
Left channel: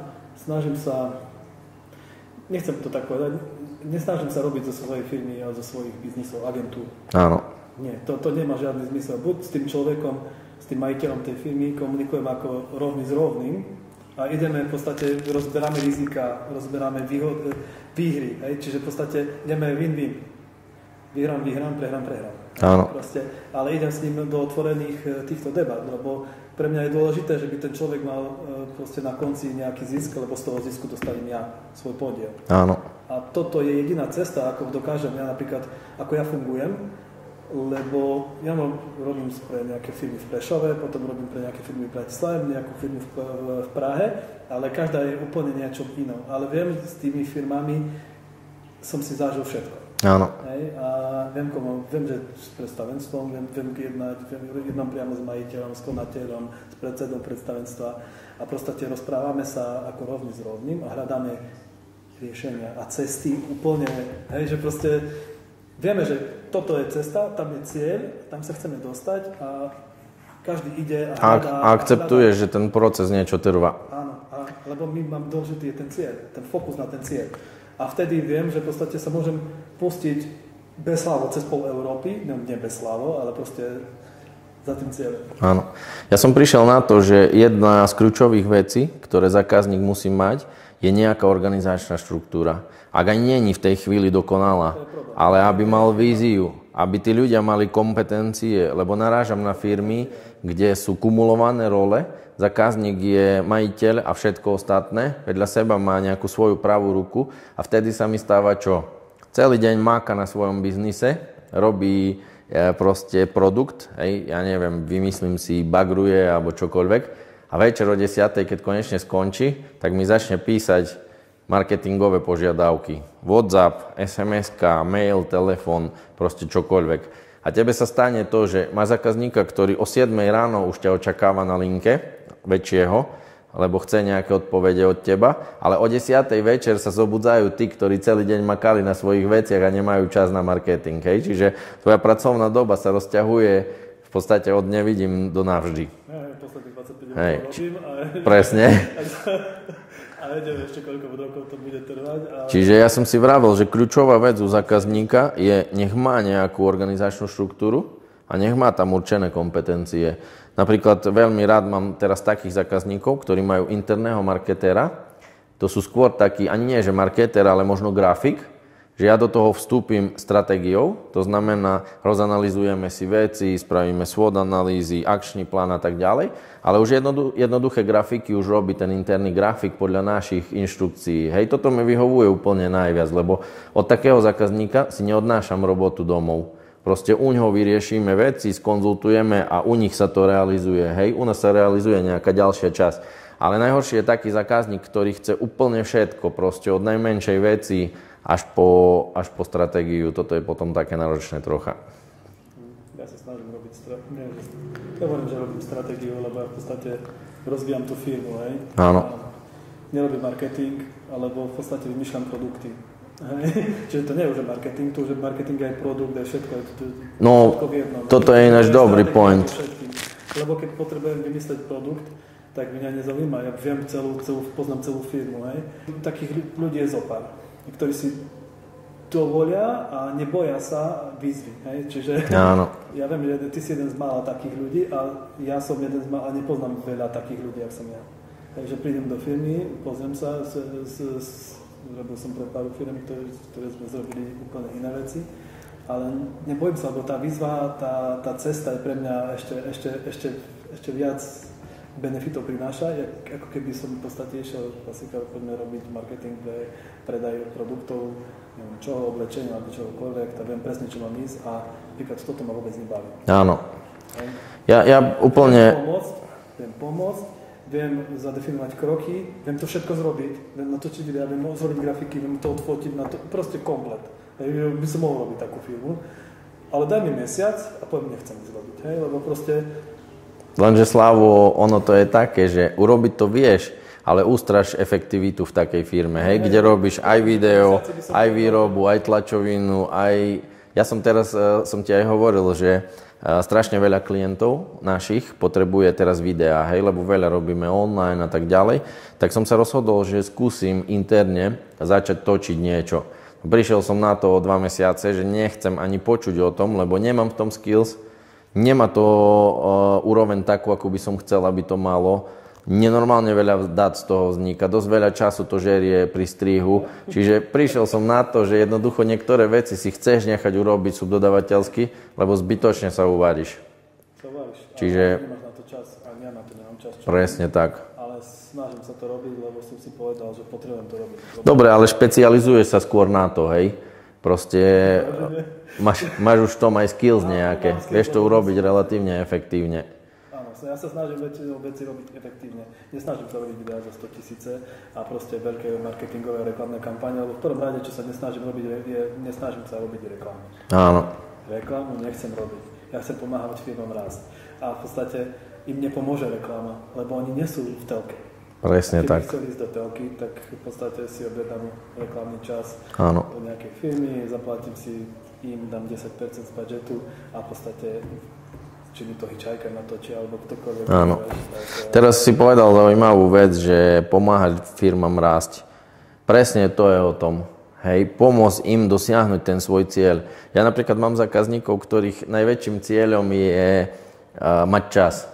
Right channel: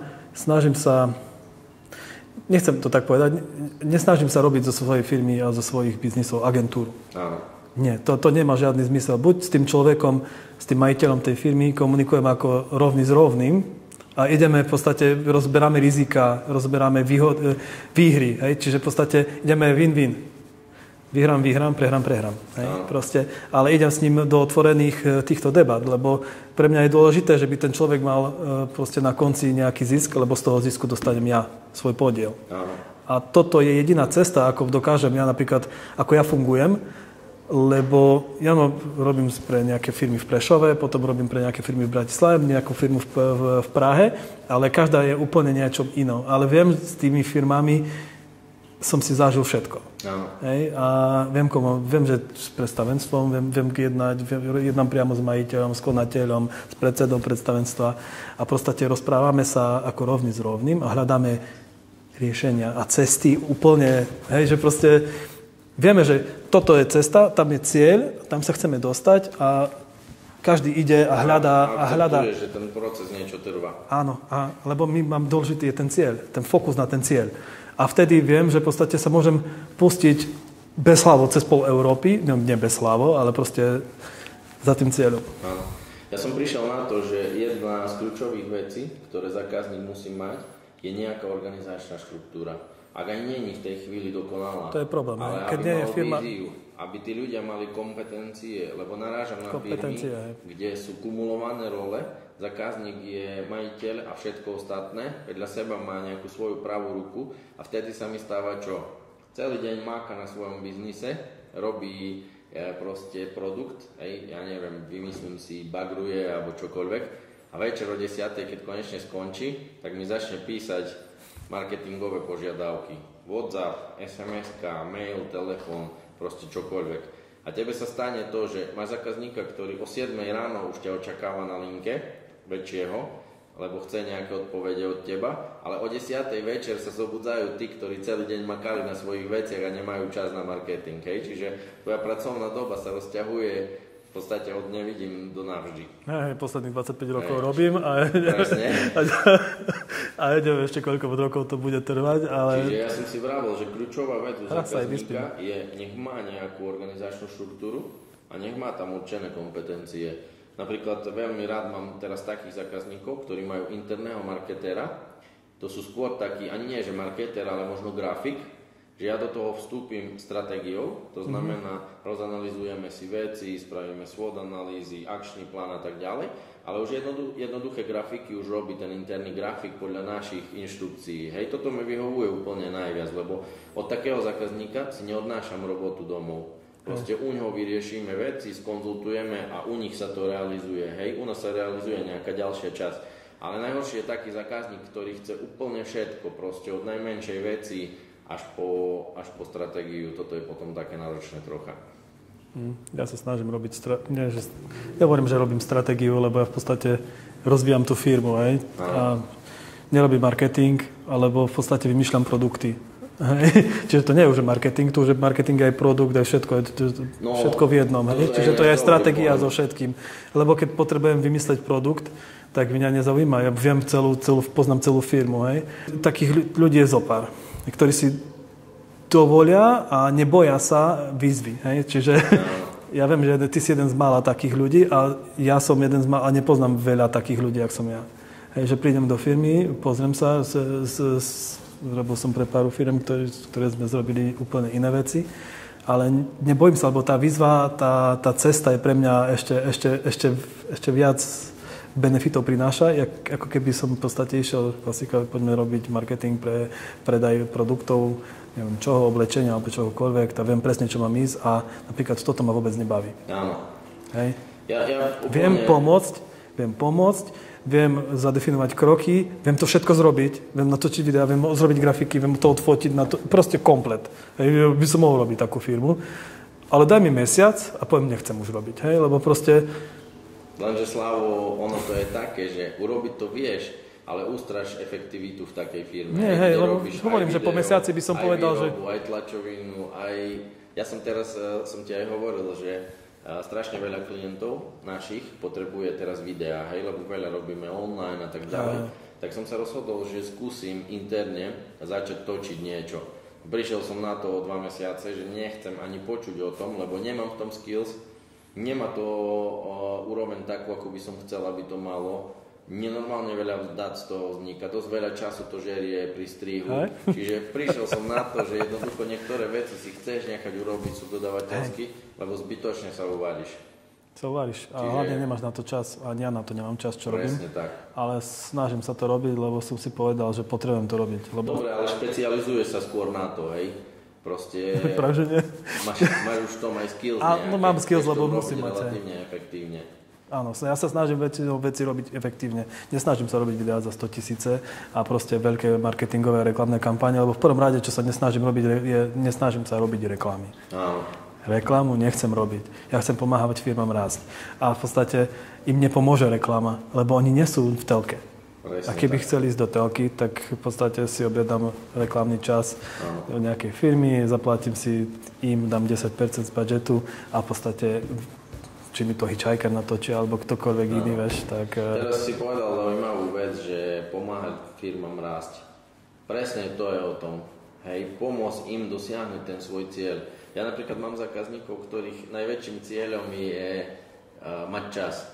nechcem to tak povedať, nesnažím sa robiť zo svojej firmy a zo svojich biznisov agentúru. Áno. Nie, to nemá žiadny zmysel. Buď s tým človekom, s tým majiteľom tej firmy komunikujem ako rovný s rovným a ideme v podstate, rozberáme rizika, rozberáme výhry, hej? Čiže v podstate ideme win-win. Vyhrám, prehrám. Proste, ale idem s ním do otvorených týchto debat, lebo pre mňa je dôležité, že by ten človek mal proste na konci nejaký zisk, lebo z toho zisku dostanem ja svoj podiel. Áno. A toto je jediná cesta, ako dokážem ja napríklad, ako ja fungujem, lebo ja robím pre nejaké firmy v Prešove, potom robím pre nejaké firmy v Bratislave, nejakú firmu v Prahe, ale každá je úplne niečom inou. Ale viem, s tými firmami som si zažil všetko. Áno. Hej, a viem, že s predstavenstvom, viem jednám priamo s majiteľom, s konateľom, s predsedom predstavenstva a proste rozprávame sa ako rovný s rovným a hľadáme riešenia a cesty úplne, hej, že proste vieme, že toto je cesta, tam je cieľ, tam sa chceme dostať a každý ide a hľadá. A akceptuje, že ten proces niečo trvá. Áno, lebo mám dôležitý je ten cieľ, ten fokus na ten cieľ. A vtedy viem, že v podstate sa môžem pustiť bezhlavo cez pol Európy, nie bezhlavo, ale proste za tým cieľom. Áno. Ja som prišiel na to, že jedna z kľúčových vecí, ktoré zákazník musí mať, je nejaká organizačná štruktúra. Ak aj nie je v tej chvíli dokonalá, ale aby mal víziu, aby tí ľudia mali kompetencie, lebo narážam na firmy, kde sú kumulované role, zákazník je majiteľ a všetko ostatné, vedľa seba má nejakú svoju pravú ruku a vtedy sa mi stáva čo? celý deň máka na svojom biznise, robí proste produkt, hej, ja neviem, vymyslím si, bagruje alebo čokoľvek a večer o 10:00, keď konečne skončí, tak mi začne písať marketingové požiadavky. WhatsApp, SMS-ka, mail, telefón, proste čokoľvek. A tebe sa stane to, že má zákazníka, ktorý o 7:00 ráno už ťa očakáva na linke väčšieho, lebo chce nejaké odpovede od teba, ale o 10:00 večer sa zobudzajú tí, ktorí celý deň makali na svojich veciach a nemajú čas na marketing. Hej? Čiže tvoja pracovná doba sa rozťahuje v podstate od nevidím do navždy. Posledných 25 rokov robím a presne. A neviem ešte koľko rokov to bude trvať. Ale... Čiže ja som si vravel, že kľúčová vec u zákazníka je, nech má nejakú organizačnú štruktúru a nech má tam určené kompetencie. Napríklad veľmi rád mám teraz takých zákazníkov, ktorí majú interného marketéra. To sú skôr takí, ani nie že marketér, ale možno grafik, že ja do toho vstúpim stratégiou, to znamená, rozanalizujeme si veci, spravíme SWOT analýzy, akčný plán a tak ďalej, ale už jednoduché grafiky už robí ten interný grafik podľa našich inštrukcií. Hej, toto mi vyhovuje úplne najviac, lebo od takého zákazníka si neodnášam robotu domov. Proste u ňoho vyriešime veci, skonzultujeme a u nich sa to realizuje. Hej, u nás sa realizuje nejaká ďalšia časť. Ale najhorší je taký zákazník, ktorý chce úplne všetko, proste od najmenšej veci až po stratégiu. Toto je potom také náročné trocha. Ja sa snažím robiť ja hovorím, že robím stratégiu, lebo ja v podstate rozvíjam tú firmu. Hej? A nerobím marketing, alebo v podstate vymýšľam produkty. Hej. Čiže to nie je už marketing, tu už marketing je aj produkt, aj všetko, všetko v jednom. Toto je náš dobrý point. So všetkým. Lebo keď potrebujem vymysleť produkt, tak mňa nezaujíma. Ja poznám celú firmu. Hej. Takých ľudí je zopár, ktorí si dovolia a neboja sa výzvy. Hej. Čiže ja viem, že ty si jeden z mála takých ľudí a ja som jeden z mála a nepoznám veľa takých ľudí, ako som ja. Hej, že prídem do firmy, pozriem sa, robil som pre pár firm, ktoré sme zrobili úplne iné veci, ale nebojím sa, lebo tá výzva, tá cesta je pre mňa ešte viac benefitov prináša, ako keby som v podstate išiel, klasika, poďme robiť marketing pre predaj produktov, neviem čoho, oblečenia alebo čohokoľvek, tak viem presne, čo mám ísť a napríklad toto ma vôbec nebaví. Áno. Hej. Ja úplne... Viem pomôcť, viem zadefinovať kroky, viem to všetko zrobiť, viem natočiť videa, viem zrobiť grafiky, viem to odfotiť, proste komplet. Hej, by som mohol robiť takú firmu, ale daj mi mesiac a poviem, nechcem už robiť, hej, lebo proste... Lenže Slavo, ono to je také, že urobiť to vieš, ale ústraž efektivitu v takej firme, hej, kde robíš aj video, aj výrobu, aj tlačovinu, aj... Ja som ti aj hovoril, že strašne veľa klientov našich potrebuje teraz videá, hej, lebo veľa robíme online a tak ďalej, tak som sa rozhodol, že skúsim interne začať točiť niečo. Prišiel som na to o 2 mesiace, že nechcem ani počuť o tom, lebo nemám v tom skills, nemá to úroveň takú, ako by som chcel, aby to malo. Nenormálne veľa dát z toho vzniká, dosť veľa času to žerie pri strihu, čiže prišiel som na to, že jednoducho niektoré veci si chceš nechať urobiť subdodavateľsky, lebo zbytočne sa uvaríš. Čiže nemáš na to čas, a ja na to nemám čas. Presne tak. Ale snažím sa to robiť, lebo som si povedal, že potrebujem to robiť. Dobre, ale špecializuješ sa skôr na to, hej? Proste máš už v tom aj skills nejaké, vieš to urobiť relatívne efektívne. Áno, ja sa snažím veci robiť efektívne. Nesnažím sa robiť videá za 100 000 a proste veľké marketingové a reklamné kampane, lebo v prvom rade, čo sa nesnažím robiť, nesnažím sa robiť reklamy. Áno. Reklamu nechcem robiť. Ja chcem pomáhať firmám rásť. A v podstate im nepomôže reklama, lebo oni nie sú v telke. Presne a keby tak. chceli ísť do telky, tak v podstate si objednám reklamný čas nejakej firmy, zaplatím si im, dám 10% z budžetu a v podstate či mi to Hitchhiker natočí, alebo ktokoľvek iný, vieš. Tak... Teraz si povedal zaujímavú vec, že pomáhať firmám rásť. Presne to je o tom. Hej, pomôcť im dosiahnuť ten svoj cieľ. Ja napríklad mám zákazníkov, ktorých najväčším cieľom je mať čas.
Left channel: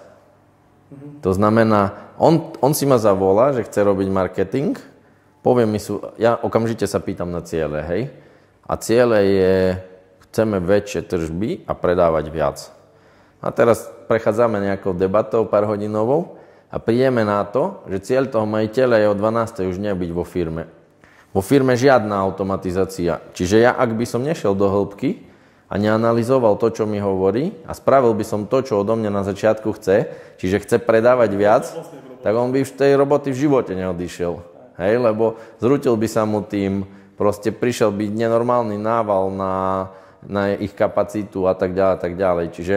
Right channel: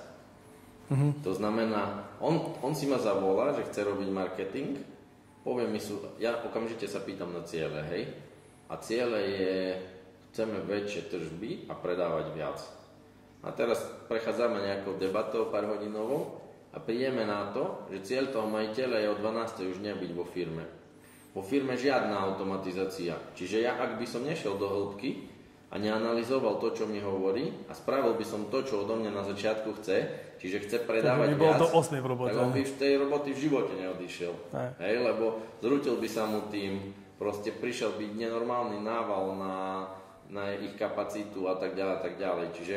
To znamená, on si ma zavolá, že chce robiť marketing, povie mi, ja okamžite sa pýtam na ciele, hej. A ciele je, chceme väčšie tržby a predávať viac. A teraz prechádzame nejakou debatou pár hodinovou a prídeme na to, že cieľ toho majiteľa je o 12. už nebyť vo firme. Vo firme žiadna automatizácia. Čiže ja, ak by som nešiel do hĺbky a neanalyzoval to, čo mi hovorí a spravil by som to, čo odo mňa na začiatku chce, čiže chce predávať viac, tak on by v tej roboty v živote neodišiel. Hej, lebo zrutil by sa mu tým, proste prišiel by nenormálny nával na ich kapacitu a tak ďalej, tak ďalej. Čiže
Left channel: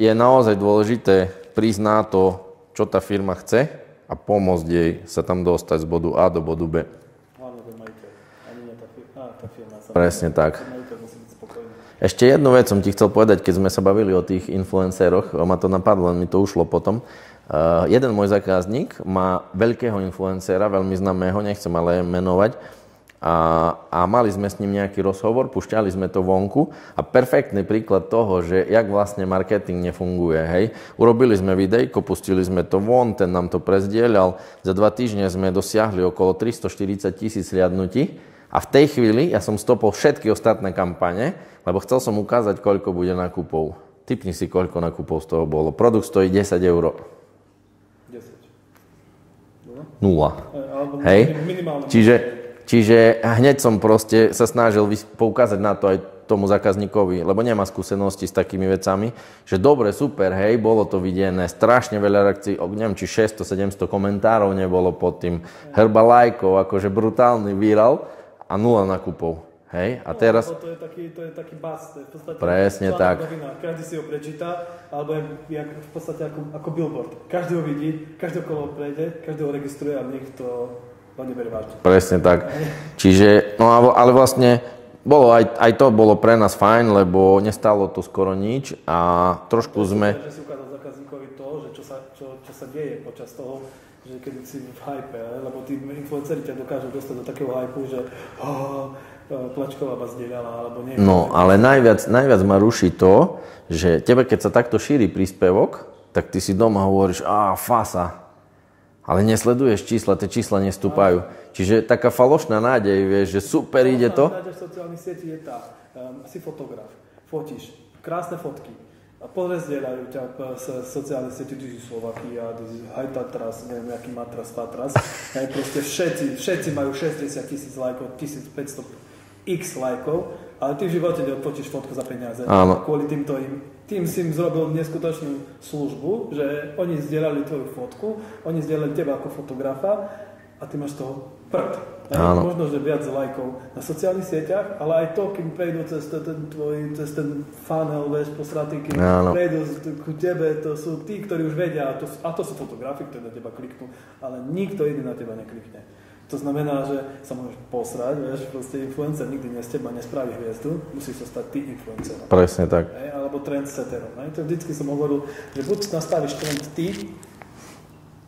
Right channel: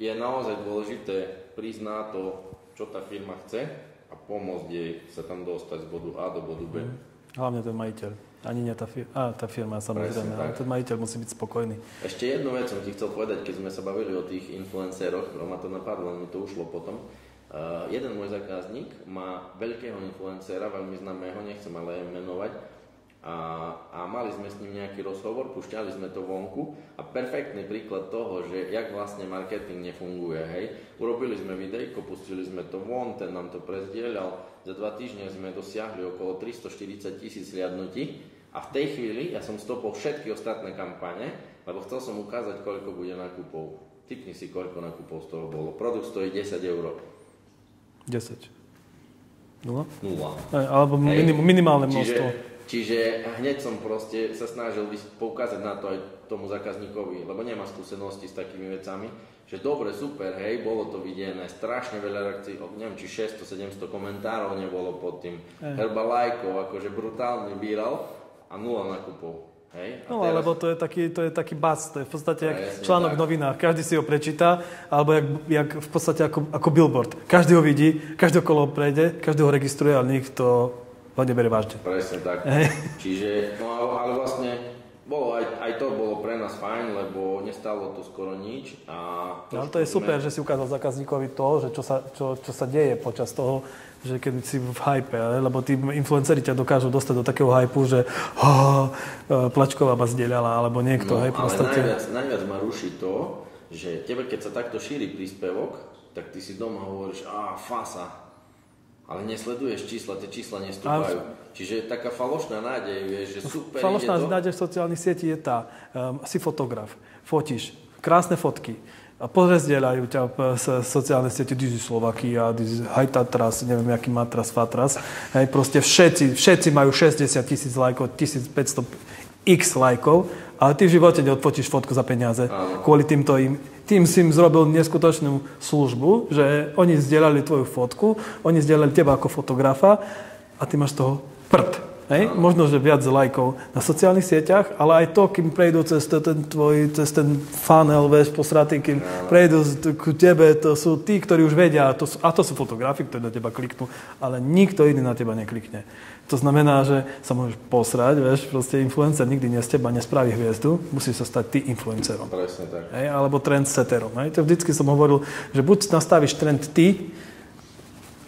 je naozaj dôležité prísť na to, čo tá firma chce a pomôcť jej sa tam dostať z bodu A do bodu B. Hlavne ten majiteľ. Ani nie tá firma. Presne tak. Ten majiteľ musí byť spokojný. Ešte jednu vec som ti chcel povedať, keď sme sa bavili o tých influenceroch, ma to napadlo, len mi to ušlo potom. Jeden môj zákazník má veľkého influencera, veľmi známeho, nechcem ale menovať, a mali sme s ním nejaký rozhovor, pušťali sme to vonku a perfektný príklad toho, že jak vlastne marketing nefunguje, hej. Urobili sme videjko, pustili sme to von, ten nám to prezdieľal, za 2 týždne sme dosiahli okolo 340 000 hliadnutí a v tej chvíli ja som stopol všetky ostatné kampane, lebo chcel som ukázať, koľko bude nákupov. Tipni si, koľko nákupov z toho bolo. Produkt stojí 10 €. 10. 0? Alebo minimálne množstvo. Čiže hneď som proste sa snažil poukázať na to aj tomu zákazníkovi, lebo nemá skúsenosti s takými vecami, že dobre, super, hej, bolo to videné, strašne veľa reakcií, neviem, či 600-700 komentárov nebolo pod tým, hrba lajkov, akože brutálny viral a 0 nákupov. Hej, a teraz... Lebo to je taký buzz, to je v podstate presne článok tak. v novinách, každý si ho prečíta, alebo jak v podstate ako billboard. Každý ho vidí, každý okolo prejde, každý ho registruje, ale nikto ho nebere vážne. Presne tak. Čiže, no ale vlastne aj to bolo pre nás fajn, lebo nestalo to skoro nič a trošku sme... To je super, že si ukázal zákazníkovi to, že čo sa deje počas toho, že keď si v hype, lebo tí influenceri ťa dokážu dostať do takého hypu, že Plačková ma zdieľala, alebo niekto. No, ale najviac ma ruší to, že tebe, keď sa takto šíri príspevok, tak ty si doma hovoríš, fasa. Ale nesleduješ čísla, tie čísla nestúpajú. Čiže taká falošná nádej, vieš, že super ide to. Falošná nádej v sociálnych sietí je tá, si fotograf, fotíš, krásne fotky, a pozdieľajú ťa sociálne siete, ty si Slovakia, ty si Hajtatras, neviem, aký matras, fatras. Hej, proste všetci majú 60 000 lajkov, 1500 x lajkov, ale ty v živote neodfotíš fotku za peniaze. Áno. Kvôli tým si im zrobil neskutočnú službu, že oni zdieľali tvoju fotku, oni zdieľali teba ako fotografa a ty máš toho prd. Hej? Možno, že viac lajkov na sociálnych sieťach, ale aj to, kým prejdú cez ten funnel, vieš, posratý, kým prejdú k tebe, to sú tí, ktorí už vedia, a to sú fotografi, ktorí na teba kliknú, ale nikto iný na teba neklikne. To znamená, že sa môžeš posrať, vieš, proste influencer nikdy z teba nespraví hviezdu, musíš sa stať ty influencerom. Presne tak. Hej, alebo trendsetterom. Hej. To vždycky som hovoril, že buď nastavíš trend ty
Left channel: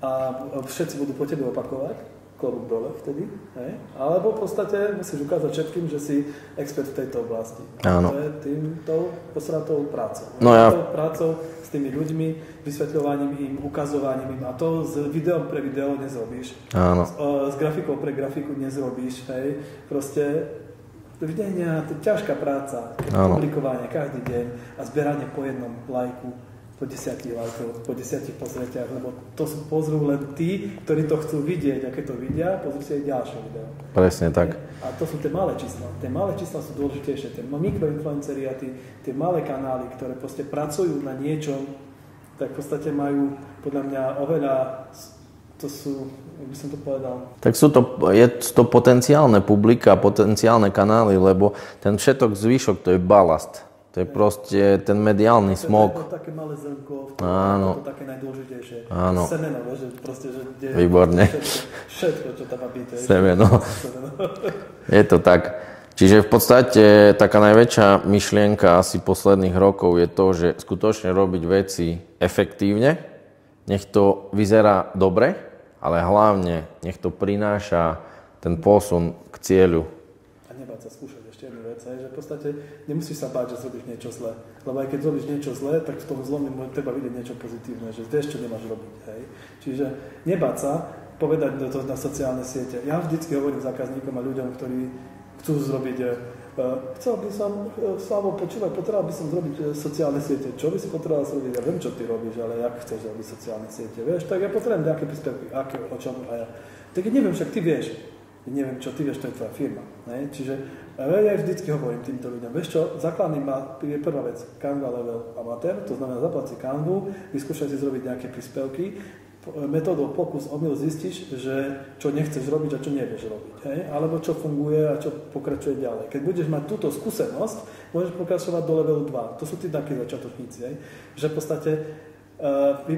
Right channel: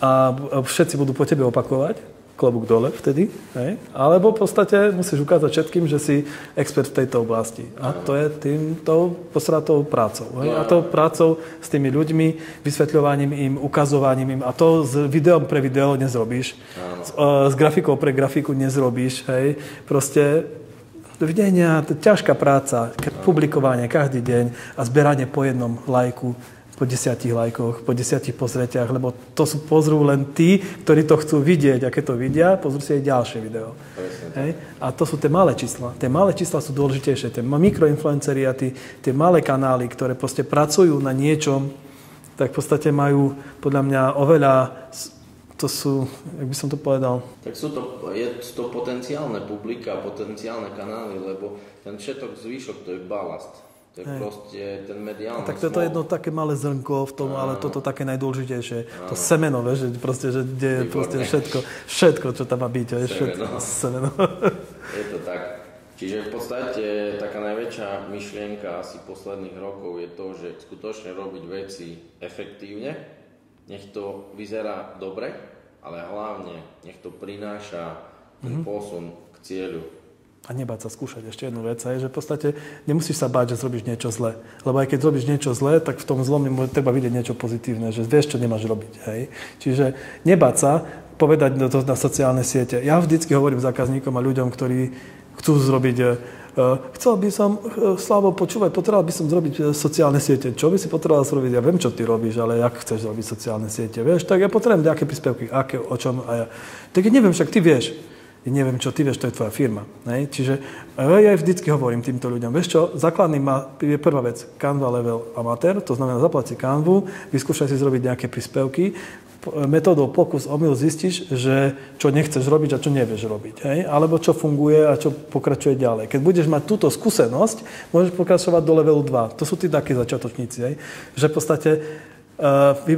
a všetci budú po tebe opakovať, klobúk dole vtedy, hej, alebo v podstate musíš ukázať všetkým, že si expert v tejto oblasti. A to je týmto posratou prácou. To prácou s tými ľuďmi, vysvetľovaním im, ukazovaním im. A to s videom pre video nezrobíš. S grafikou pre grafiku nezrobíš. Hej. Proste dovidenia, to je ťažká práca, publikovanie každý deň a zberanie po jednom lajku, po 10 lajkoch, po 10 pozretiach, lebo to pozrú len tí, ktorí to chcú vidieť. A keď to vidia, pozrú si aj ďalšie video. Presne tak. A to sú tie malé čísla. Tie malé čísla sú dôležitejšie. Tie mikroinfluenceri a tie malé kanály, ktoré proste pracujú na niečom, tak v podstate majú podľa mňa oveľa... To sú, jak by som to povedal... Tak je to potenciálne publika, potenciálne kanály, lebo ten všetok zvyšok, to je balast. To je proste ten mediálny smog. To je jedno také malé zrnko v tom, ale toto také najdôležitejšie. To semeno, vieš, že kde je všetko, čo tam má byť. Semeno. Je to tak. Čiže v podstate taká najväčšia myšlienka asi posledných rokov je to, že skutočne robiť veci efektívne, nech to vyzerá dobre, ale hlavne nech to prináša ten posun k cieľu. A nebáť sa skúšať. Ešte jednu vec, je, že v podstate nemusíš sa báť, že zrobíš niečo zlé. Lebo aj keď robíš niečo zlé, tak v tom zlom treba vidieť niečo pozitívne, že vieš, čo nemáš robiť. Hej? Čiže nebáť sa povedať to na sociálne siete. Ja vždycky hovorím zákazníkom a ľuďom, ktorí chcú zrobiť, chcel by som, Slavo, počúvať, potreboval by som zrobiť sociálne siete. Čo by si potreboval zrobiť? Ja viem, čo ty robíš, ale jak chceš robiť sociálne siete? Vieš, tak ja potrebujem nejaké príspevky, o čom a ja. Tak ja neviem, však ty vieš. Ja neviem, čo ty vieš, to je tvoja firma. Hej? Čiže ja vždycky hovorím týmto ľuďom, vieš čo, základný je prvá vec, Canva level amatér, to znamená zaplať si Canvu, vyskúšaj si zrobiť nejaké príspevky, metódou pokus omyl zistíš, že čo nechceš robiť a čo nevieš robiť. Hej? Alebo čo funguje a čo pokračuje ďalej. Keď budeš mať túto skúsenosť, môžeš pokračovať do levelu 2. To sú tí takí začiatočníci. Hej? Že v podstate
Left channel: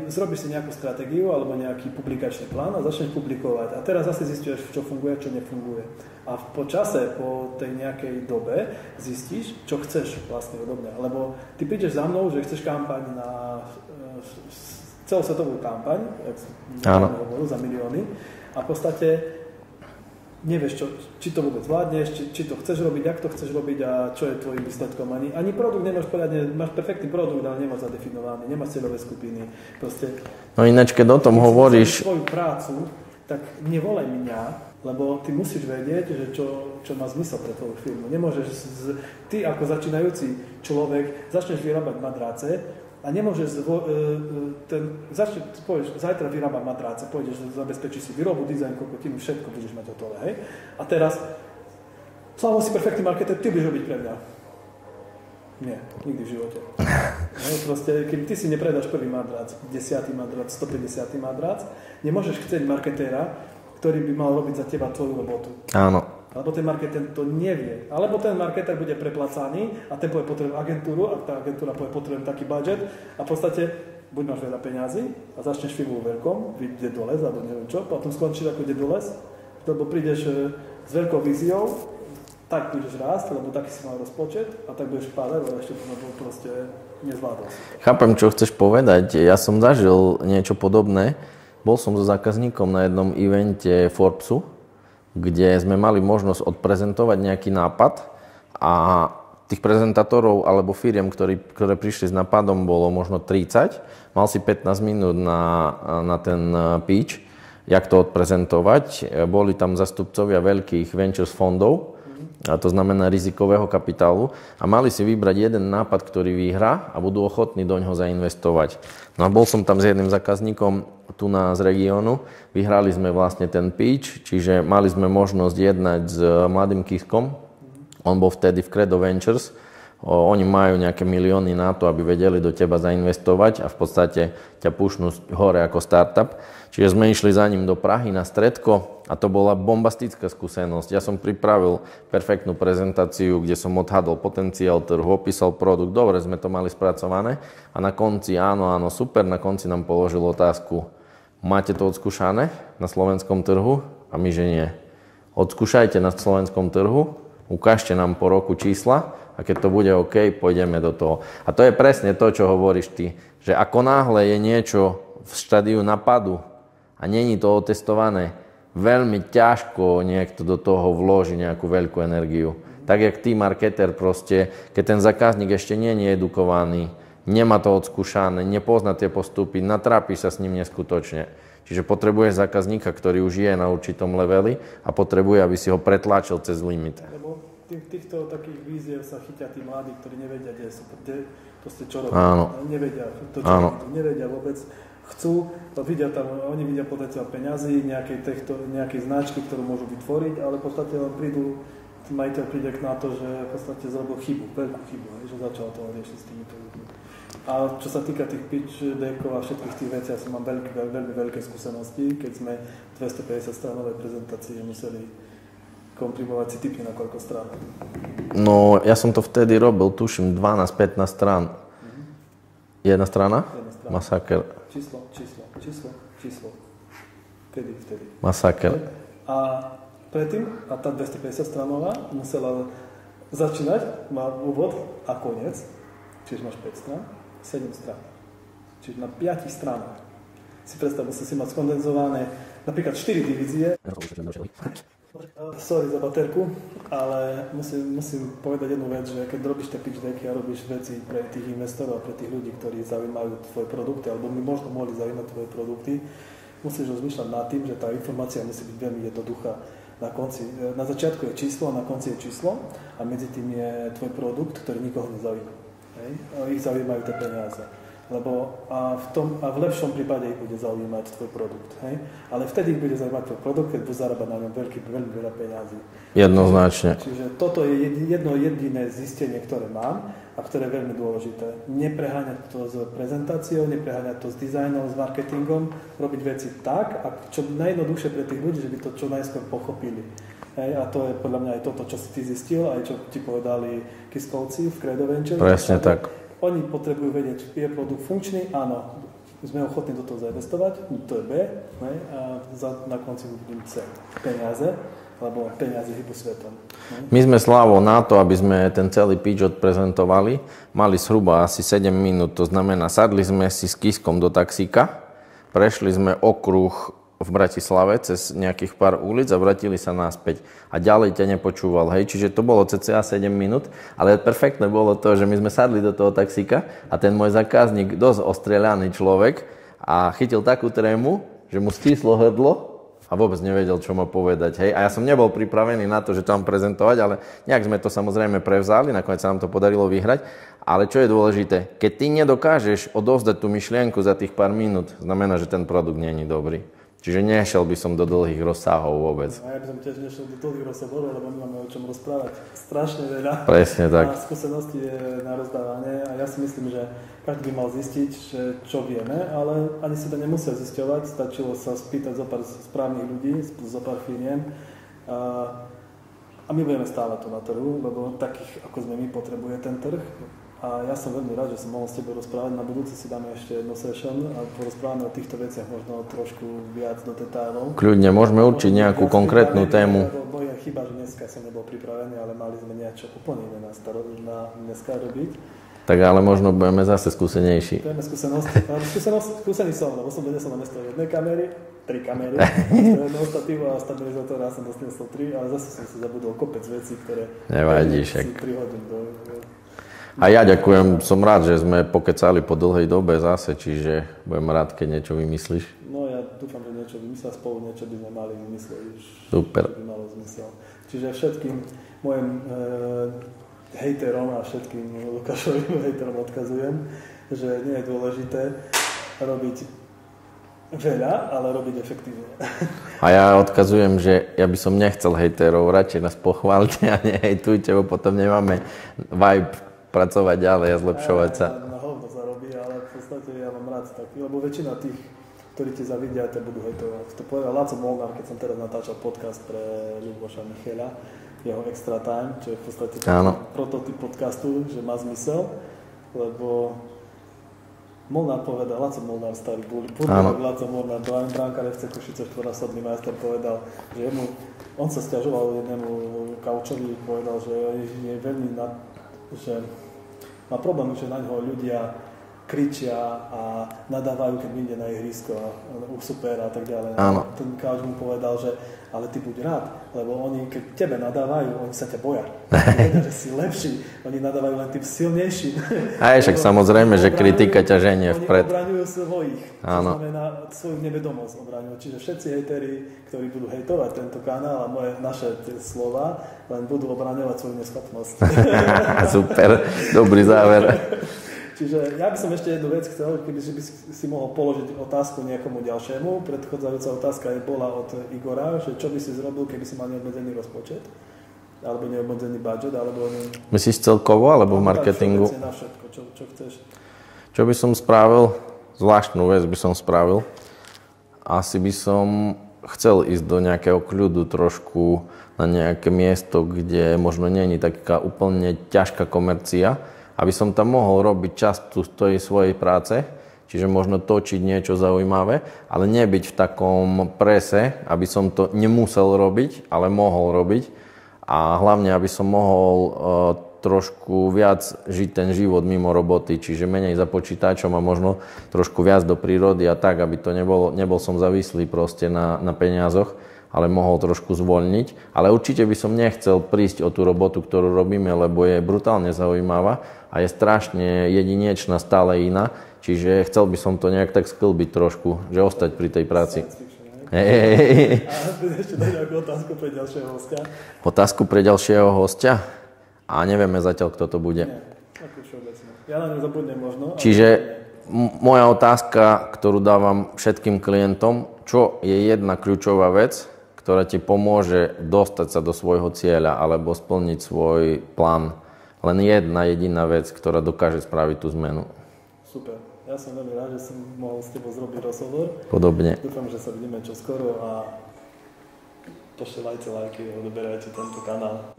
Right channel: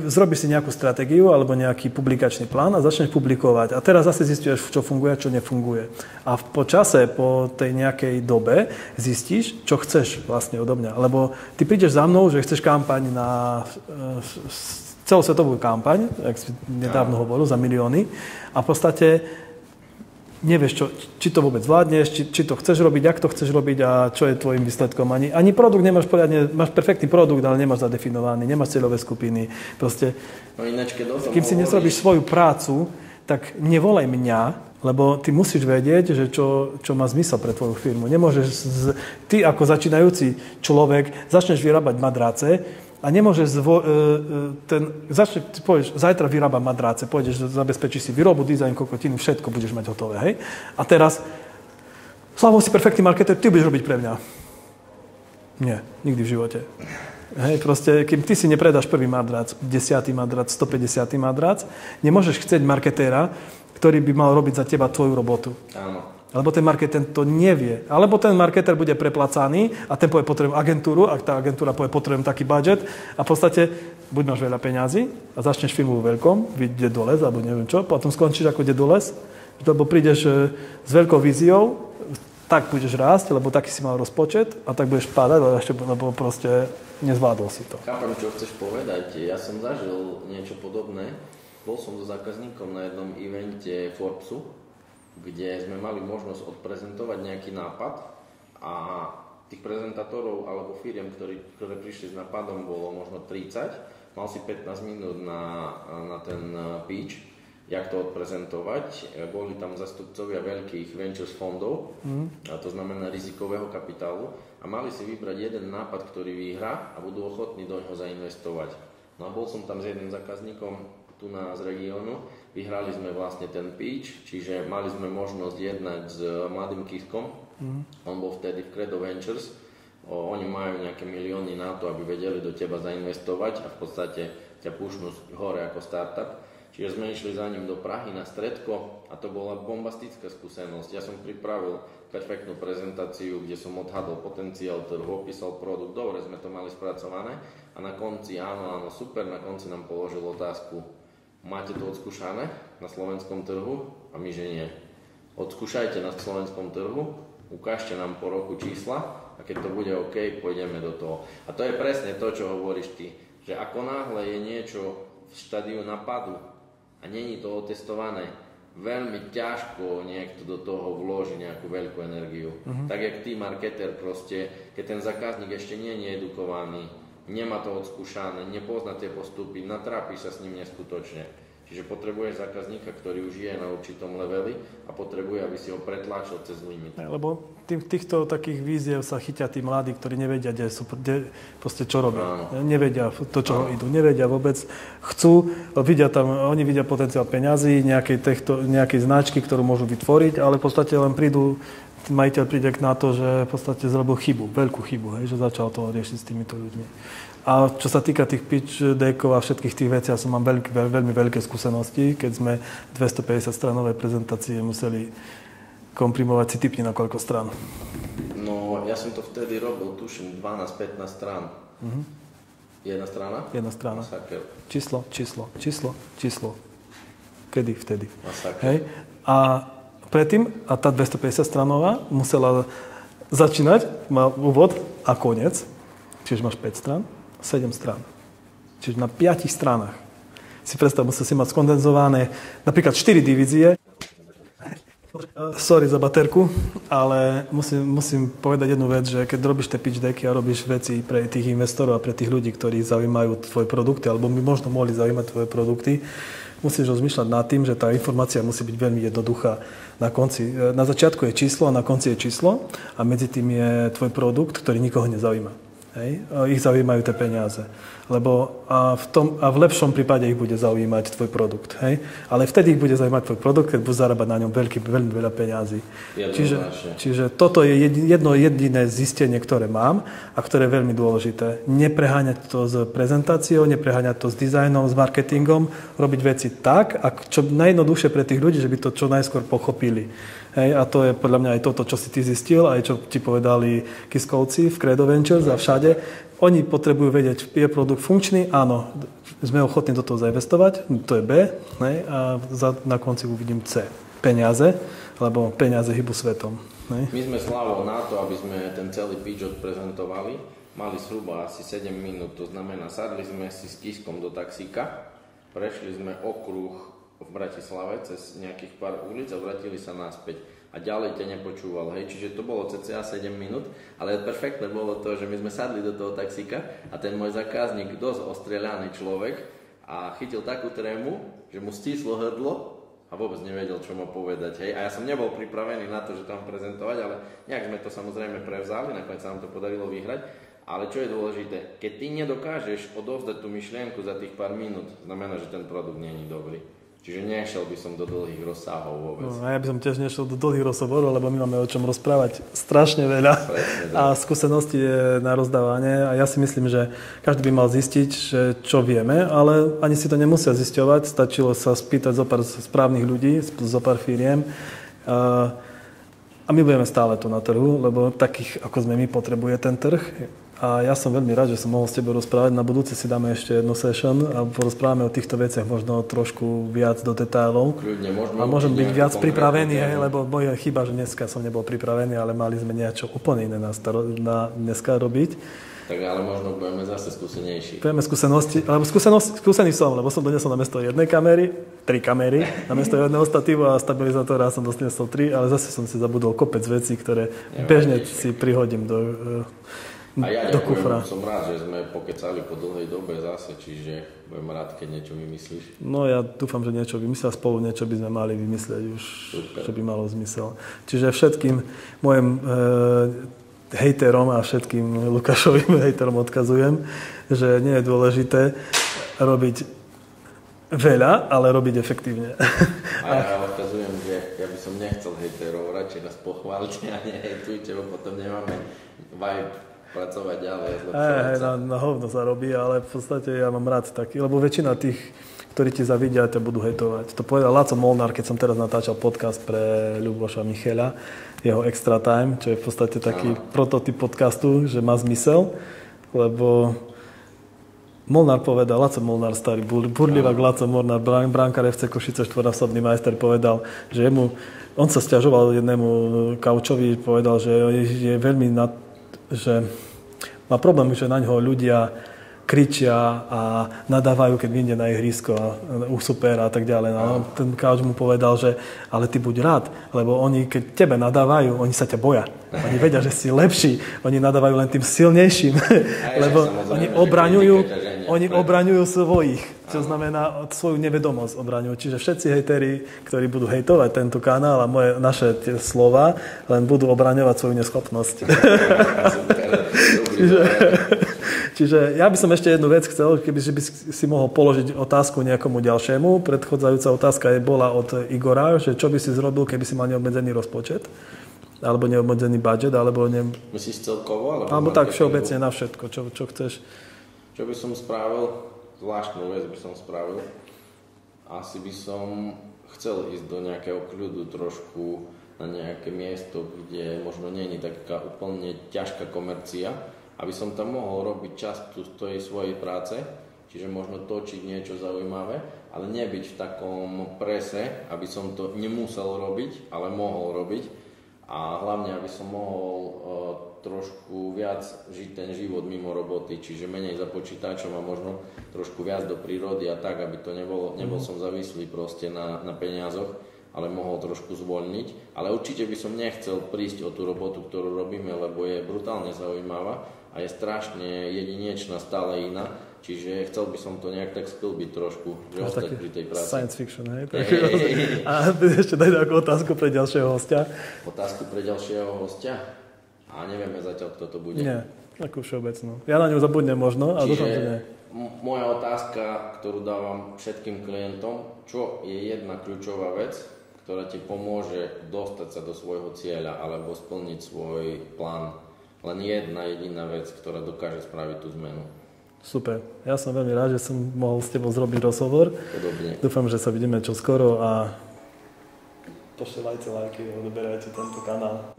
zrobíš si nejakú stratégiu alebo nejaký publikačný plán a začneš publikovať. A teraz zase zistíš, čo funguje a čo nefunguje. A po čase, po tej nejakej dobe zistíš, čo chceš vlastne odo mňa. Lebo ty prídeš za mnou, že chceš kampaň na celosvetovú kampaň, jak si nedávno hovoril, za milióny. A v podstate nevieš, či to vôbec vládneš, či to chceš robiť, jak to chceš robiť a čo je tvojim výsledkom. Ani produkt nemáš poriadne, máš perfektný produkt, ale nemáš zadefinovaný, nemáš cieľové skupiny. Proste, no ináč, keď o tom hovoríš... Keď si nezrobíš svoju prácu, tak nevolaj mňa, lebo ty musíš vedieť, že čo má zmysel pre tvoju firmu. Nemôžeš, ty ako začínajúci človek začneš vyrábať madrace, a nemôžeš povieš, zajtra vyrábam madráce, pôjdeš, zabezpečíš si výrobu, dizajn, kokotinu, všetko budeš mať hotové, hej? A teraz, Slavo, si perfektný marketer, ty budeš robiť pre mňa. Nie, nikdy v živote. Hej, proste, kým ty si nepredáš prvý madrac, 10. madrac, 150. madrac, nemôžeš chcieť marketéra, ktorý by mal robiť za teba tvoju robotu. Áno. Alebo ten marketer to nevie. Alebo ten marketer bude preplacaný a ten povie, potrebujem agentúru, a tá agentúra povie, potrebujem taký budget a v podstate buď máš veľa peňazí a začneš firmu vo veľkom, vyjde do les, alebo neviem čo, potom skončíš ako ide do les, lebo prídeš s veľkou víziou, tak budeš rásť, lebo taký si mal rozpočet a tak budeš padať, lebo proste nezvládol si to. Chápem, čo chceš povedať. Ja som zažil niečo podobné. Bol som so zákazníkom na jednom evente Forbesu, kde sme mali možnosť odprezentovať nejaký nápad a tých prezentátorov alebo firiem, ktoré prišli s nápadom, bolo možno 30. Mal si 15 minút na ten pitch, jak to odprezentovať. Boli tam zastupcovia veľkých ventures fondov, a to znamená rizikového kapitálu, a mali si vybrať jeden nápad, ktorý vyhrá a budú ochotní do ňoho zainvestovať. No a bol som tam s jedným zákazníkom tu z regiónu. Vyhrali sme vlastne ten pitch, čiže mali sme možnosť jednať s mladým Kiskom. On bol vtedy v Credo Ventures. Oni majú nejaké milióny na to, aby vedeli do teba zainvestovať a v podstate ťa pušnú hore ako startup. Čiže sme išli za ním do Prahy na stredko a to bola bombastická skúsenosť. Ja som pripravil perfektnú prezentáciu, kde som odhadol potenciál trhu, opísal produkt, dobre sme to mali spracované a na konci áno, super, na konci nám položil otázku: máte to odskúšané na slovenskom trhu? A my, že nie. Odskúšajte na slovenskom trhu, ukážte nám po roku čísla a keď to bude OK, pôjdeme do toho. A to je presne to, čo hovoríš ty, že ako náhle je niečo v štádiu napadu a není to otestované, veľmi ťažko niekto do toho vloží nejakú veľkú energiu. Tak jak ty, marketer, proste, keď ten zákazník ešte nie je edukovaný, nemá to odskúšané, nepozná tie postupy, natrápi sa s ním neskutočne. Čiže potrebuje zákazníka, ktorý už je na určitom leveli a potrebuje, aby si ho pretláčil cez limit. Lebo týchto takých víziev sa chytia tí mladí, ktorí nevedia, proste čo robia. Áno. Nevedia to, čo idú, nevedia vôbec. Chcú, oni vidia potenciál peňazí, nejakej značky, ktorú môžu vytvoriť, ale v podstate len majiteľ príde na to, že v podstate zrobil chybu, veľkú chybu, že začal to riešiť s týmito ľuďmi. A čo sa týka tých pitch deckov a všetkých tých vecí, ja som mám veľmi veľké skúsenosti, keď sme 250 stranové prezentácie museli komprimovať, si tipni na koľko strán. No, ja som to vtedy robil, tuším, 12-15 strán. Jedna strana? Jedna strana. Masaker. Číslo. Kedy? Vtedy. Masaker. Okay. A predtým, a tá 250 stranová musela začínať, má úvod a koniec, čiže máš 5 strán, 7 strán. Čiže na 5 stranách. Si predstav, musel si mať skondenzované napríklad 4 divízie. Sorry za baterku, ale musím povedať jednu vec, že keď robíš tie pitch decky a robíš veci pre tých investorov a pre tých ľudí, ktorí zaujímajú tvoje produkty, alebo by možno mohli zaujímať tvoje produkty, musíš rozmýšľať nad tým, že tá informácia musí byť veľmi jednoduchá. Na začiatku je číslo a na konci je číslo a medzi tým je tvoj produkt, ktorý nikoho nezaujíma. Hej? Ich zaujímajú tie peniaze. Lebo v lepšom prípade ich bude zaujímať tvoj produkt. Hej? Ale vtedy ich bude zaujímať tvoj produkt, keď budeš zarábať na ňom veľmi veľa peňazí. Jednoznačne. Čiže toto je jedno jediné zistenie, ktoré mám a ktoré je veľmi dôležité. Nepreháňať to s prezentáciou, nepreháňať to s dizajnom, s marketingom, robiť veci tak, čo najjednoduchšie pre tých ľudí, že by to čo najskôr pochopili. Hej, a to je podľa mňa aj toto, čo si ty zistil, aj čo ti povedali Kiskovci v Credo Ventures a všade. Tak. Oni potrebujú vedieť, je produkt funkčný, áno, sme ochotní do toho zainvestovať, to je B, hej, a na konci uvidím C. Peniaze, lebo peniaze hýbu svetom. Hej. My sme Slávou na to, aby sme ten celý pitch odprezentovali, mali zhruba asi 7 minút, to znamená, sadli sme si s Kiskom do taxíka, prešli sme okruh v Bratislave cez nejakých pár ulic a vrátili sa naspäť. A ďalej ťa nepočúval, hej. Čiže to bolo cca 7 minút, ale perfektné bolo to, že my sme sadli do toho taxíka a ten môj zákazník, dosť ostrieľaný človek, a chytil takú trému, že mu stíslo hrdlo a vôbec nevedel, čo má povedať, hej. A ja som nebol pripravený na to, že to mám prezentovať, ale nejak sme to samozrejme prevzali, nakoniec sa nám to podarilo vyhrať. Ale čo je dôležité, keď ty nedokážeš odovzdať tú myšlienku za tých pár minút, znamená, že ten produkt nie je dobrý. Čiže nešiel by som do dlhých rozsahov vôbec. No, ja by som tiež nešiel do dlhých rozhovorov, lebo my máme o čom rozprávať strašne veľa. Presne tak. A skúsenosti je na rozdávanie a ja si myslím, že každý by mal zistiť, že čo vieme, ale ani si to nemusia zisťovať. Stačilo sa spýtať zo pár správnych ľudí, zo pár firiem. A my budeme stále tu na trhu, lebo takých, ako sme my, potrebuje ten trh. A ja som veľmi rád, že som mohol s tebou rozprávať. Na budúce si dáme ešte jednu session a porozprávame o týchto veciach možno trošku viac do detailov. Kľudne, môžeme určiť nejakú konkrétnu tému. Lebo moja chyba, že dneska som nebol pripravený, ale mali sme niečo úplne iné na dneska robiť. Tak ale možno budeme zase skúsenejší. Budeme skúsenosti, ale skúsený som, lebo som donesol namiesto jednej kamery, 3 kamery, namiesto jedného statívu a stabilizátora som doniesol 3, ale zase som si zabudol kopec vecí, ktoré bežne si prihodím do... A ja ďakujem, som rád, že sme pokecali po dlhej dobe zase, čiže budem rád, keď niečo vymyslíš. No ja dúfam, že niečo vymyslia spolu, niečo by sme mali vymyslieť už, super, čo by malo zmysel. Čiže všetkým mojim hejterom a všetkým Lukášovým hejterom odkazujem, že nie je dôležité robiť veľa, ale robiť efektívne. A ja odkazujem, že ja by som nechcel hejterov, radšej nás pochválte a nehejtujte, bo potom nemáme vibe pracovať ďalej a zlepšovať sa. Na hovno sa robí, ale v podstate ja mám rád taký, lebo väčšina tých, ktorí ti zavidia, to budú hejtovať. To povedal Laco Molnár, keď som teraz natáčal podcast pre Ľuboša Micheľa, jeho Extra Time, čo je v podstate taký prototyp podcastu, že má zmysel, lebo Molnár povedal, Laco Molnár, starý burlivák Laco Molnár, brankár FC Košice, štvornásobný majster, povedal, že on sa sťažoval jednému kaučovi, povedal, že je veľmi že má problém, že na ňoho ľudia kričia a nadávajú, keď vyjde na ihrisko a u supera a tak ďalej. No, ten kauč mu povedal, že ale ty buď rád, lebo oni, keď tebe nadávajú, oni sa ťa boja. Oni vedia, že si lepší. Oni nadávajú len tým silnejším. A je však samozrejme, že kritika ťa ženie vpred. Oni obraňujú svojich, čo znamená svoju nevedomosť obraňujú. Čiže všetci hejteri, ktorí budú hejtovať tento kanál a naše slova, len budú obraňovať svoju neschopnosť. Super, dobrý záver. Čiže ja by som ešte jednu vec chcel, keby si mohol položiť otázku nejakomu ďalšiemu. Predchádzajúca otázka bola od Igora, že čo by si zrobil, keby si mal neobmedzený rozpočet, alebo neobmedzený budget, alebo... Myslíš celkovo, alebo v marketingu? Tak všeobecne na všetko, čo chceš. Čo by som spravil? Zvláštnu vec by som spravil. Asi by som chcel ísť do nejakého kľudu trošku na nejaké miesto, kde možno nie je taká úplne ťažká komercia, aby som tam mohol robiť časť tej svojej práce, čiže možno točiť niečo zaujímavé, ale nebyť v takom prese, aby som to nemusel robiť, ale mohol robiť. A hlavne, aby som mohol trošku viac žiť ten život mimo roboty, čiže menej za počítačom a možno trošku viac do prírody a tak, aby to nebol som závislý proste na peniazoch, ale mohol trošku zvoľniť. Ale určite by som nechcel prísť o tú robotu, ktorú robíme, lebo je brutálne zaujímavá a je strašne jedinečná, stále iná. Čiže chcel by som to nejak tak sklbiť trošku, že ostať pri tej práci. Science fiction, hej? A ešte daj takú otázku pre ďalšieho hostia. Otázku pre ďalšieho hostia? A nevieme zatiaľ, kto to bude. Nie. Ako všeobecno. Ja na ňu zabudnem možno. Čiže moja otázka, ktorú dávam všetkým klientom, čo je jedna kľúčová vec, ktorá ti pomôže dostať sa do svojho cieľa alebo splniť svoj plán. Len jedna jediná vec, ktorá dokáže spraviť tú zmenu. Super. Ja som veľmi rád, že som mohol s tebou zrobiť rozhovor. Podobne. Dúfam, že sa vidíme čoskoro a pošelajte lajky, odoberajte tento kanál.